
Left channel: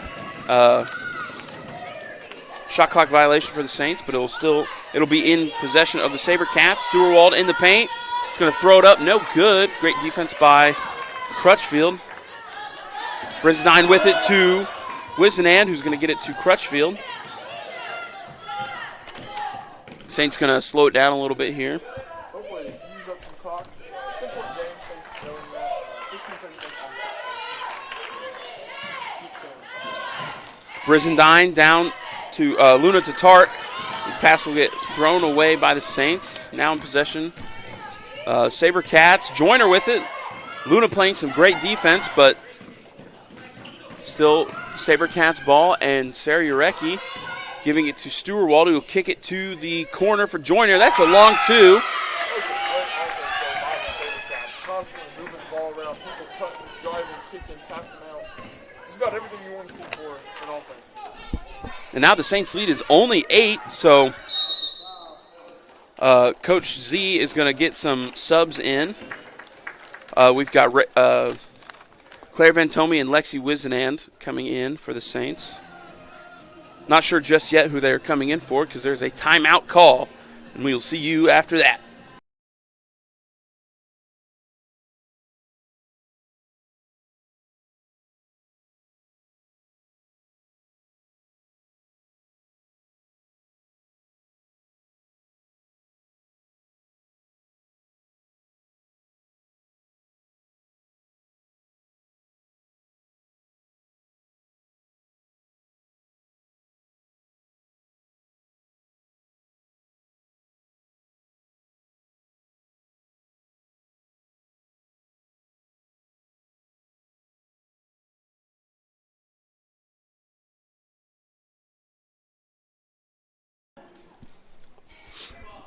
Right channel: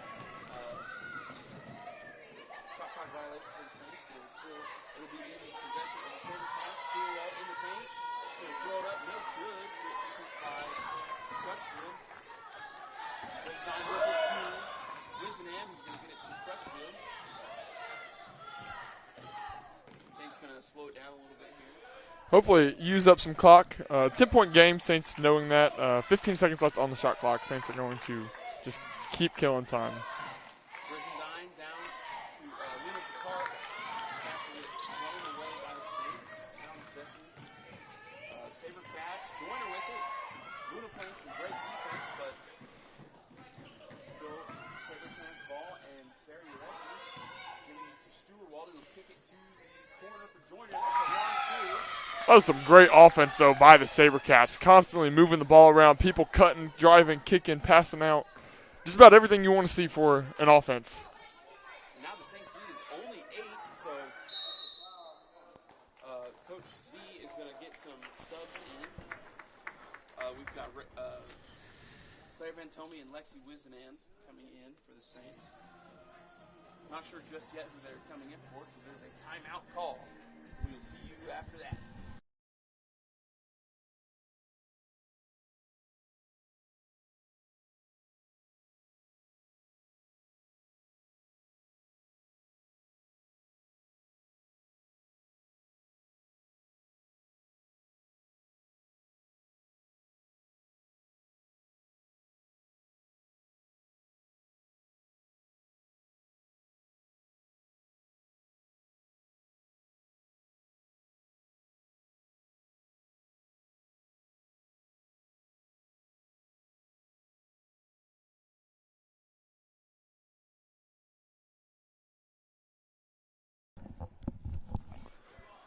shot clock violation for the Saints, but it'll be in possession of the SaberCats. Stewart-Wald in the paint. He's going to throw it up. No good. Great defense by Crutchfield. Brizendine with it to Wisenan, who's going to get it to Crutchfield. Saints going to slow it down a little bit here. Hopefully use up some clock. 10-point game, Saints knowing that. 15 seconds left on the shot clock. Saints are going to just keep killing time. Brizendine down to Luna to Tart. The pass will get thrown away by the Saints. Now in possession. SaberCats. Joyner with it. Luna playing some great defense, but still SaberCats ball, and Sarah Urecki giving it to Stewart-Wald, who will kick it to the corner for Joyner. That's a long 2. That was some great offense, though, by the SaberCats. Constantly moving the ball around, people cutting, driving, kicking, passing out. Just about everything you want to see for an offense. And now the Saints lead is only 8, so Coach Z is going to get some subs in. We've got Claire Vantomi and Lexi Wisenan coming in for the Saints. Not sure just yet who they're coming in for because there's a timeout call, and we will see you after that.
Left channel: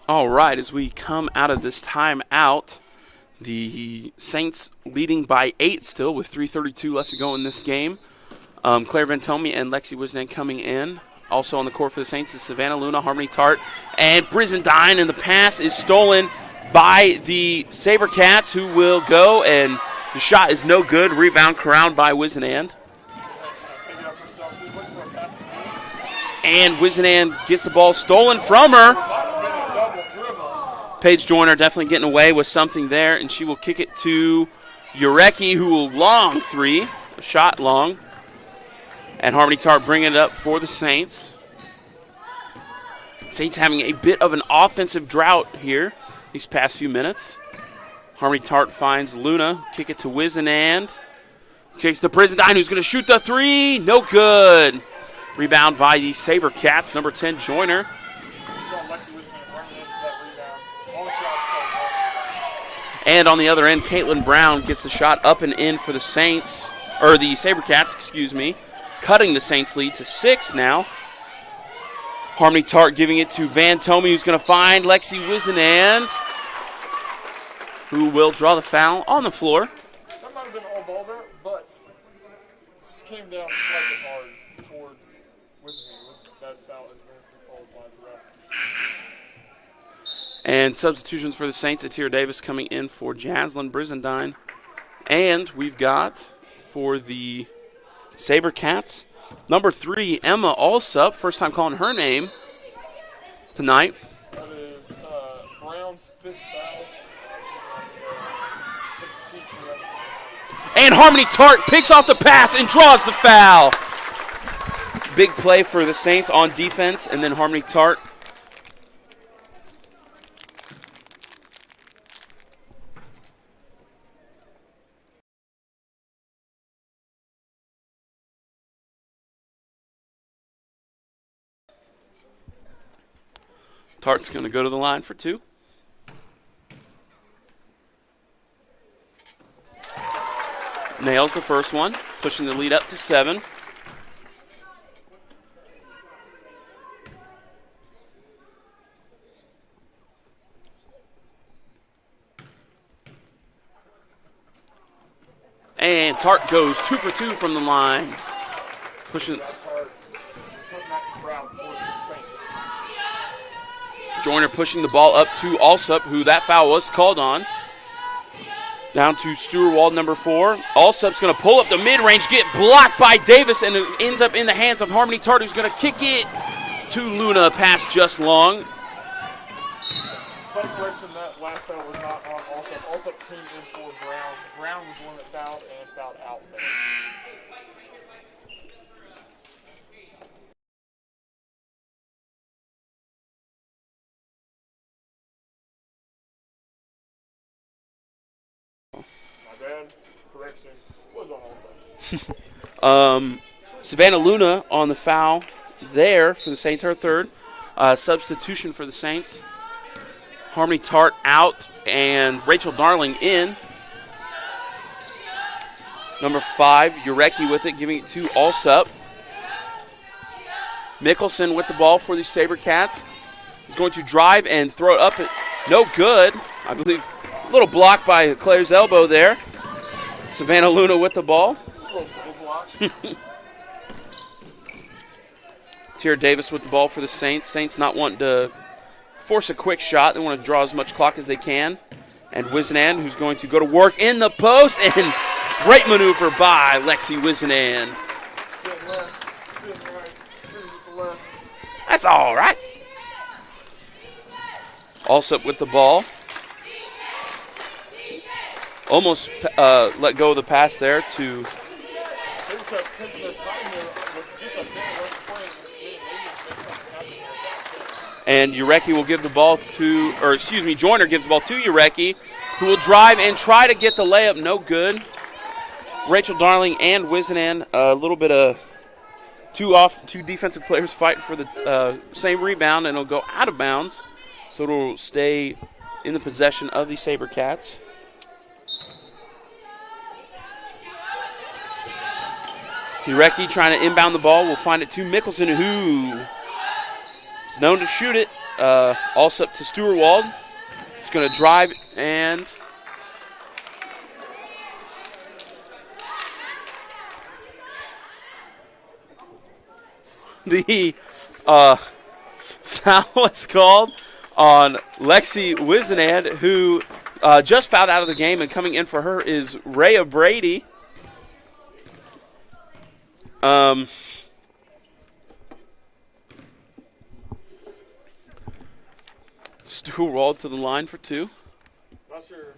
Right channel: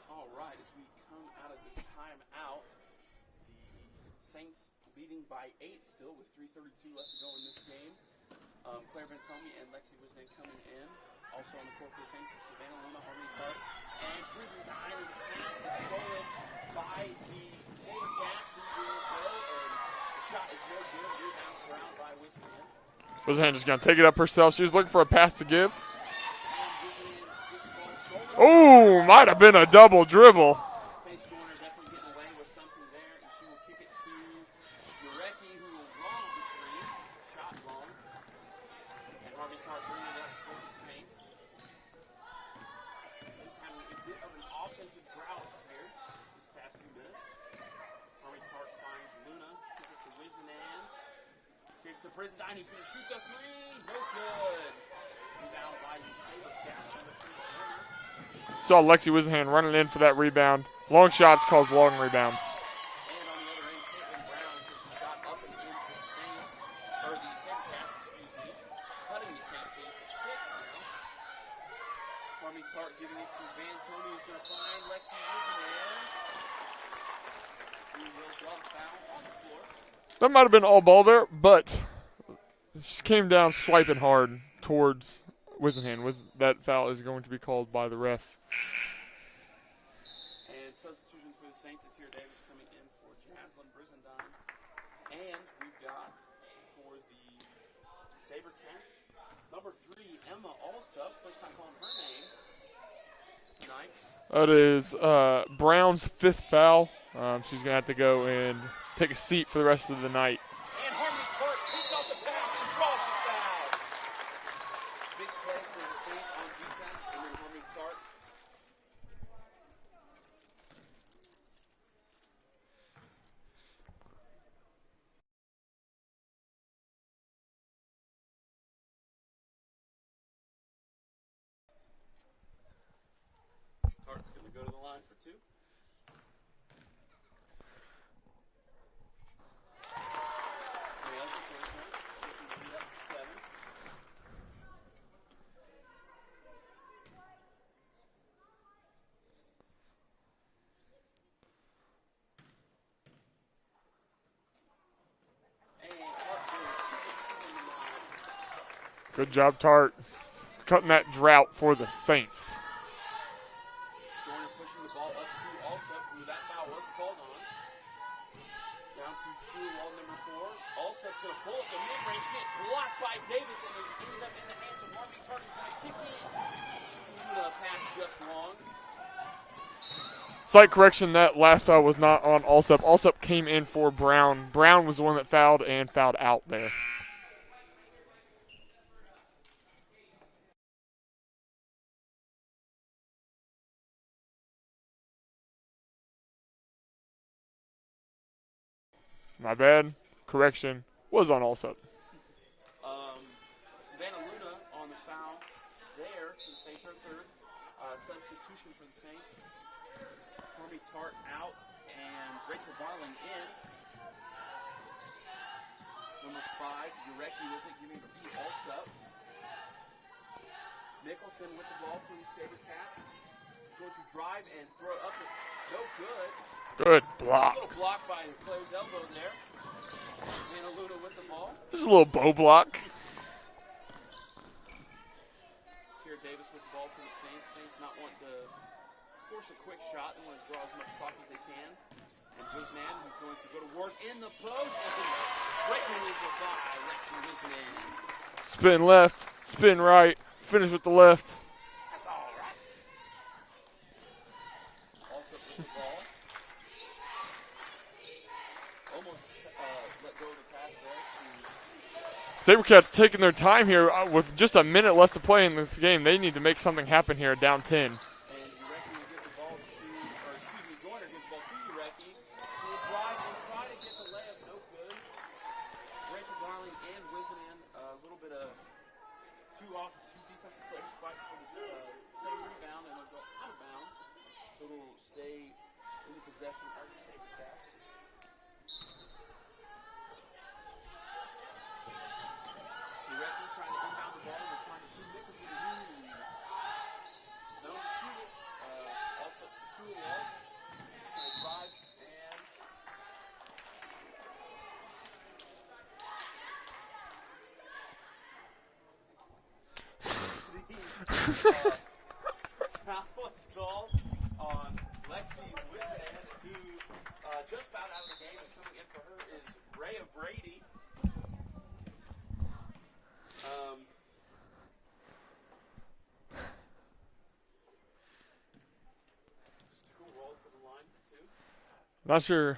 All right, as we come out of this timeout, the Saints leading by 8 still with 3:32 left to go in this game. Claire Vantomi and Lexi Wisenan coming in. Also on the court for the Saints is Savannah Luna, Harmony Tart, and Brizendine, and the pass is stolen by the SaberCats, who will go, and the shot is no good. Rebound corralled by Wisenan. Wisenan just going to take it up herself. She was looking for a pass to give. And Wisenan gets the ball stolen from her. Might have been a double dribble. Paige Joyner definitely getting away with something there, and she will kick it to Urecki, who will long three, a shot long. And Harmony Tart bringing it up for the Saints. Saints having a bit of an offensive drought here these past few minutes. Harmony Tart finds Luna, kick it to Wizenand. Kicks to Brizendine, who's going to shoot the three. No good. Rebound by the SaberCats, number 10, Joyner. Saw Lexi Wizenhand running in for that rebound. Long shots cause long rebounds. And on the other end, Caitlin Brown gets the shot up and in for the Saints, or the SaberCats, excuse me, cutting the Saints lead to 6 now. Harmony Tart giving it to Van Tomey, who's going to find Lexi Wizenand, who will draw the foul on the floor. That might have been all ball there, but just came down swiping hard towards Wizenhand. That foul is going to be called by the refs. And substitutions for the Saints, Atira Davis coming in for Jaslyn Brizendine. And we've got for the SaberCats, number 3, Emma Alsup. First time calling her name tonight. That is Brown's 5th foul. She's going to have to go and take a seat for the rest of the night. And Harmony Tart picks off the pass and draws the foul. Big play for the Saints on defense, and then Harmony Tart. Tart's going to go to the line for 2. Nails the first one, pushing the lead up to 7. And Tart goes 2 for 2 from the line. Good job, Tart. Cutting that drought for the Saints. Joyner pushing the ball up to Alsup, who that foul was called on. Down to Stewart-Wald, number 4. Alsup's going to pull up the mid-range, get blocked by Davis, and it ends up in the hands of Harmony Tart, who's going to kick it to Luna. Pass just long. Slight correction, that last foul was not on Alsup. Alsup came in for Brown. Brown was the one that fouled and fouled out there. My bad. Correction was on Alsup. Savannah Luna on the foul there for the Saints, her 3rd. Substitution for the Saints. Harmony Tart out and Rachel Darling in. Number 5, Urecki with it, giving it to Alsup. Mickelson with the ball for the SaberCats. He's going to drive and throw it up. No good. I believe a little block by Claire's elbow there. Savannah Luna with the ball. Just a little bow block. Tira Davis with the ball for the Saints. Saints not wanting to force a quick shot. They want to draw as much clock as they can. And Wizenand, who's going to go to work in the post. And great maneuver by Lexi Wizenand. Spin left, spin right, finish with the left. That's all right. Alsup with the ball. Almost let go of the pass there to... SaberCats taking their time here with just a minute left to play in this game. They need to make something happen here down 10. And Urecki will give the ball to, or excuse me, Joyner gives the ball to Urecki, who will drive and try to get the layup. No good. Rachel Darling and Wizenand, a little bit of two defensive players fighting for the same rebound, and it'll go out of bounds. So it'll stay in the possession of the SaberCats. Urecki trying to inbound the ball. We'll find it to Mickelson, who is known to shoot it. Alsup to Stewart-Wald. He's going to drive and the foul was called on Lexi Wizenand, who just fouled out of the game, and coming in for her is Rhea Brady. Stewart-Wald to the line for 2. Not sure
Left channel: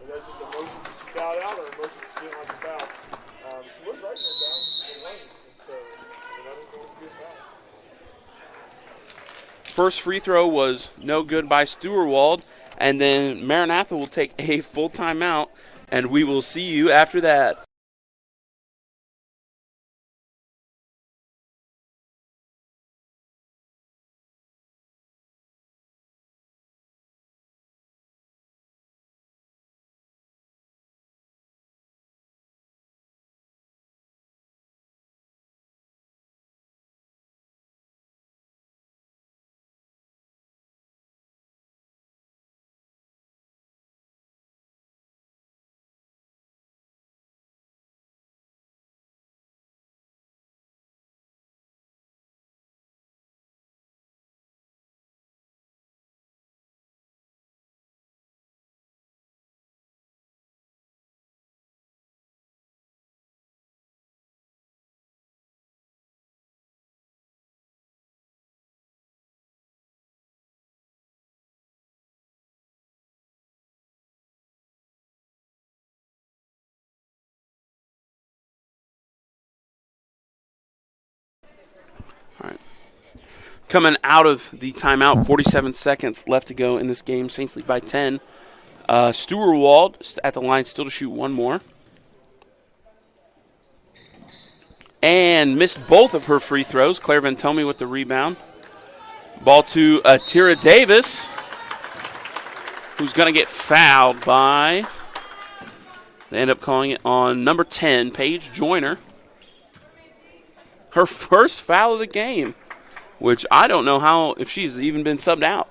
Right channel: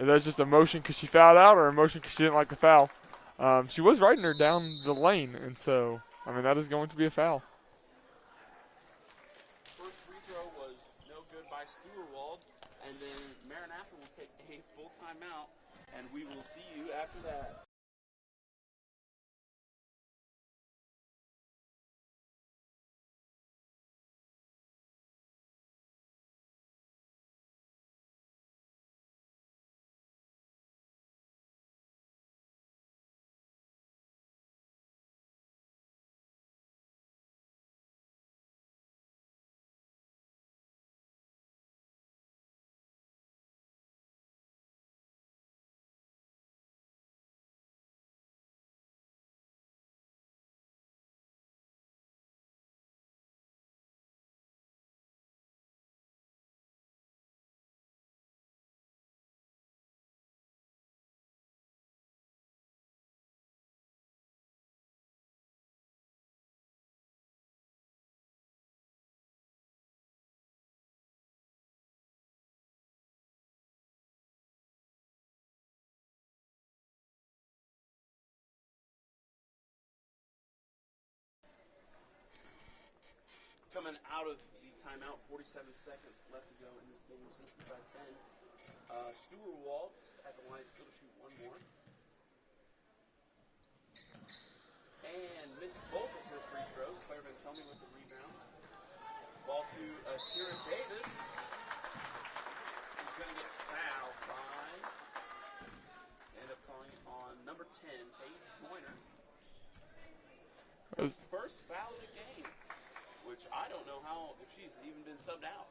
Is that just emotion because she fouled out or emotion because she didn't like the foul? She was riding her down the lane, and so, I mean, that is going to be a foul. First free throw was no good by Stewart, and then Maranatha will take a full timeout, and we will see you after that. All right. Coming out of the timeout, 47 seconds left to go in this game. Saints lead by 10. Stewart at the line still to shoot one more. And missed both of her free throws. Claire Ventomi with the rebound. Ball to Tira Davis, who's going to get fouled by, they end up calling it on number 10, Paige Joyner. Her first foul of the game, which I don't know if she's even been subbed out.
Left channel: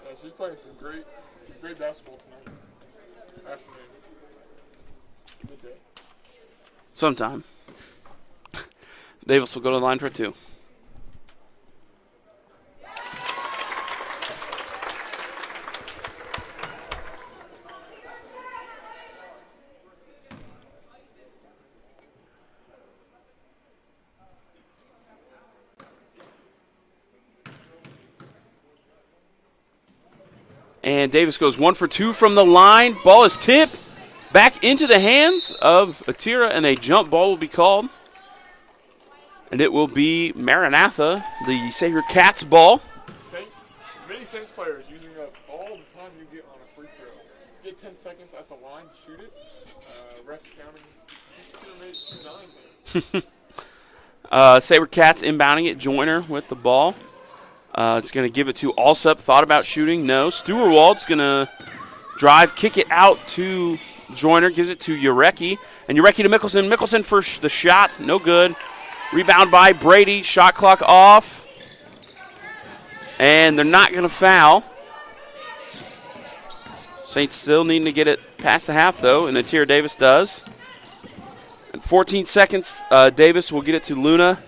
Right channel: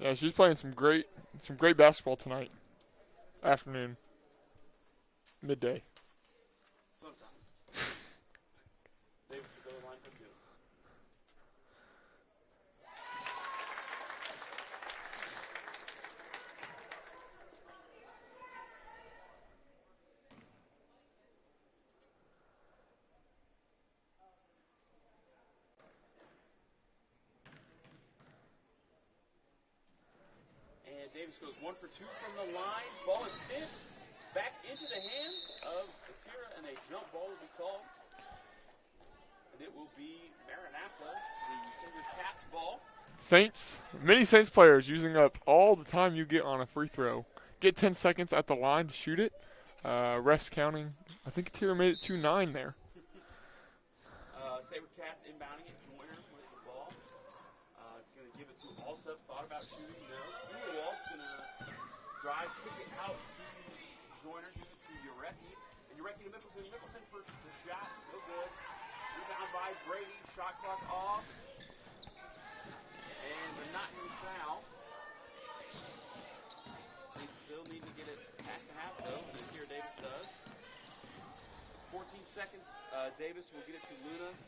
Yeah, she's playing some great basketball tonight. Afternoon. Midday. Sometime. Davis will go to the line for two. And Davis goes 1 for 2 from the line. Ball is tipped back into the hands of Atira, and a jump ball will be called. And it will be Maranatha, the Savior Cats ball. Saints, many Saints players using up all the time you get on a free throw. Get 10 seconds at the line to shoot it. Refs counting. I think Atira made it 2-9 there. Saber Cats inbounding it. Joyner with the ball. It's going to give it to Alsup. Thought about shooting. No. Stewart-Wald's going to drive, kick it out to Joyner. Gives it to Urecki. And Urecki to Mickelson. Mickelson for the shot. No good. Rebound by Brady. Shot clock off. And they're not going to foul. Saints still needing to get it past the half, though, and Atira Davis does. In 14 seconds, Davis will get it to Luna,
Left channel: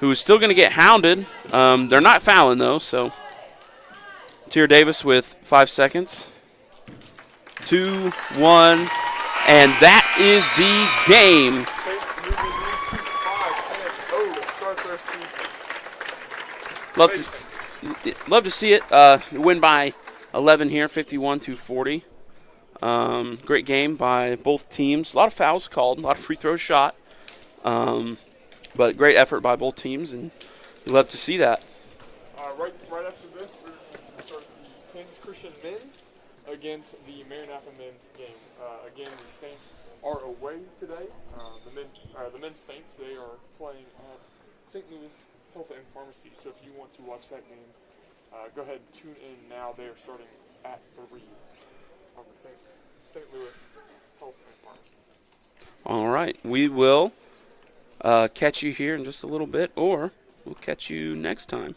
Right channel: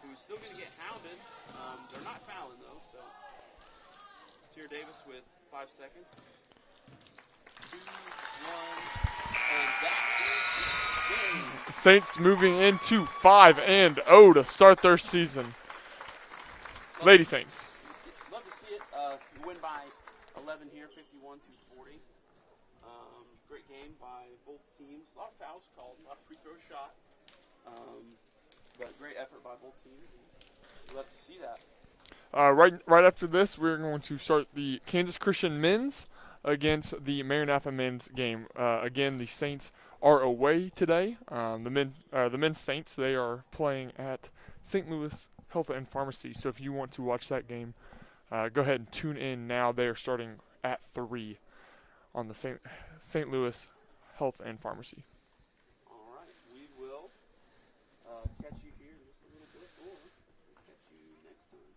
who is still going to get hounded. They're not fouling, though, so Atira Davis with 5 seconds. 2, 1, and that is the game. Saints moving into 5-0 to start their season. Love to see it. Win by 11 here, 51-40. Great game by both teams. A lot of fouls called, a lot of free throws shot. But great effort by both teams, and you love to see that. Right after this, we're going to start the Kansas Christian men's against the Maranatha men's game. Again, the Saints are away today. The men's Saints, they are playing at St. Louis Health and Pharmacy. So if you want to watch that game, go ahead and tune in now. They are starting at 3 on the St. Louis Health and Pharmacy. All right. We will catch you here in just a little bit, or we'll catch you next time.